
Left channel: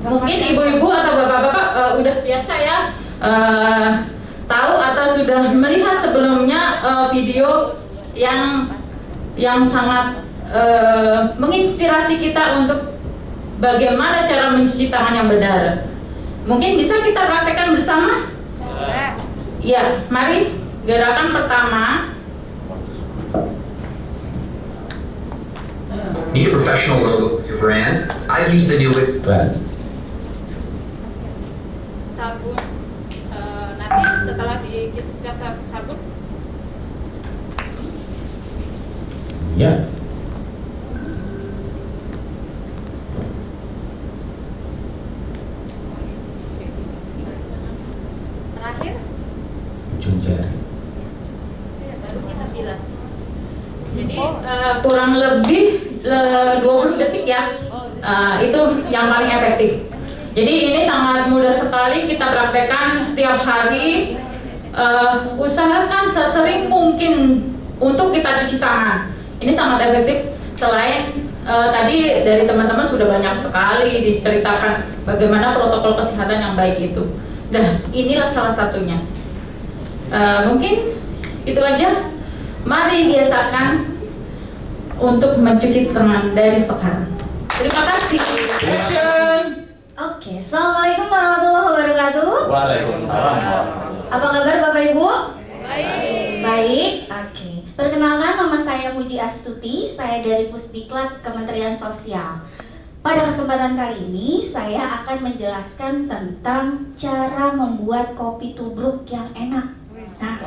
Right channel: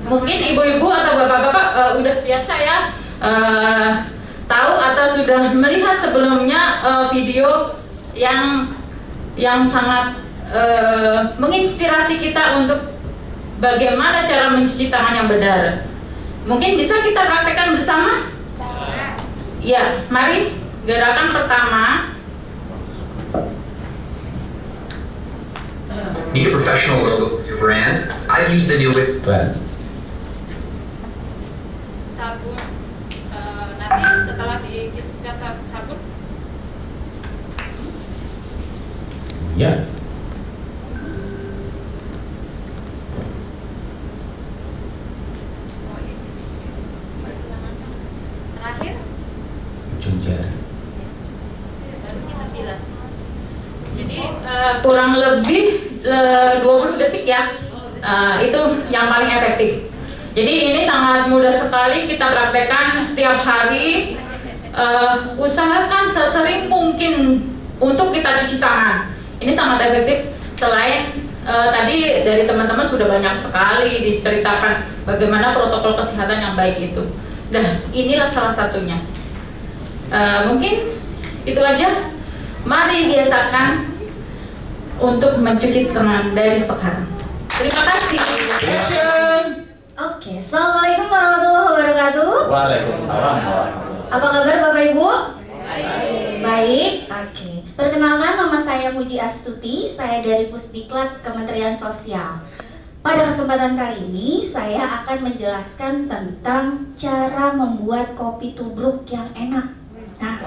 Mungkin ibu-ibu atau bapak-bapak udah biasa ya tahu atau sudah melihat sebelumnya video yang sangat menginspirasi kita untuk bagaimana cara mencuci tangan yang benar. Mungkin bisa kita praktekkan bersama? Ya, mari gerakan pertama. Need a professional logo for your brand? I've used the new Sabun. Nanti setelah kita sabun. Ya. Terakhir. Ujung jari. Baru kita bilas. Jadi kurang lebih 20 detik ya. Itu yang paling efektif. Jadi ini sangat mudah sekali kita praktekkan setiap hari. Usahakan sesering mungkin untuk kita cuci tangan. Ini sangat efektif. Selain tadi dari teman-teman sudah banyak sekali diceritakan bagaimana protokol kesehatan yang baik itu. Nah, inilah salah satunya. Mungkin itu aja. Mari biasakan untuk mencuci tangan dari sekarang. Terima kasih. Oke, Assalamualaikum warahmatullahi wabarakatuh. Waalaikumsalam. Apa kabar Bapak Ibu? Baik. Baik. Baik, oke. Perkenalkan, nama saya Muji Astuti, saya dari Pusdiklat Kementerian Sosial. Pada kesempatan kali ini, saya akan menjelaskan tentang cara membuat kopi tubruk yang enak. Nah,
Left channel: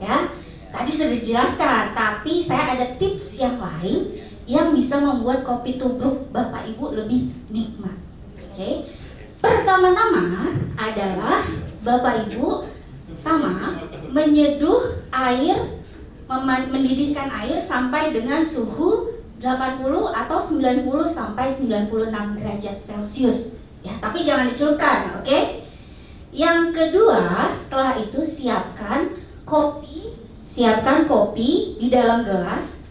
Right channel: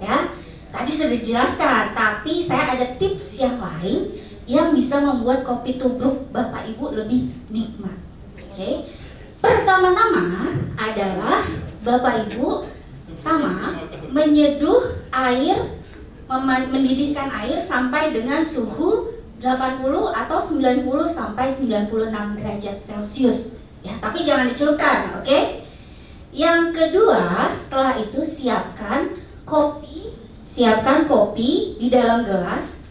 ya, tadi sudah dijelaskan, tapi saya ada tips yang lain yang bisa membuat kopi tubruk Bapak Ibu lebih nikmat. Oke. Pertama-tama adalah Bapak Ibu menyeduh air, mendidihkan air sampai dengan suhu 80 atau 90 sampai 96 derajat Celcius. Ya, tapi jangan dicelupkan, oke? Yang kedua, setelah itu siapkan kopi di dalam gelas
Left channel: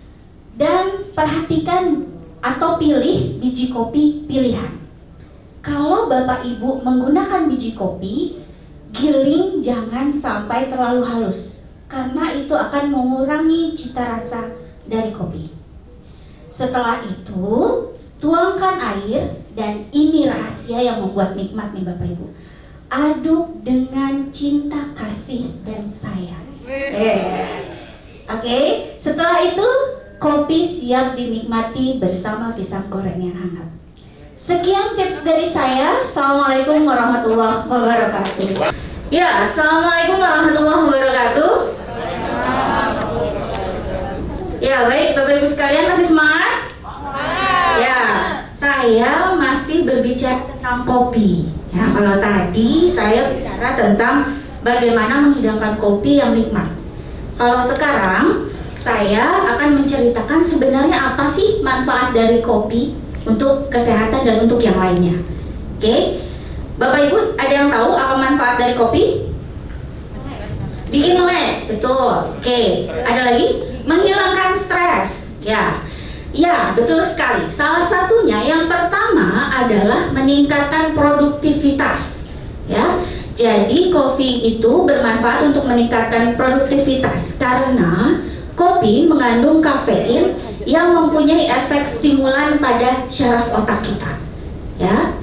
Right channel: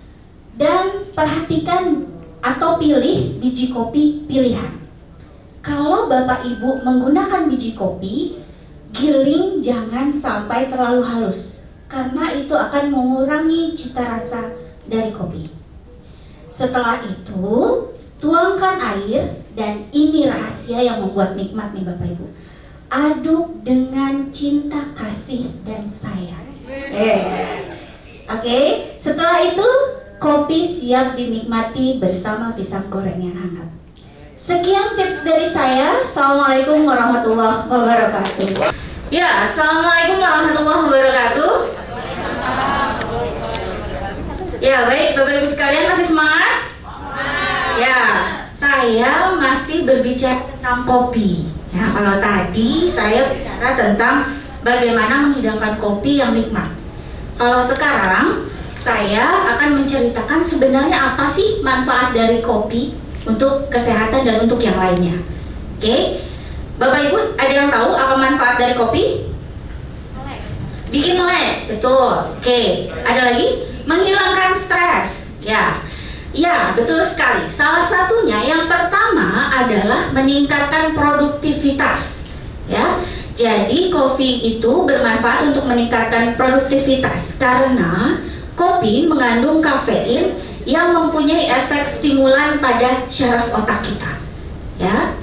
dan perhatikan atau pilih biji kopi pilihan. Kalau Bapak Ibu menggunakan biji kopi, giling jangan sampai terlalu halus karena itu akan mengurangi cita rasa dari kopi. Setelah itu, tuangkan air dan ini rahasia yang membuat nikmat nih Bapak Ibu. Aduk dengan cinta kasih dan sayang. Oke, setelah itu kopi siap dinikmati bersama pisang goreng yang hangat. Sekian tips dari saya. Assalamualaikum warahmatullahi wabarakatuh. Ya, assalamualaikum warahmatullahi wabarakatuh. Ya, baik Bapak Ibu sekalian, masih semangat? Ya, saya masih berbicara tentang kopi. Ya, kalau tadi saya bicara tentang bagaimana menghidangkan kopi yang nikmat. Kalau sekarang saya akan menceritakan sebenarnya apa sih manfaat dari kopi untuk kesehatan dan untuk yang lainnya. Oke, Bapak Ibu ada yang tahu apa manfaat dari kopi? Bikin melek, betul. Oke, ada lagi? Menghilangkan stres. Ya, betul sekali. Salah satunya yang pertama adalah meningkatkan produktivitas. Ya, jadi kopi itu bermanfaat untuk meningkatkan produktivitas karena kopi mengandung kafein yang mempunyai efek stimulan pada syaraf otak kita. Ya.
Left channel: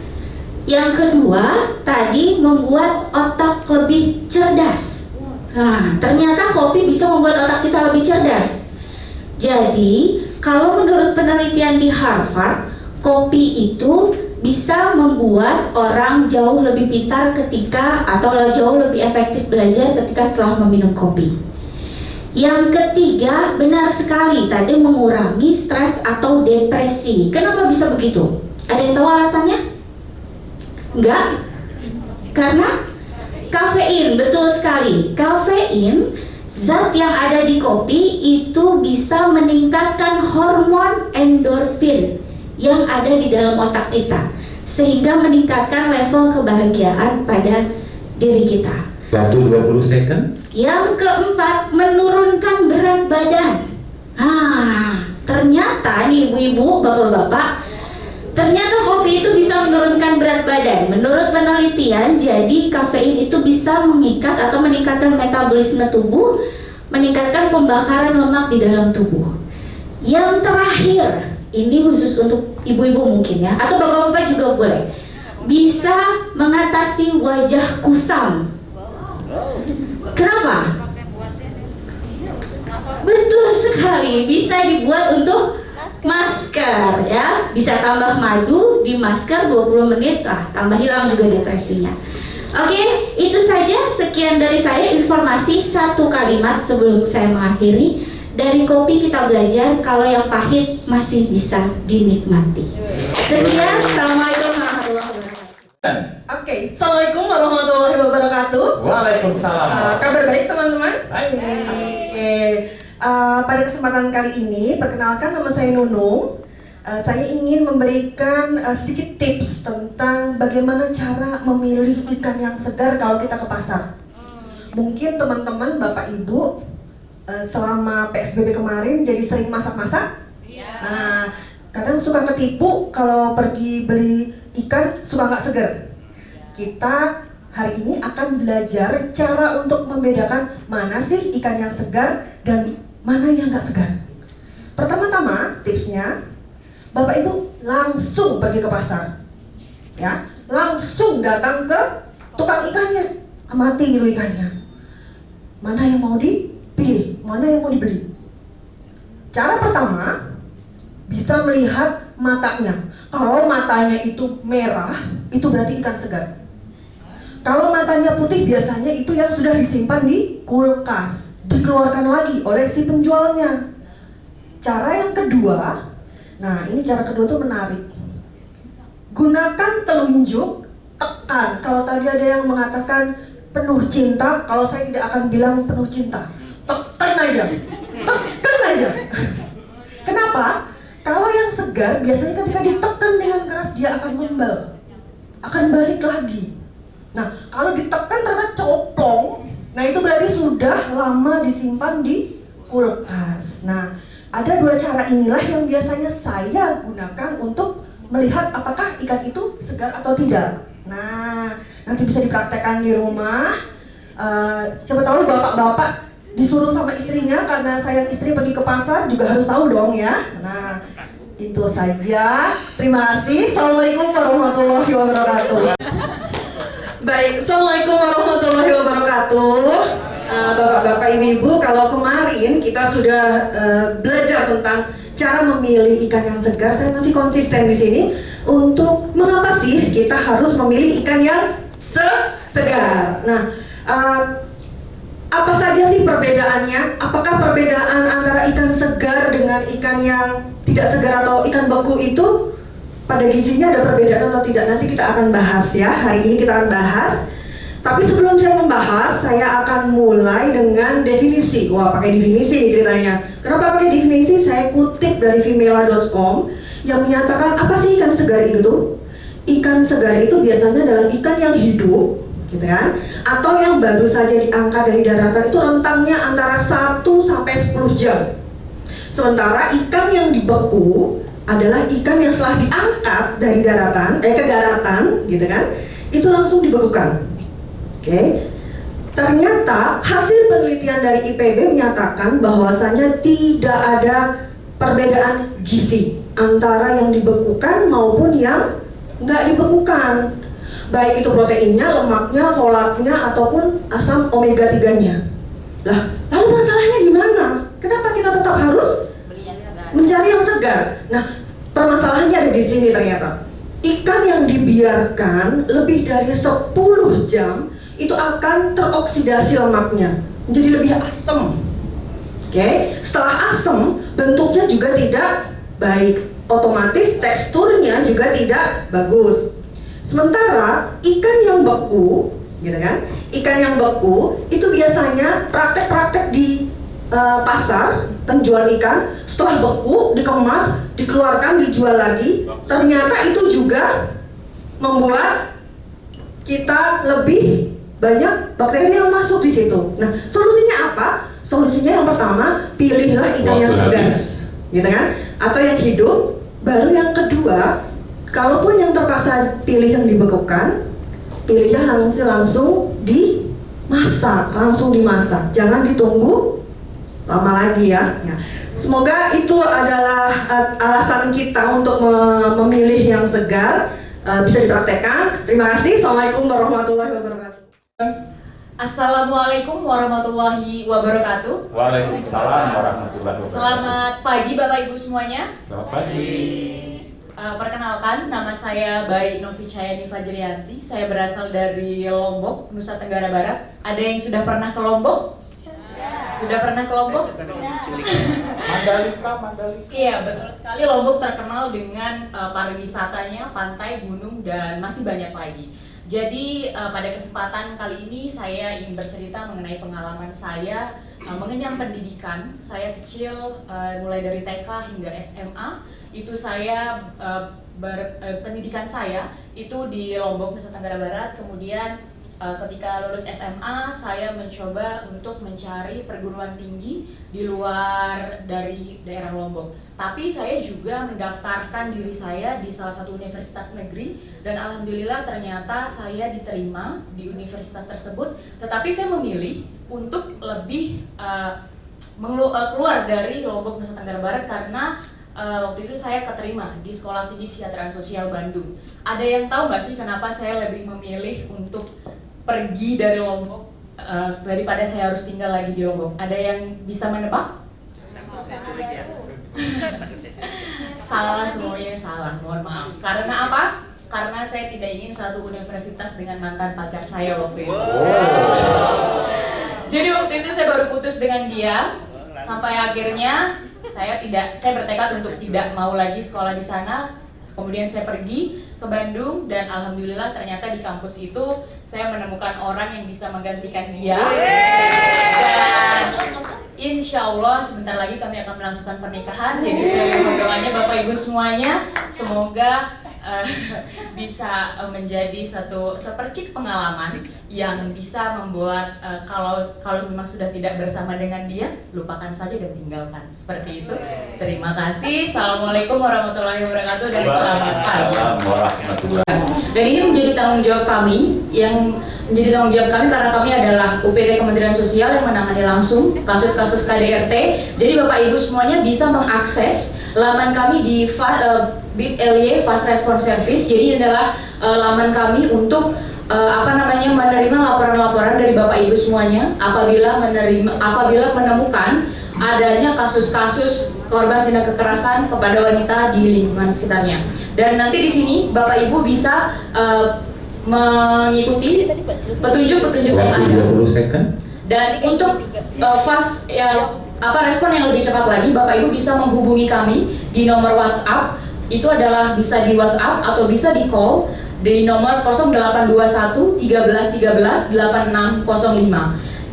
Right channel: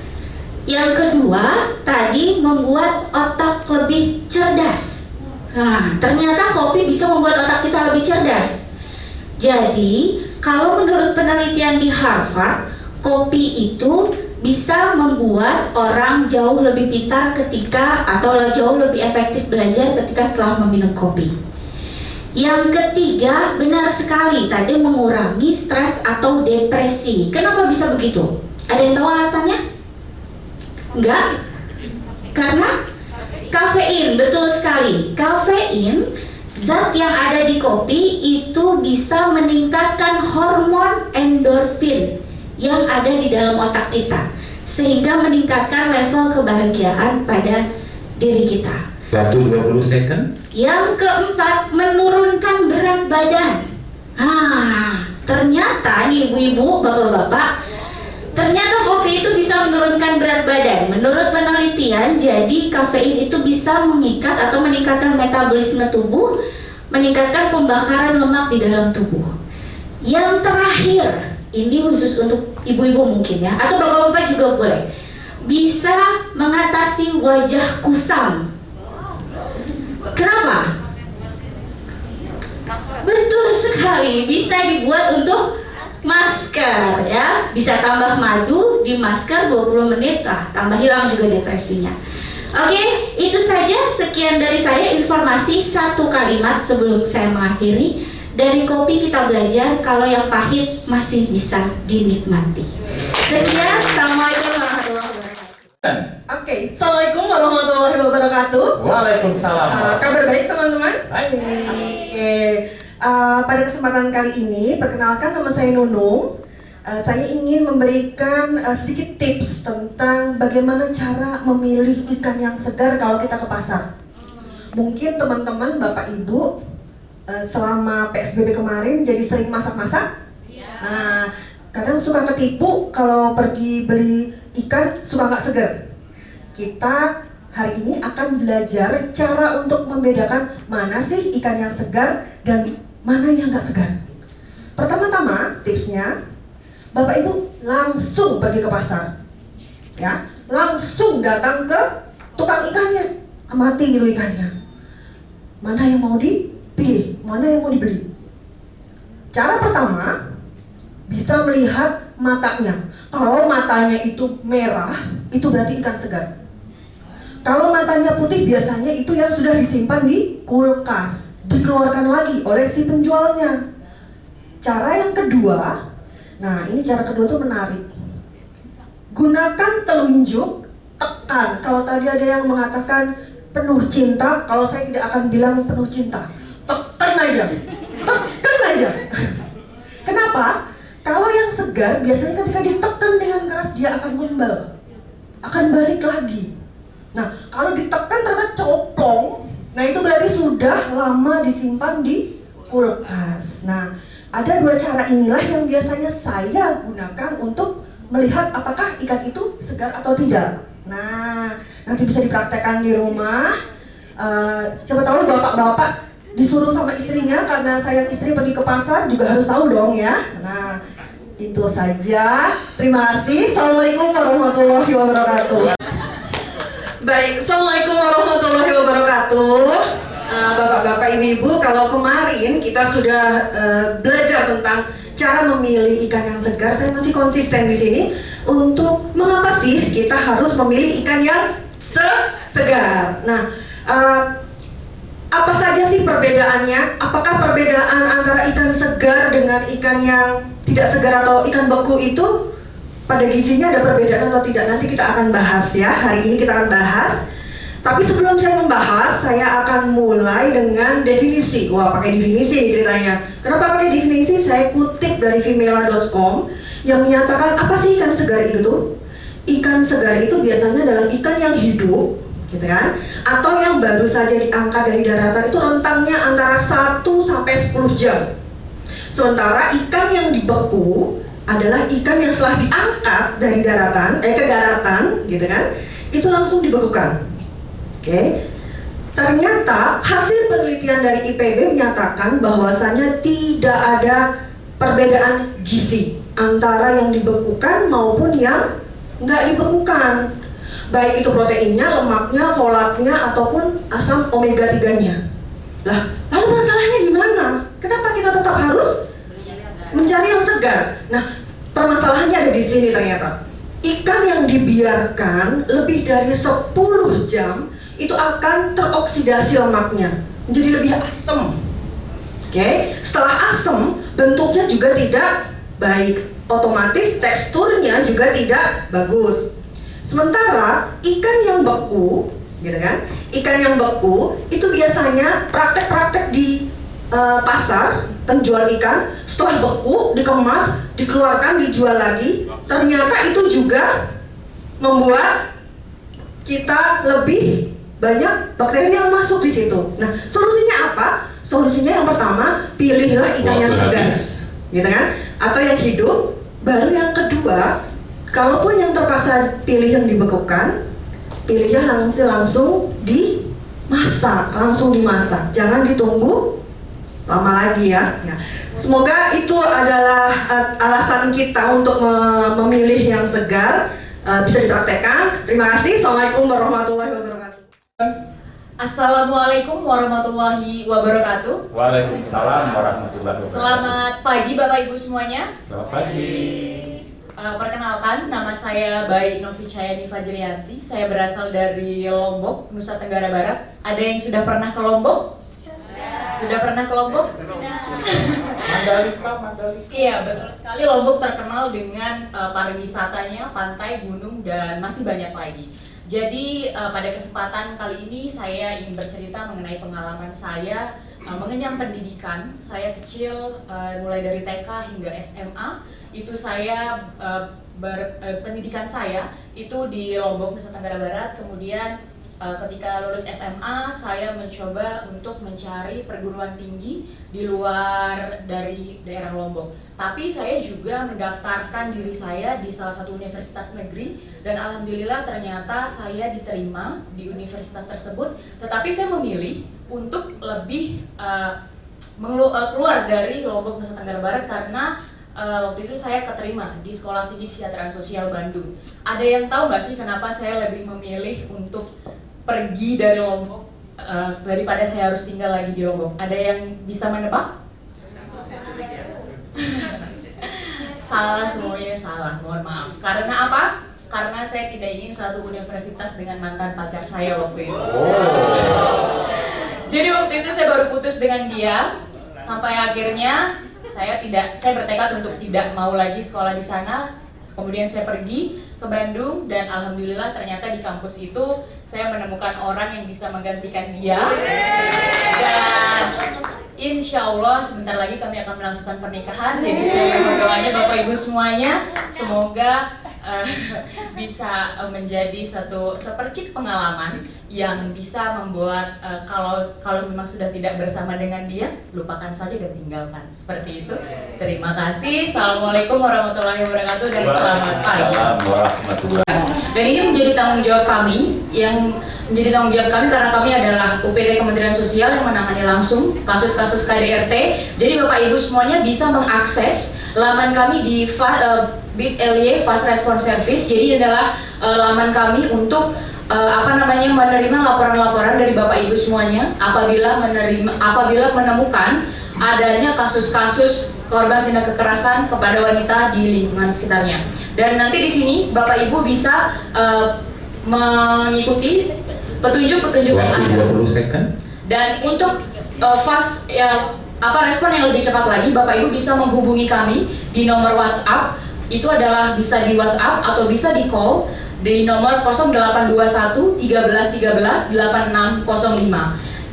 Yang kedua, tadi membuat otak lebih cerdas. Nah, ternyata kopi bisa membuat otak kita lebih cerdas. Jadi, kalau menurut penelitian di Harvard, kopi itu bisa membuat orang jauh lebih pintar atau jauh lebih efektif belajar ketika setelah meminum kopi. Yang ketiga, benar sekali, tadi mengurangi stres atau depresi. Kenapa bisa begitu? Ada yang tahu alasannya? Enggak? Karena kafein, betul sekali. Kafein, zat yang ada di kopi itu bisa meningkatkan hormon endorfin yang ada di dalam otak kita, sehingga meningkatkan level kebahagiaan pada diri kita. Waktu 20 second. Yang keempat, menurunkan berat badan. Ternyata nih ibu-ibu, bapak-bapak, ternyata kopi itu bisa menurunkan berat badan. Menurut penelitian, jadi kafein itu bisa mengikat atau meningkatkan metabolisme tubuh, meningkatkan pembakaran lemak di dalam tubuh. Yang terakhir, ini khusus untuk ibu-ibu mungkin ya, atau bapak-bapak juga boleh, bisa mengatasi wajah kusam. Kenapa? Betul sekali, bisa dibuat untuk masker ya. Bisa tambah madu di masker 20 menit, tambah hilang juga depresinya. Oke, itu saja, sekian dari saya informasi. Satu kalimat sebelum saya mengakhiri. Dari kopi kita belajar kalau yang pahit masih bisa dinikmati. Sekian, assalamualaikum warahmatullahi wabarakatuh. Oke, assalamualaikum warahmatullahi wabarakatuh. Waalaikumsalam. Kabar baik teman-teman? Baik. Oke, pada kesempatan kali ini, perkenalkan nama saya Nunung. Saya ingin memberikan sedikit tips tentang bagaimana cara memilih ikan yang segar kalau kita ke pasar. Mungkin teman-teman, Bapak Ibu, selama PSBB kemarin jadi sering masak-masak. Nah, kadang suka ketipu kalau pergi beli ikan suka nggak segar. Kita hari ini akan belajar cara untuk membedakan mana sih ikan yang segar dan mana yang nggak segar. Pertama-tama tipsnya, Bapak Ibu langsung pergi ke pasar, ya, langsung datang ke tukang ikannya, amati dulu ikannya, mana yang mau dipilih, mana yang mau dibeli. Cara pertama, bisa melihat matanya. Kalau matanya itu merah, itu berarti ikan segar. Kalau matanya putih, biasanya itu yang sudah disimpan di kulkas, dikeluarkan lagi oleh si penjualnya. Cara yang kedua, nah ini cara kedua tuh menarik. Gunakan telunjuk, tekan. Kalau tadi ada yang mengatakan penuh cinta, kalau saya tidak akan bilang penuh cinta. Tekan aja, tekan aja. Kenapa? Kalau yang segar, biasanya ketika ditekan dengan keras, dia akan kembal, akan balik lagi. Nah, kalau ditekan ternyata coplong, nah itu berarti sudah lama disimpan di kulkas. Nah, ada dua cara inilah yang biasanya saya gunakan untuk melihat apakah ikan itu segar atau tidak. Nah, nanti bisa dipraktekkan di rumah. Siapa tahu bapak-bapak disuruh sama istrinya, karena saya istri pergi ke pasar juga harus tahu dong ya. Nah, itu saja. Terima kasih. Assalamualaikum warahmatullahi wabarakatuh. Baik, Assalamualaikum warahmatullahi wabarakatuh. Bapak-bapak, ibu-ibu, kalau kemarin kita sudah belajar tentang cara memilih ikan yang segar, saya masih konsisten di sini untuk mengapa sih kita harus memilih ikan yang segar. Nah, apa saja sih perbedaannya? Apakah perbedaan antara ikan segar dengan ikan yang tidak segar atau ikan beku itu pada gizinya ada perbedaan atau tidak? Nanti kita akan bahas ya. Hari ini kita akan bahas. Tapi sebelum saya membahas, saya akan mulai dengan definisi. Wah, pakai definisi nih ceritanya. Kenapa pakai definisi? Saya kutip dari vimela.com yang menyatakan apa sih ikan segar itu? Ikan segar itu biasanya adalah ikan yang hidup, gitu kan? Atau yang baru saja diangkat dari daratan, itu rentangnya antara 1 sampai 10 jam. Sementara ikan yang dibeku adalah ikan yang setelah diangkat dari daratan, ke daratan, gitu kan? Itu langsung dibekukan. Oke. Ternyata hasil penelitian dari IPB menyatakan bahwasanya tidak ada perbedaan gizi antara yang dibekukan maupun yang nggak dibekukan. Baik itu proteinnya, lemaknya, folatnya, ataupun asam omega 3-nya. Lah, lalu masalahnya di mana? Kenapa kita tetap harus mencari yang segar? Nah, permasalahannya ada di sini ternyata. Ikan yang dibiarkan lebih dari 10 jam itu akan teroksidasi lemaknya, menjadi lebih asam. Oke, setelah asam, bentuknya juga tidak baik, otomatis teksturnya juga tidak bagus. Sementara ikan yang beku, gitu kan? Ikan yang beku itu biasanya praktek-praktek di pasar, penjual ikan setelah beku dikemas, dikeluarkan, dijual lagi. Ternyata itu juga membuat kita lebih banyak bakteri yang masuk di situ. Nah, solusinya apa? Solusinya yang pertama, pilihlah ikan yang segar, gitu kan? Atau yang hidup. Baru yang kedua, kalaupun yang terpaksa pilih yang dibekukan, pilihnya langsung dimasak, langsung dimasak. Jangan ditunggu lama lagi ya. Semoga itu adalah alasan kita untuk memilih yang segar. Bisa dipraktekkan. Terima kasih. Assalamualaikum warahmatullahi wabarakatuh. Assalamualaikum warahmatullahi wabarakatuh. Waalaikumsalam warahmatullahi wabarakatuh. Selamat pagi Bapak Ibu semuanya. Selamat pagi. Perkenalkan, nama saya Bayi Novi Cayani Fajrianti. Saya berasal dari Lombok, Nusa Tenggara Barat. Ada yang sudah pernah ke Lombok? Sudah pernah ke Lombok? Mandalika. Iya, betul sekali. Lombok terkenal dengan pariwisatanya, pantai, gunung, dan masih banyak lagi. Jadi pada kesempatan kali ini saya ingin bercerita mengenai pengalaman saya mengenyam pendidikan. Saya kecil, mulai dari TK hingga SMA, itu saya pendidikan saya itu di Lombok, Nusa Tenggara Barat. Kemudian ketika lulus SMA, saya mencoba untuk mencari perguruan tinggi di luar dari daerah Lombok. Tapi saya juga mendaftarkan diri saya di salah satu universitas negeri, dan alhamdulillah ternyata saya diterima di universitas tersebut. Tetapi saya memilih untuk lebih keluar dari Lombok, Nusa Tenggara Barat, karena waktu itu saya keterima di Sekolah Tinggi Kesejahteraan Sosial Bandung. Ada yang tahu nggak sih kenapa saya lebih memilih untuk pergi dari Lombok? daripada saya harus tinggal lagi di Lombok. Ada yang bisa menebak? Salah, semuanya salah, mohon maaf. Karena apa? Karena saya tidak ingin satu universitas dengan mantan pacar saya waktu itu. Jadi waktu itu saya baru putus dengan dia, sampai akhirnya saya bertekad untuk tidak mau lagi sekolah di sana. Kemudian saya pergi ke Bandung dan alhamdulillah ternyata di kampus itu saya menemukan orang yang bisa menggantikan dia. Dan insya Allah sebentar lagi kami akan melangsungkan pernikahan. Jadi saya mohon doanya Bapak Ibu semuanya, semoga bisa menjadi satu sepercik pengalaman yang bisa membuat kalau memang sudah tidak bersama dengan dia, lupakan saja dan tinggalkan. Seperti itu. Terima kasih. Assalamualaikum warahmatullahi wabarakatuh dan selamat pagi. Dan ini menjadi tanggung jawab kami karena kami adalah UPT Kementerian Sosial yang menangani langsung kasus-kasus KDRT. Jadi Bapak Ibu semuanya bisa mengakses laman kami di bit.ly Fast Response Service. Jadi adalah laman kami untuk menerima laporan-laporan dari Bapak Ibu semuanya apabila menemukan adanya kasus-kasus korban tindak kekerasan kepada wanita di lingkungan sekitarnya. Dan nanti di sini Bapak Ibu bisa mengikuti petunjuk-petunjuk yang ada. 20 second. Dan untuk respon yang lebih cepat lagi, Bapak Ibu bisa menghubungi kami di nomor WhatsApp. Itu adalah bisa di WhatsApp atau bisa di call di nomor 0821 13 13 8605.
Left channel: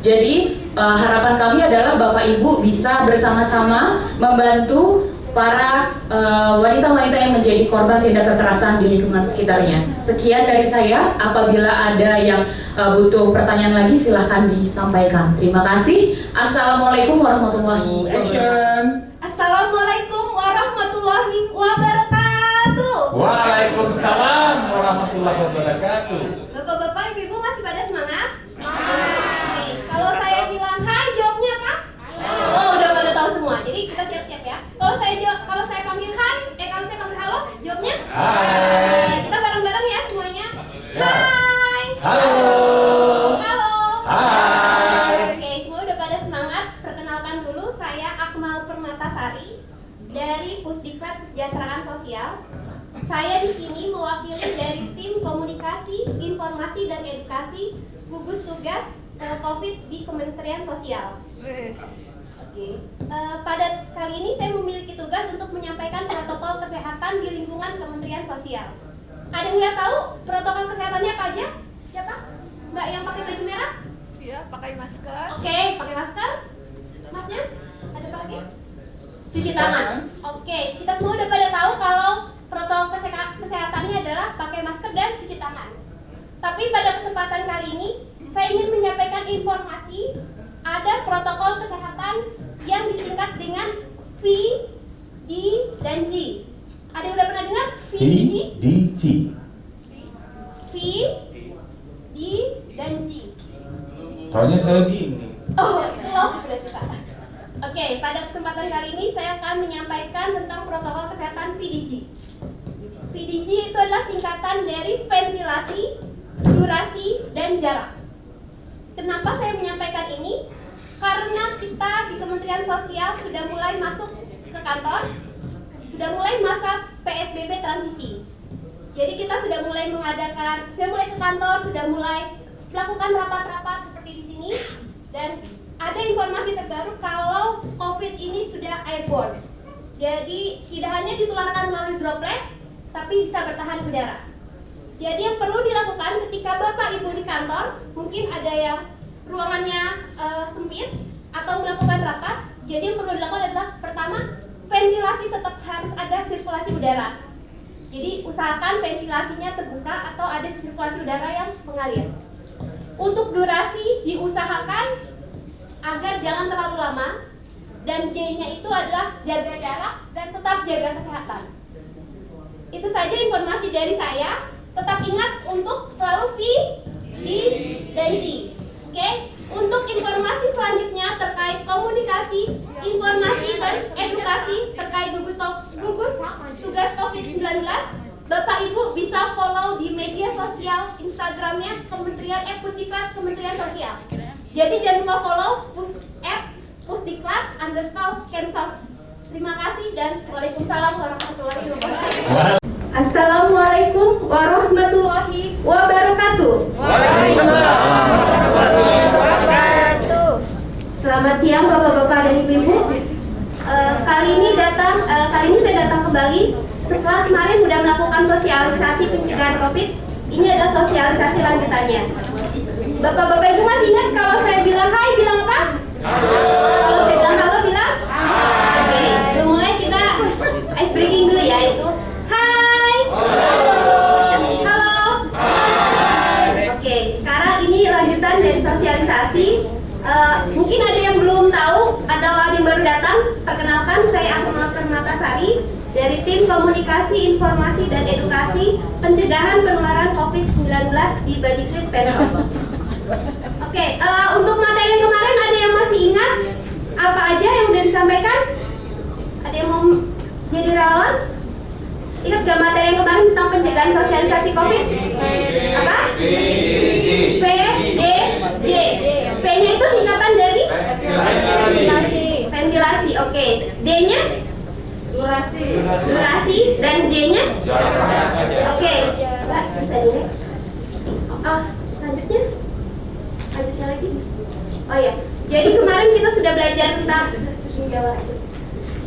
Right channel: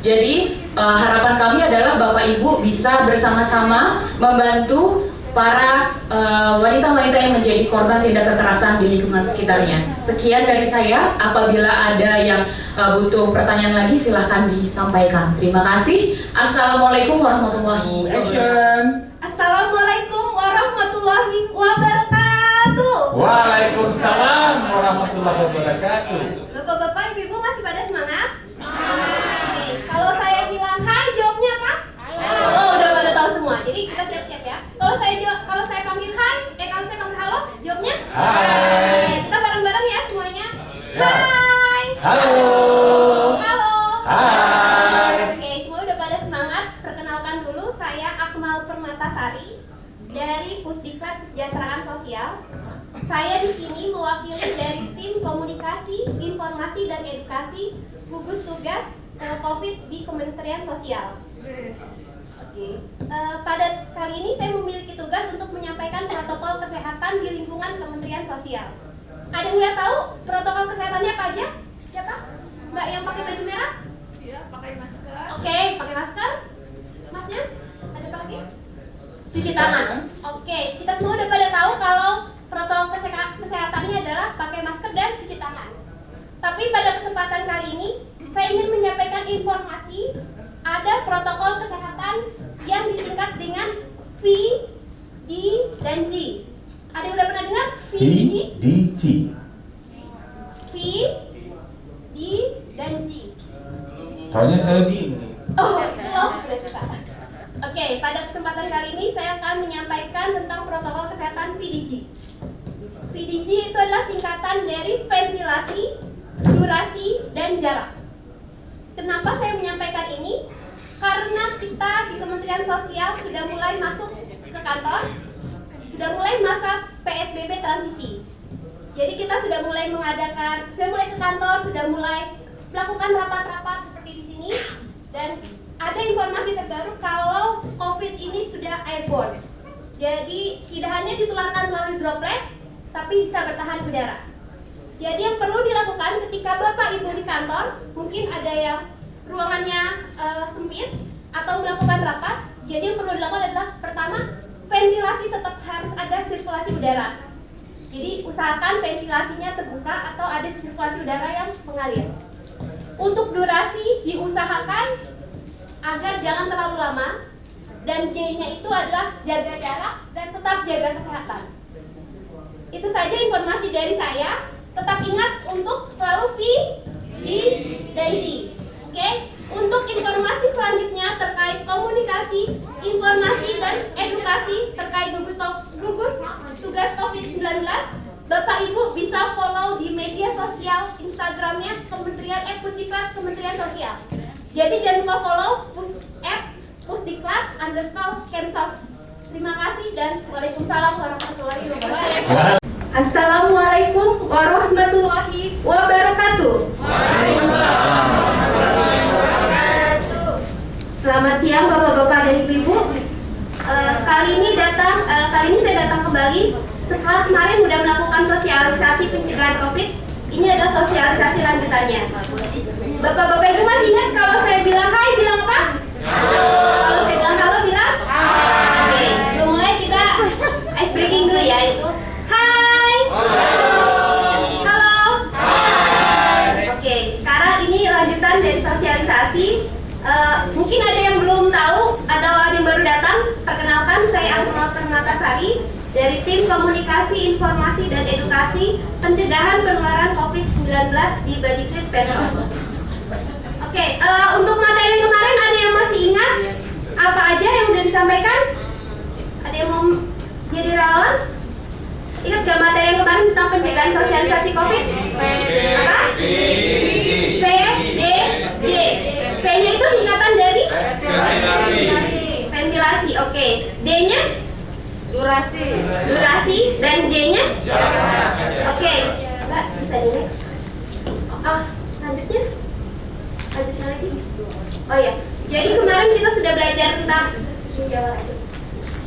Jadi harapan kami adalah Bapak Ibu bisa bersama-sama membantu para wanita-wanita yang menjadi korban tindak kekerasan di lingkungan sekitarnya. Sekian dari saya. Apabila ada yang butuh pertanyaan lagi, silahkan disampaikan. Terima kasih. Assalamualaikum warahmatullahi wabarakatuh. Assalamualaikum warahmatullahi wabarakatuh. Waalaikumsalam warahmatullahi wabarakatuh. Bapak-bapak, ibu-ibu masih pada semangat? Nih, kalau saya bilang hai, jawabnya apa? Oh, udah pada tahu semua. Jadi kita siap-siap ya. Kalau saya panggil hai, kalau saya panggil halo, jawabnya? Hai. Kita bareng-bareng ya semuanya. Hai. Halo. Halo. Hai. Oke, semua udah pada semangat. Perkenalkan dulu, saya Akmal Permatasari dari Pusdiklat Kesejahteraan Sosial. Saya di sini mewakili dari tim komunikasi, informasi dan edukasi gugus tugas COVID di Kementerian Sosial. Oke. Pada kali ini saya memiliki tugas untuk menyampaikan protokol kesehatan di lingkungan Kementerian Sosial. Ada yang udah tahu protokol kesehatannya apa aja? Siapa? Mbak yang pakai baju merah? Iya, pakai masker. Oke, pakai masker. Masnya? Ada apa lagi? Cuci tangan. Oke, kita semua udah pada tahu kalau protokol kesehatannya adalah pakai masker dan cuci tangan. Tapi pada kesempatan kali ini, saya ingin menyampaikan informasi ada protokol kesehatan yang disingkat dengan V, D, dan G. Ada yang udah pernah dengar? V, D, G? V, D, dan G. Taunya saya di ini. Oh, itu loh, berarti Pak. Oke, pada kesempatan kali ini saya akan menyampaikan tentang protokol kesehatan VDG. VDG itu adalah singkatan dari ventilasi, durasi, dan jarak. Kenapa saya menyampaikan ini? Karena kita di Kementerian Sosial sudah mulai masuk ke kantor, sudah mulai masa PSBB transisi. Jadi kita sudah mulai ke kantor, sudah mulai melakukan rapat-rapat seperti di sini, dan ada informasi terbaru kalau COVID ini sudah airborne. Jadi tidak hanya ditularkan melalui droplet, tapi bisa bertahan udara. Jadi yang perlu dilakukan ketika Bapak Ibu di kantor, mungkin ada yang ruangannya sempit atau melakukan rapat. Jadi yang perlu dilakukan adalah pertama, ventilasi tetap harus ada sirkulasi udara. Jadi usahakan ventilasinya terbuka atau ada sirkulasi udara yang mengalir. Untuk durasi diusahakan agar jangan terlalu lama, dan J-nya itu adalah jaga jarak dan tetap jaga kesehatan. Itu saja informasi dari saya. Tetap ingat untuk selalu V, D, dan G. Oke? Untuk informasi selanjutnya terkait komunikasi, informasi, dan edukasi terkait gugus tugas COVID-19, Bapak Ibu bisa follow di media sosial Instagramnya Pusdiklat Kementerian Sosial. Jadi jangan lupa follow @pusdiklat_Kemsos. Terima kasih dan waalaikumsalam warahmatullahi wabarakatuh. Assalamualaikum warahmatullahi wabarakatuh. Selamat siang bapak-bapak dan ibu-ibu. Kali ini saya datang kembali setelah kemarin sudah melakukan sosialisasi pencegahan COVID. Ini adalah sosialisasi lanjutannya. Bapak-bapak ibu masih ingat kalau saya bilang hai, bilang apa? Kalau saya bilang halo, bilang oke, sebelum mulai kita ice breaking dulu ya, itu hai, halo. Oke, sekarang ini lanjutan dari sosialisasi. Mungkin ada yang belum tahu, ada orang yang baru datang. Perkenalkan, saya Akmal Permatasari dari tim Komunikasi, Informasi, dan Edukasi Pencegahan Penularan COVID-19 di Badiklit Pensos. Oke, untuk materi yang kemarin ada yang masih ingat apa aja yang udah disampaikan? Ada yang mau jadi relawan? Ingat gak materi yang kemarin tentang pencegahan sosialisasi COVID? Apa? PDJ. P-nya itu singkatan dari? Ventilasi. Oke. D-nya? Durasi. Dan J-nya? Oke. Mbak, bisa di next. Lanjutnya lagi. Oh ya. Jadi kemarin kita sudah belajar tentang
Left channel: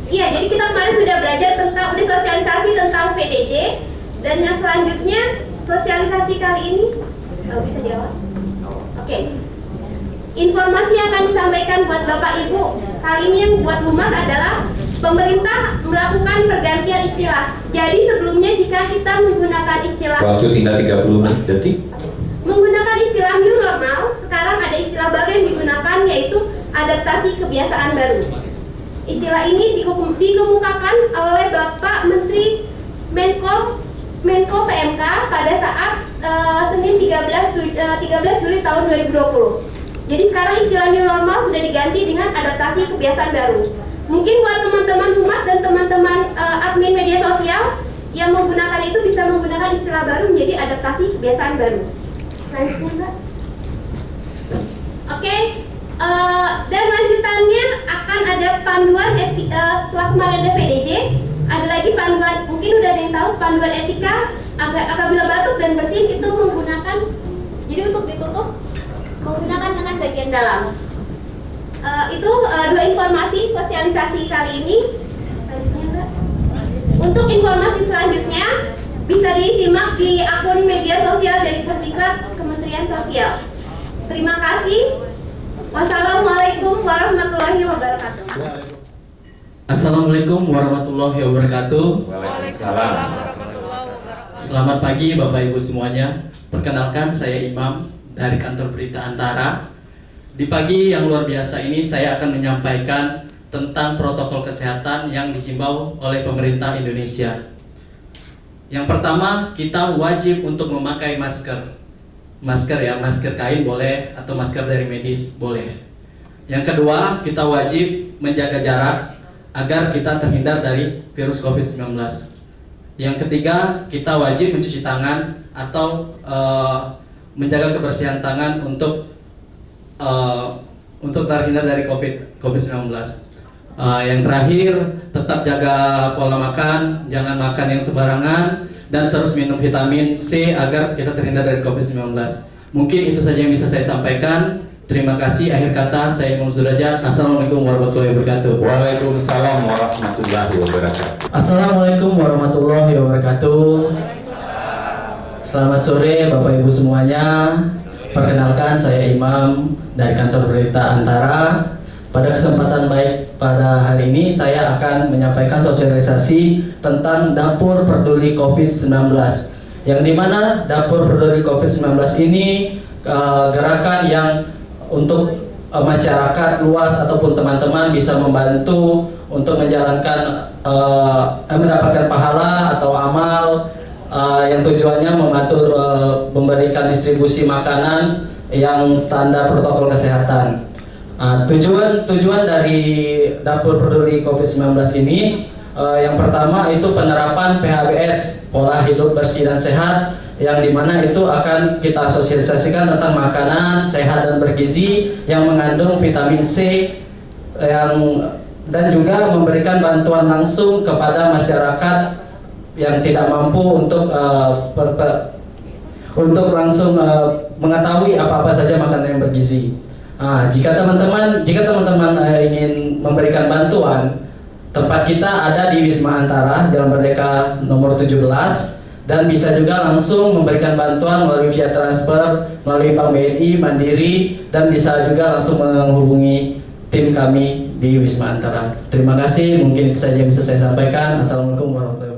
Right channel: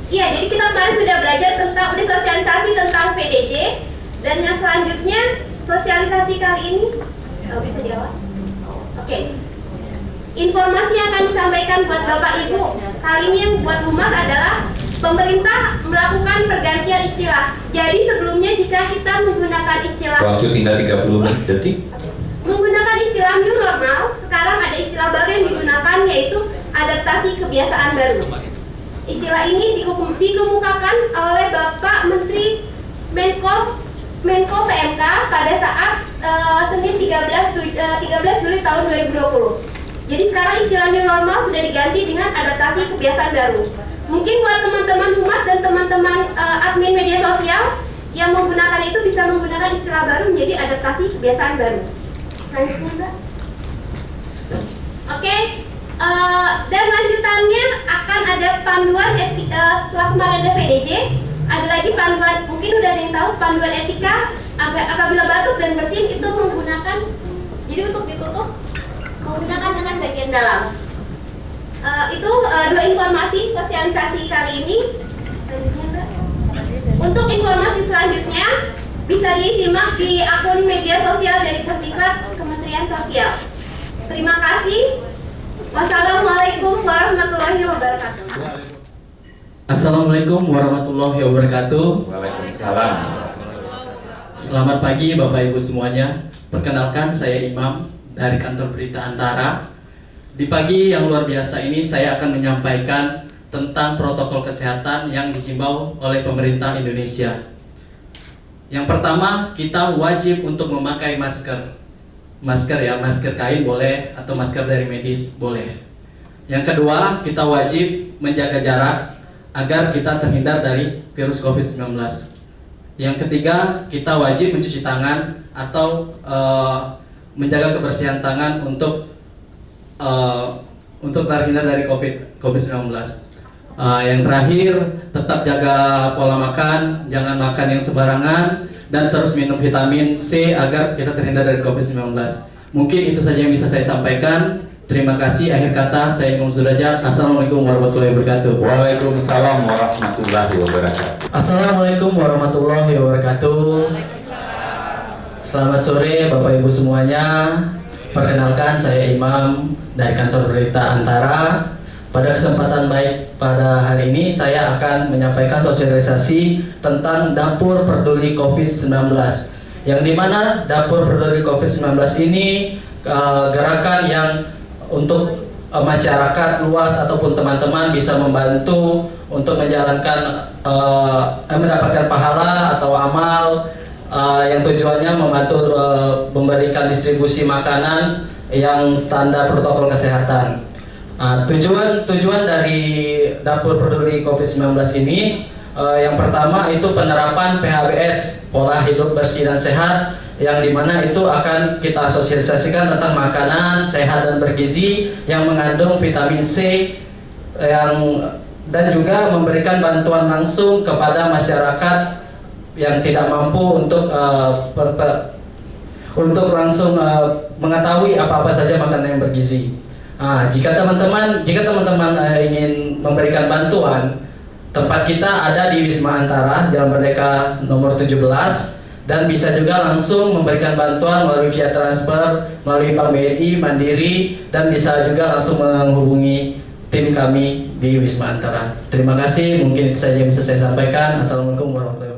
Iya, jadi kita kemarin sudah belajar tentang udah sosialisasi tentang PDJ, dan yang selanjutnya sosialisasi kali ini bisa jawab. Oke. Informasi yang akan disampaikan buat Bapak Ibu kali ini yang buat humas adalah pemerintah melakukan pergantian istilah. Jadi sebelumnya jika kita menggunakan istilah Waktu tinggal 30 detik. Menggunakan istilah new normal, sekarang ada istilah baru yang digunakan, yaitu adaptasi kebiasaan baru. Istilah ini dikemukakan oleh Bapak Menteri Menko PMK pada saat Senin 13 Juli tahun 2020. Jadi sekarang istilah new normal sudah diganti dengan adaptasi kebiasaan baru. Mungkin buat teman-teman humas dan teman-teman admin media sosial yang menggunakan itu bisa menggunakan istilah baru menjadi adaptasi kebiasaan baru. Selanjutnya, Mbak. Oke. Dan lanjutannya akan ada panduan setelah kemarin ada PDJ, ada lagi panduan, mungkin udah ada yang tahu panduan etika apabila batuk dan bersin itu menggunakan, jadi untuk ditutup menggunakan dengan bagian dalam. Itu dua informasi sosialisasi kali ini. Selanjutnya, Mbak. Untuk informasi selanjutnya bisa disimak di akun media sosial dari Pusdiklat Kementerian Sosial. Terima kasih. Wassalamualaikum warahmatullahi wabarakatuh. Assalamualaikum warahmatullahi wabarakatuh. Waalaikumsalam. Selamat pagi Bapak Ibu semuanya. Perkenalkan, saya Imam dari kantor berita Antara. Di pagi yang luar biasa ini saya akan menyampaikan tentang protokol kesehatan yang dihimbau oleh pemerintah Indonesia. Yang pertama, kita wajib untuk memakai masker. Masker ya, masker kain boleh atau masker dari medis boleh. Yang kedua, kita wajib menjaga jarak agar kita terhindar dari virus COVID-19. Yang ketiga, kita wajib mencuci tangan atau menjaga kebersihan tangan untuk terhindar dari COVID-19. Yang terakhir, tetap jaga pola makan, jangan makan yang sembarangan, dan terus minum vitamin C agar kita terhindar dari COVID-19. Mungkin itu saja yang bisa saya sampaikan. Terima kasih. Akhir kata, saya Imam Sudrajat. Assalamualaikum warahmatullahi wabarakatuh. Waalaikumsalam warahmatullahi wabarakatuh. Assalamualaikum warahmatullahi wabarakatuh. Selamat sore Bapak Ibu semuanya. Perkenalkan, saya Imam dari kantor berita Antara. Pada kesempatan baik pada hari ini saya akan menyampaikan sosialisasi tentang Dapur Peduli COVID-19, yang dimana Dapur Peduli COVID-19 ini gerakan yang untuk masyarakat luas ataupun teman-teman bisa membantu untuk menjalankan mendapatkan pahala atau amal yang tujuannya membantu memberikan distribusi makanan yang standar protokol kesehatan. Tujuan dari Dapur Peduli COVID-19 ini yang pertama itu penerapan PHBS, pola hidup bersih dan sehat, yang dimana itu akan kita sosialisasikan tentang makanan sehat dan bergizi yang mengandung vitamin C dan juga memberikan bantuan langsung kepada masyarakat yang tidak mampu untuk langsung mengetahui apa-apa saja makanan yang bergizi. Jika teman-teman ingin memberikan bantuan, tempat kita ada di Wisma Antara, Jalan Merdeka nomor 17, dan bisa juga langsung memberikan bantuan melalui via transfer, melalui Bank BNI, Mandiri, dan bisa juga langsung menghubungi tim kami di Wisma Antara. Terima kasih, mungkin itu saja yang bisa saya sampaikan. Assalamualaikum warahmatullahi wabarakatuh.